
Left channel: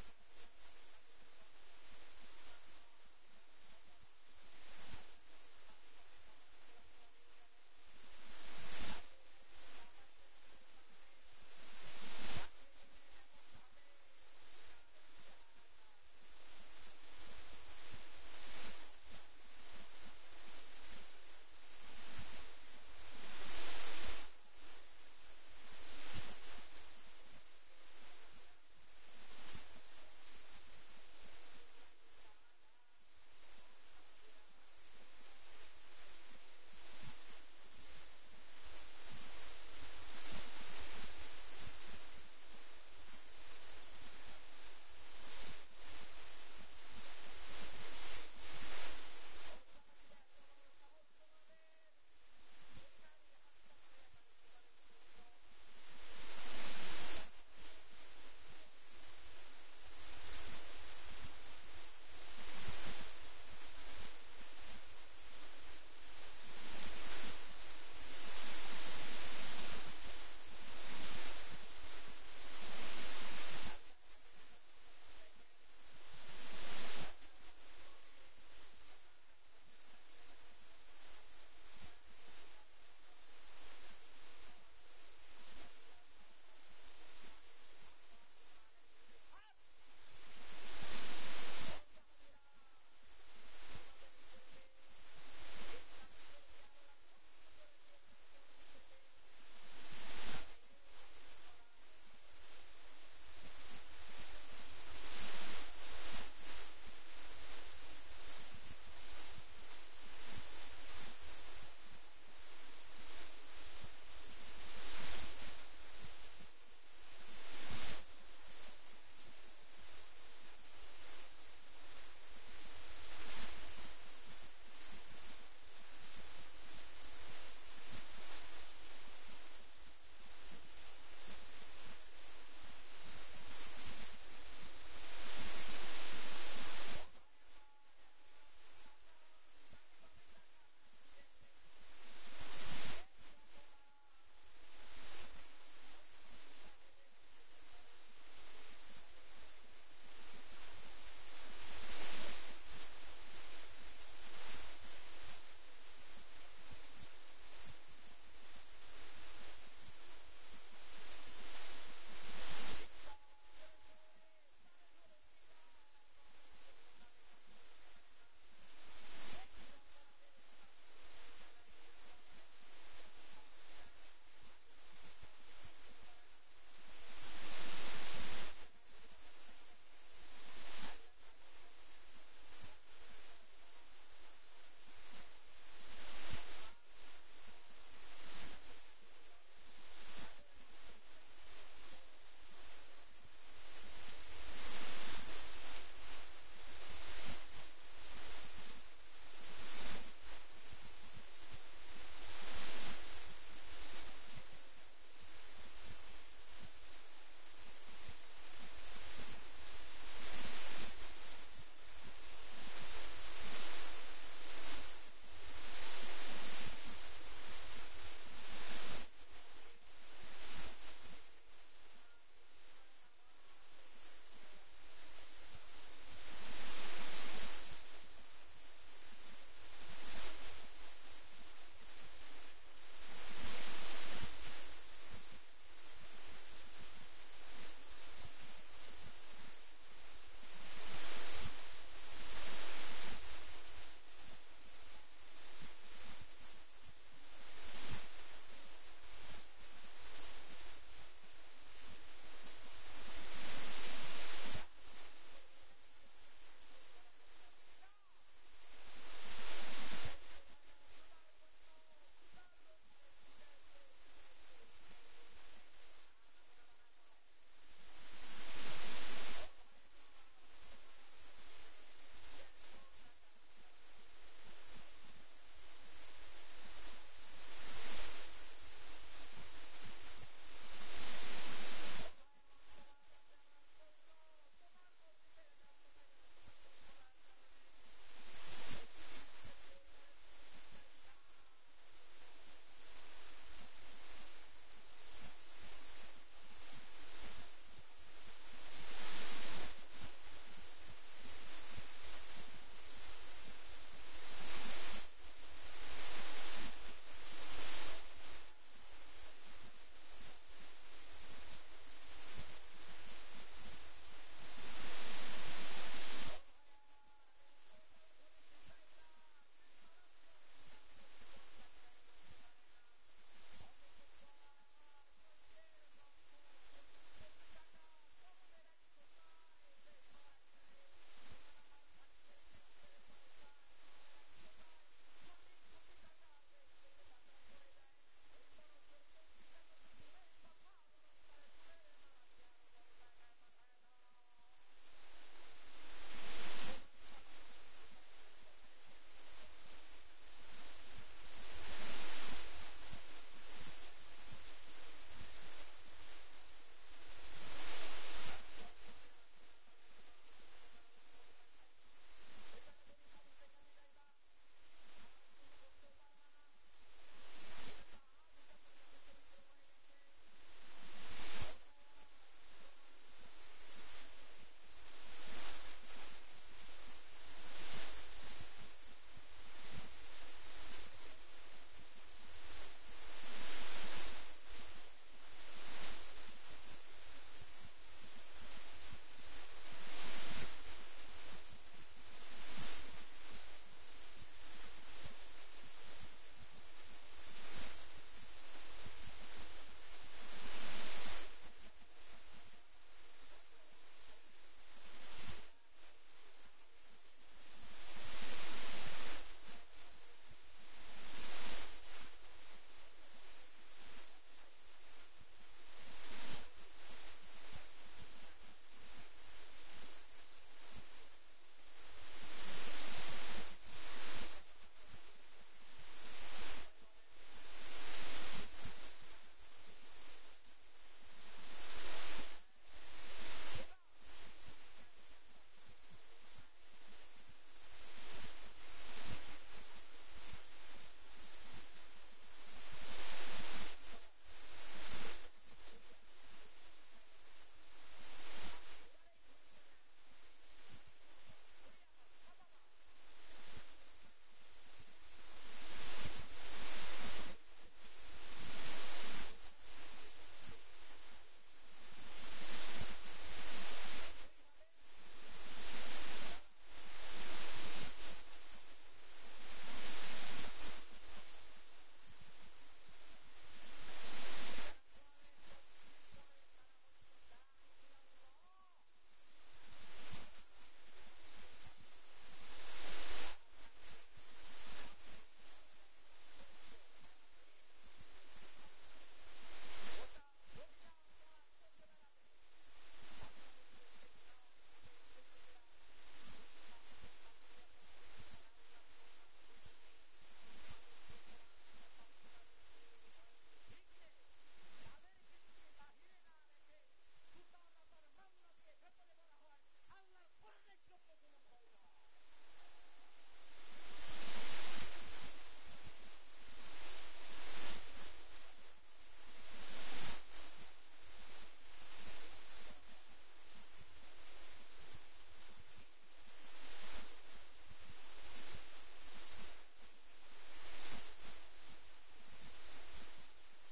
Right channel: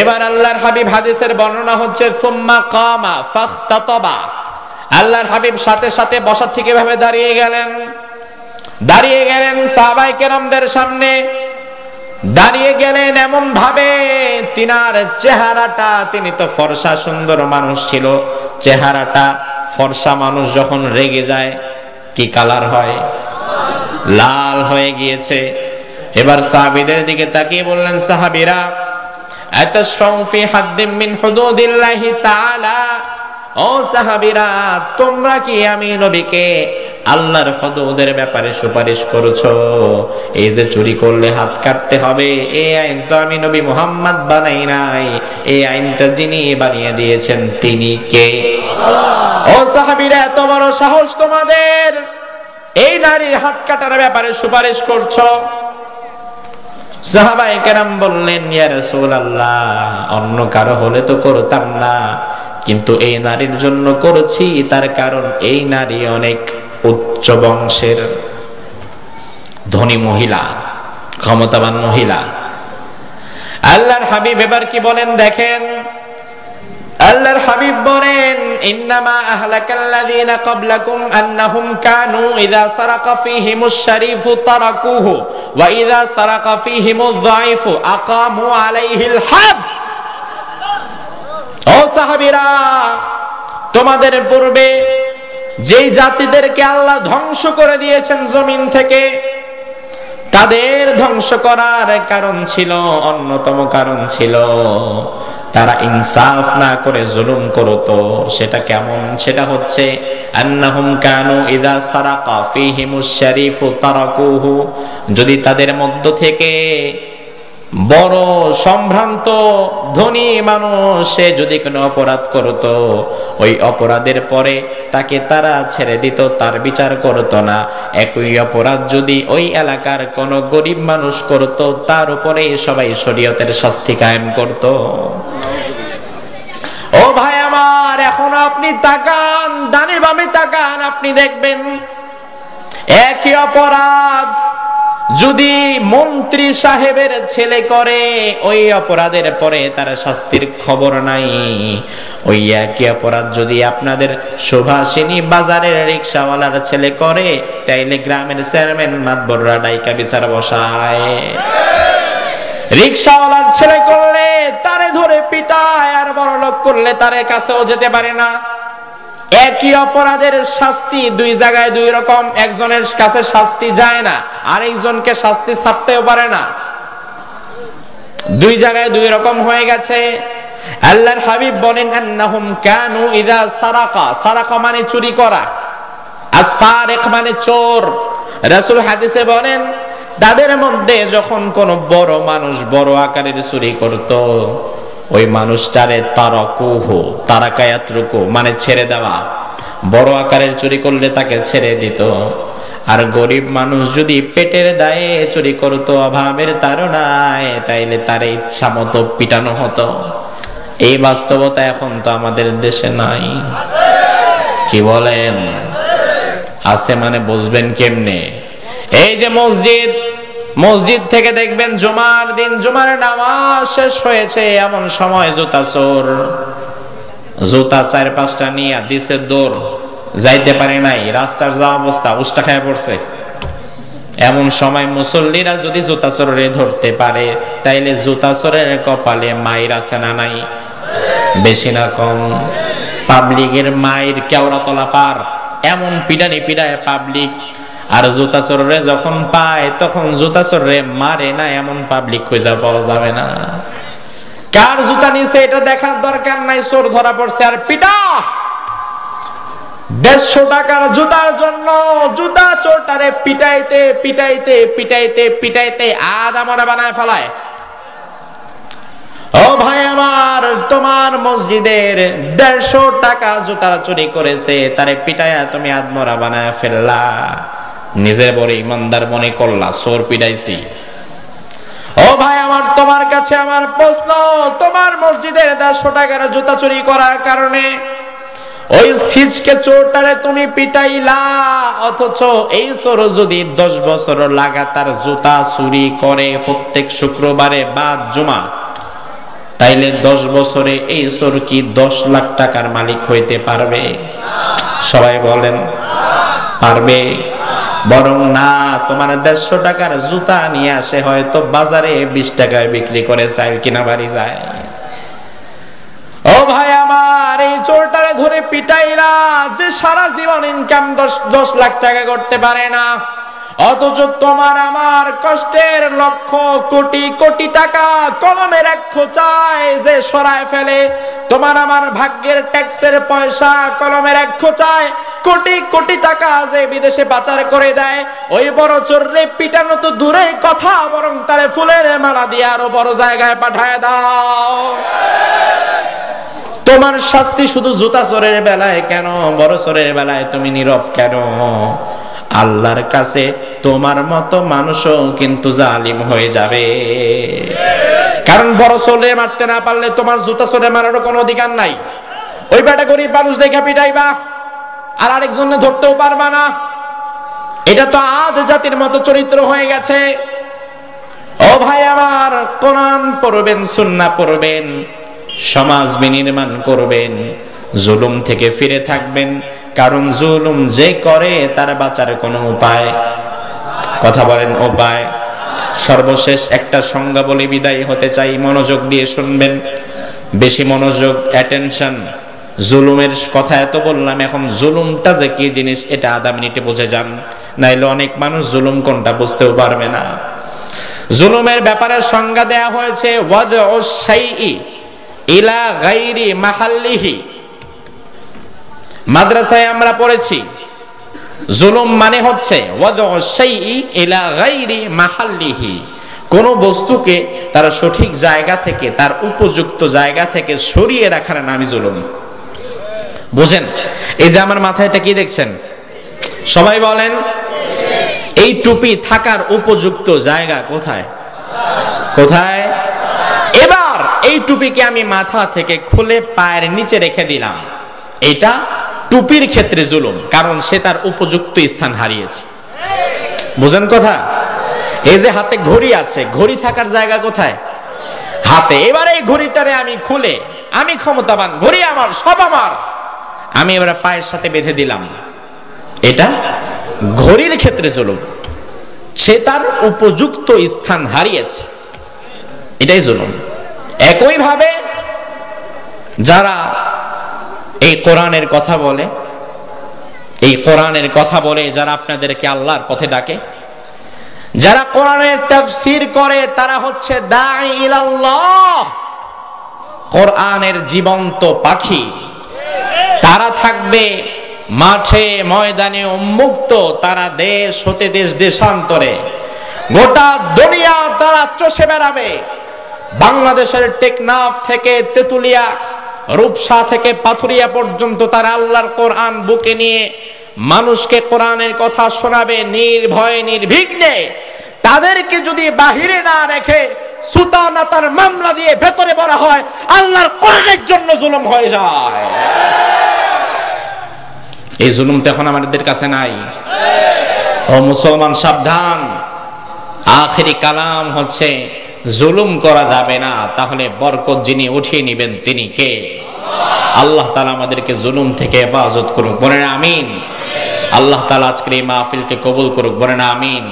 এবার আল্লাহর হাবিব, হাদিসের বর্ণনা হচ্ছে, সুম্মা কামা ফাখতাতাবা, আল্লাহর হাবিব সাথে সাথে বসার থেকে ভাবে দাঁড়িয়ে গেলেন সাহাবায়ে কেরামদের সামনে। দাঁড়িয়ে গেলেন এমন ভাবে তিনার চেহারাটা, তিনি তো ফর্সা সুন্দর মানুষ ছিল, চেহারাটা ফর্সা মানুষ যখন রেগে যায় কি কালার হয়? লাল হয়ে গিয়েছে। এবার সাহাবীদের দিকে তাকিয়ে বললেন, সাহাবীরা, আতাশফাউ ফি হাদ্দিম মিন হুদুদিল্লাহি তাআলা, ও সাহাবীরা, তোমরা কি আমি নবীকে আল্লাহর হুদুদের ব্যাপারে সুপারিশ করছো? এই যে চুরি করলে হাত কাটতে হবে, এই আইন তো আমি নবী মুহাম্মদ বানাই নাই, এই আইনটা যিনি বানিয়ে দিয়েছেন তিনি কে? ও সাহাবীরা, এত বড় সাহস তোমাদের, এই নারীর হাত কাটার ব্যাপারে সুপারিশ করছো? সাহাবায়ে কেরাম বললেন, ইয়া রাসূলুল্লাহ, অন্য কারো হলে তো করতাম না, কিন্তু এই নারীর জন্য করেছি, তার কারণ এই নারী অনেক উচ্চ বংশের ধনী মহিলা, ক্ষমতাবান মহিলা। আল্লাহর হাবিব এবার কি বলেন দেখেন, আল্লাহর হাবিব বলেন ইন্নামা আহলাকাল্লাযীনা ক্বাবলাকুম আন্নাহুম কানু ইযা সারাকা ফীহিমুশ শারীফু তারাকুহু ওয়া ইযা সারাকা ফীহিমুয যায়িফু আকামু আলাইহিল হাদ। ও সাহাবীরা, তোমাদের পূর্বে যেই জাতিদেরকে আল্লাহ ধ্বংস করে দিয়েছেন জমিন থেকে, তাদের ধ্বংস করার কারণ ছিল, অন্যতম কারণ ছিল তারা ইনসাফ না করে জুলুম করতো। সেটা কেমন? সেটা হচ্ছে আন্নাহুম কানু ইযা সারাকা ফীহিমুশ শারীফু তারাকুহু, যদি তাদের মধ্য থেকে বড় সম্ভ্রান্ত ধনী মানুষ সে যদি কোনো অপরাধ করত, ওই অপরাধের পরে তাকে তারা ছেড়ে দিত, তার বিচার করত না। একই অপরাধ যদি ওই এলাকার কোনো গরিব মানুষ করত, তার উপরে সবাই শরীয়তের শাস্তি কায়েম করত। ও ভাই আমার, এখন আপনি তাকান, ডানে বামে তাকান, আপনি দেখবেন একই অপরাধ যদি মন্ত্রী সাহেবের ছেলে করে, ওই অপরাধের পরে তার শাস্তির খবর নাই। ওই একই অপরাধ যদি আপনাদের সুভাষিনী বাজারের রিকশাওয়ালার ছেলে করে, তাইলে গ্রামের চেয়ারম্যান মাতবররা ডাইকা বিচার বসায়। রিকশাওয়ালার ছেলে করলে তারে ধরে পিটায়, আর বড় লোক করলে তারে কাছেও যেতে পারে না। একই অপরাধের শাস্তি দুই জায়গায় দুই রকম, একজনের কাছে শাস্তি যায় না, আরেকজনকে শাস্তি ছাড়তেও পারে না, দুই জায়গায় দুই রকম হয়ে গেছে। আল্লাহর হাবিব বলেন আন্নাহুম কানু ইযা সারাকা, সারাকা মানে চুরি করা, আর সারিক মানে চোর। রাসূল হাদিসে বলেন তাদের মধ্যে যখন কোন বড় মানুষ বড় আকারের চুরি করত, ওই মানুষটারে তারাকুহু, তারাকায়াতরুকু মানে ছেড়ে দেওয়া। বড় আকারের চুরি করলে তাকে ছেড়ে দিত। আর গরিব মানুষ যদি পেটের দায়ে চুরি করত, অভাবের তাড়নায়, তাইলে তার ইচ্ছা মতো পিটানো হতো। এই বাস্তবতা এখন তো আমাদের দেশে নাই। কি বলেন? আছে মানে বুঝবেন কেমনে? এই যে মসজিদ, মসজিদ থেকে দেখবেন জুমার দিন জুমার নামাজ শেষ হয়েছে, এমন সময় জুতা চোর, জুতা 4-5টা নিয়ে দিছে দৌড়, যাইতে পারে নাই, রাস্তার যা অবস্থা, উষ্টা খায় পড়ছে। এমন সময় মুসল্লিরা যদি জুতা চোরে ধরতে পারে, তাইলে জুতা চোরের কপালে মাইর আছে না নাই? বেশি না কম? পাবলিকের মাইর কেওড়া তলা পার, এমন পিটানি পিটায় পাবলিক। আর জুতা চোরে যখন পায়, তখন জুতা চোরে মারে না, এমন পাবলিক খুঁজে পাওয়া যাবে না। কার জুতা নিছে এটা দেখার দরকার নাই, চোর ধরা পড়ছে আর পিটা। 150 টাকার জুতার জন্য জুতা চোরটারে পিটাইতে পিটাইতে পিটাইতে পিটাইতে আদামরা বানায় ফেলায়। ও ভাই আমার, তোমার মসজিদের 150 টাকা জুতার চুরি করেছে, তারে পিটাইয়া তুমি আদমরা বানায় ফেললা, নিজে বড় ইমানদার মনে করলা, চোর পিটাইছি। ও ভাই আমার, তোমার কাছে আমার প্রশ্ন, তোমার মসজিদের 150 টাকার জুতা চুরি করার কারণে ওই সিজকে চোরটারে তুমি পিটাইলা, অথচ এই চোর যদি 10 বছর লাগাতার জুতা চুরি করে প্রত্যেক শুক্রবারে বাদ জুমা, তাইলে 10 বছরে এই চোর কি 10 লাখ টাকার মালিক হইতে পারবে? সবাই বলেন পারবে? বরং না, তোমার 150 টাকার জুতা নিয়ে আসে হয়তো বাজারে 20 টাকায় বিক্রি করে চাইল কিনা বাড়ি যায়। ও ভাই আমার, এই চোরটারে ধরে পিটাইলা, যে সারা জীবন ইনকাম 10 লাখ টাকা করতে পারে না, অথচ তোমার আমার কষ্টের লক্ষ কোটি কোটি টাকা কলমের এক খোঁচায় যে সরায় ফেলে, তোমার আমার ভাগ্যের ট্যাক্সের পয়সা কলমের এক খোঁচায় কোটি কোটি টাকা যে বিদেশে পাচার করে দেয়, ওই বড় চোররে পিটানো তো দূরের কথা, বরং তারে ফুলের মালা দিয়ে আরো বড় জায়গায় পাঠায় দাও। তোমার শাস্তি শুধু জুতা চোরের বেলায় কেন, বড় চোরের বেলায় তুমি নীরব কেন? আল্লাহর কাছে তোমার মতো মানুষও কিন্তু জালিম হয়ে যাবে। কারণ বড় চোরে মারতে না পারলে তোমার জুতা চোরে মারারও কোনো অধিকার নাই। ওই বেটা গরিব মানুষ দেখা পিটাইবা, আর আরেকজনে ধরতেও পারবা না। এটা তো আদ জাতির মতো চরিত্র হয়ে গেছে। ও ভাই আমার, কোরআন পড়বেন, সুন্নাহ পড়বেন, সমাজ বিনির্মাণ করবেন, জুলুম থেকে ফিরে থাকবেন। কারণ জুলুম যে করে তার বাঁচার কোনো উপায়, কথা বলেন, উপায়। সর্বশেষ একটা সংজ্ঞা বলে বিদায় হতে চাই, মনোযোগ দিয়ে শুনবেন, বেশি মনোযোগ, অ্যাটেনশন। জুলুমের কথা এত বললাম, এখন জুলুমটা যে কি জিনিস এটা আধা মিনিটে বুঝে যান, নাইলে অনেক মানুষ জুলুম কোনটা বুঝতেও পারবে না। জুলুমের ব্যাপারে সংজ্ঞা দেয়া হয়েছে ওয়াদউস শাইই ইলা গায়রি মাহাল্লিহি। মাদ্রাসায় আমরা পড়েছি জুলুম মানে হচ্ছে ওয়াদউস শাইই ইলা গায়রি মাহাল্লিহি, কোন বস্তুকে তার সঠিক জায়গা থেকে, তার উপযুক্ত জায়গা থেকে সরিয়ে রাখার নামই জুলুম। বুঝেন? এই যে আমার মাথায় এটা কি দেখছেন, সবাই বলেন এই টুপি থাকার উপযুক্ত জায়গা কোথায়? কোথায়? এবার এই টুপিকে আমি মাথা থেকে খুলে পায়ের নিচে রেখে দিলাম, এটা টুপির ক্ষেত্রে জুলুম, কারণ সে তার উপযুক্ত স্থান হারিয়েছে। বুঝেন কথা? এই যে হাতে ঘড়ি আছে, ঘড়ি থাকার জায়গা কোথায়? হাতে। এবার এই ঘড়িটারে আমি খুলে, আমি ক্ষমতাবান, ঘড়ি আমার, সব আমার, আমি এবার পায়ের সাথে বেঁধে দিলাম, এটা ঘড়ির ক্ষেত্রে জুলুম। সে তার উপযুক্ত স্থান হারিয়েছে, এটাই জুলুম। একই ভাবে যারা এই কোরআনের কথা বলে, এই কোরআনের কথা বলে যারা আপনাদেরকে আল্লাহর পথে ডাকে, যারা কোরআনের তাফসীর করে, তারা হচ্ছে দাঈ ইলাল্লাহ, কোরআনের জীবন্ত পাখি। তারা থাকবে মাঠে ময়দানে উন্মুক্ত, তারা দেশ হতে দেশ দেশান্তরে গোটা দুনিয়া তারা চষে বেড়াবে। বাংলাদেশের টেকনাফ থেকে তেতুলিয়া, রূপসা থেকে পাথুরিয়া পর্যন্ত তারা আল্লাহর কোরআন বুকে নিয়ে মানুষকে কোরআনের কথা শোনাবে নির্ভয়ে নির্বিঘ্নে। তাদেরকে যদি বাহিরে না রেখে সুতানাতার মামলা দিয়ে ভেতরে ভরা হয়, আল্লাহর কোরআনের জন্য জুলুম হয়ে যায়। এই জুলুম তো এখন আমাদের কাছে নাই। ও মুসলমান, সাবধান। আখেরি কালাম হচ্ছে জুলুম করা যাবে না, তাহলে বরকত যিনি উঠিয়ে নেবেন তিনি কে? আল্লাহ তাআলা আমাদেরকে জুলুম থেকে হেফাজত করুক, বলেন আমিন। আল্লাহ তাআলা আজকের এই মাহফিলকে কবুল করুক, বলেন আমিন।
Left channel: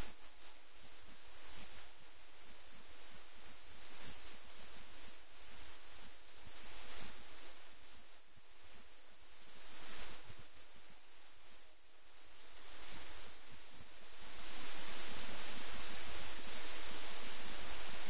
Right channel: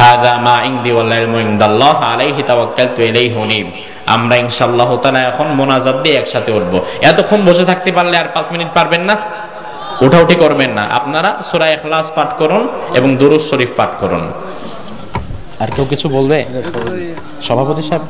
হাযা মা ইনদি ওয়াল ইলমু ইনদাল্লাহ আলাইহি তাওয়াক্কালতু ইলাইহি উনীব। আমরা ইনশাআল্লাহ তাআলা এখন মোনাজাত দিয়ে একসাথে উঠবো। এতক্ষণ বসে থাকতে পারলে আর 5 মিনিট পারবেন না? উঠাউঠি করবেন না। আপনারা সূরা ইখলাস পাঠ করুন এবং দুরূদ শরীফ পাঠ করুন। আর কেউ কিছু বলবে? সভাপতি সাহেব?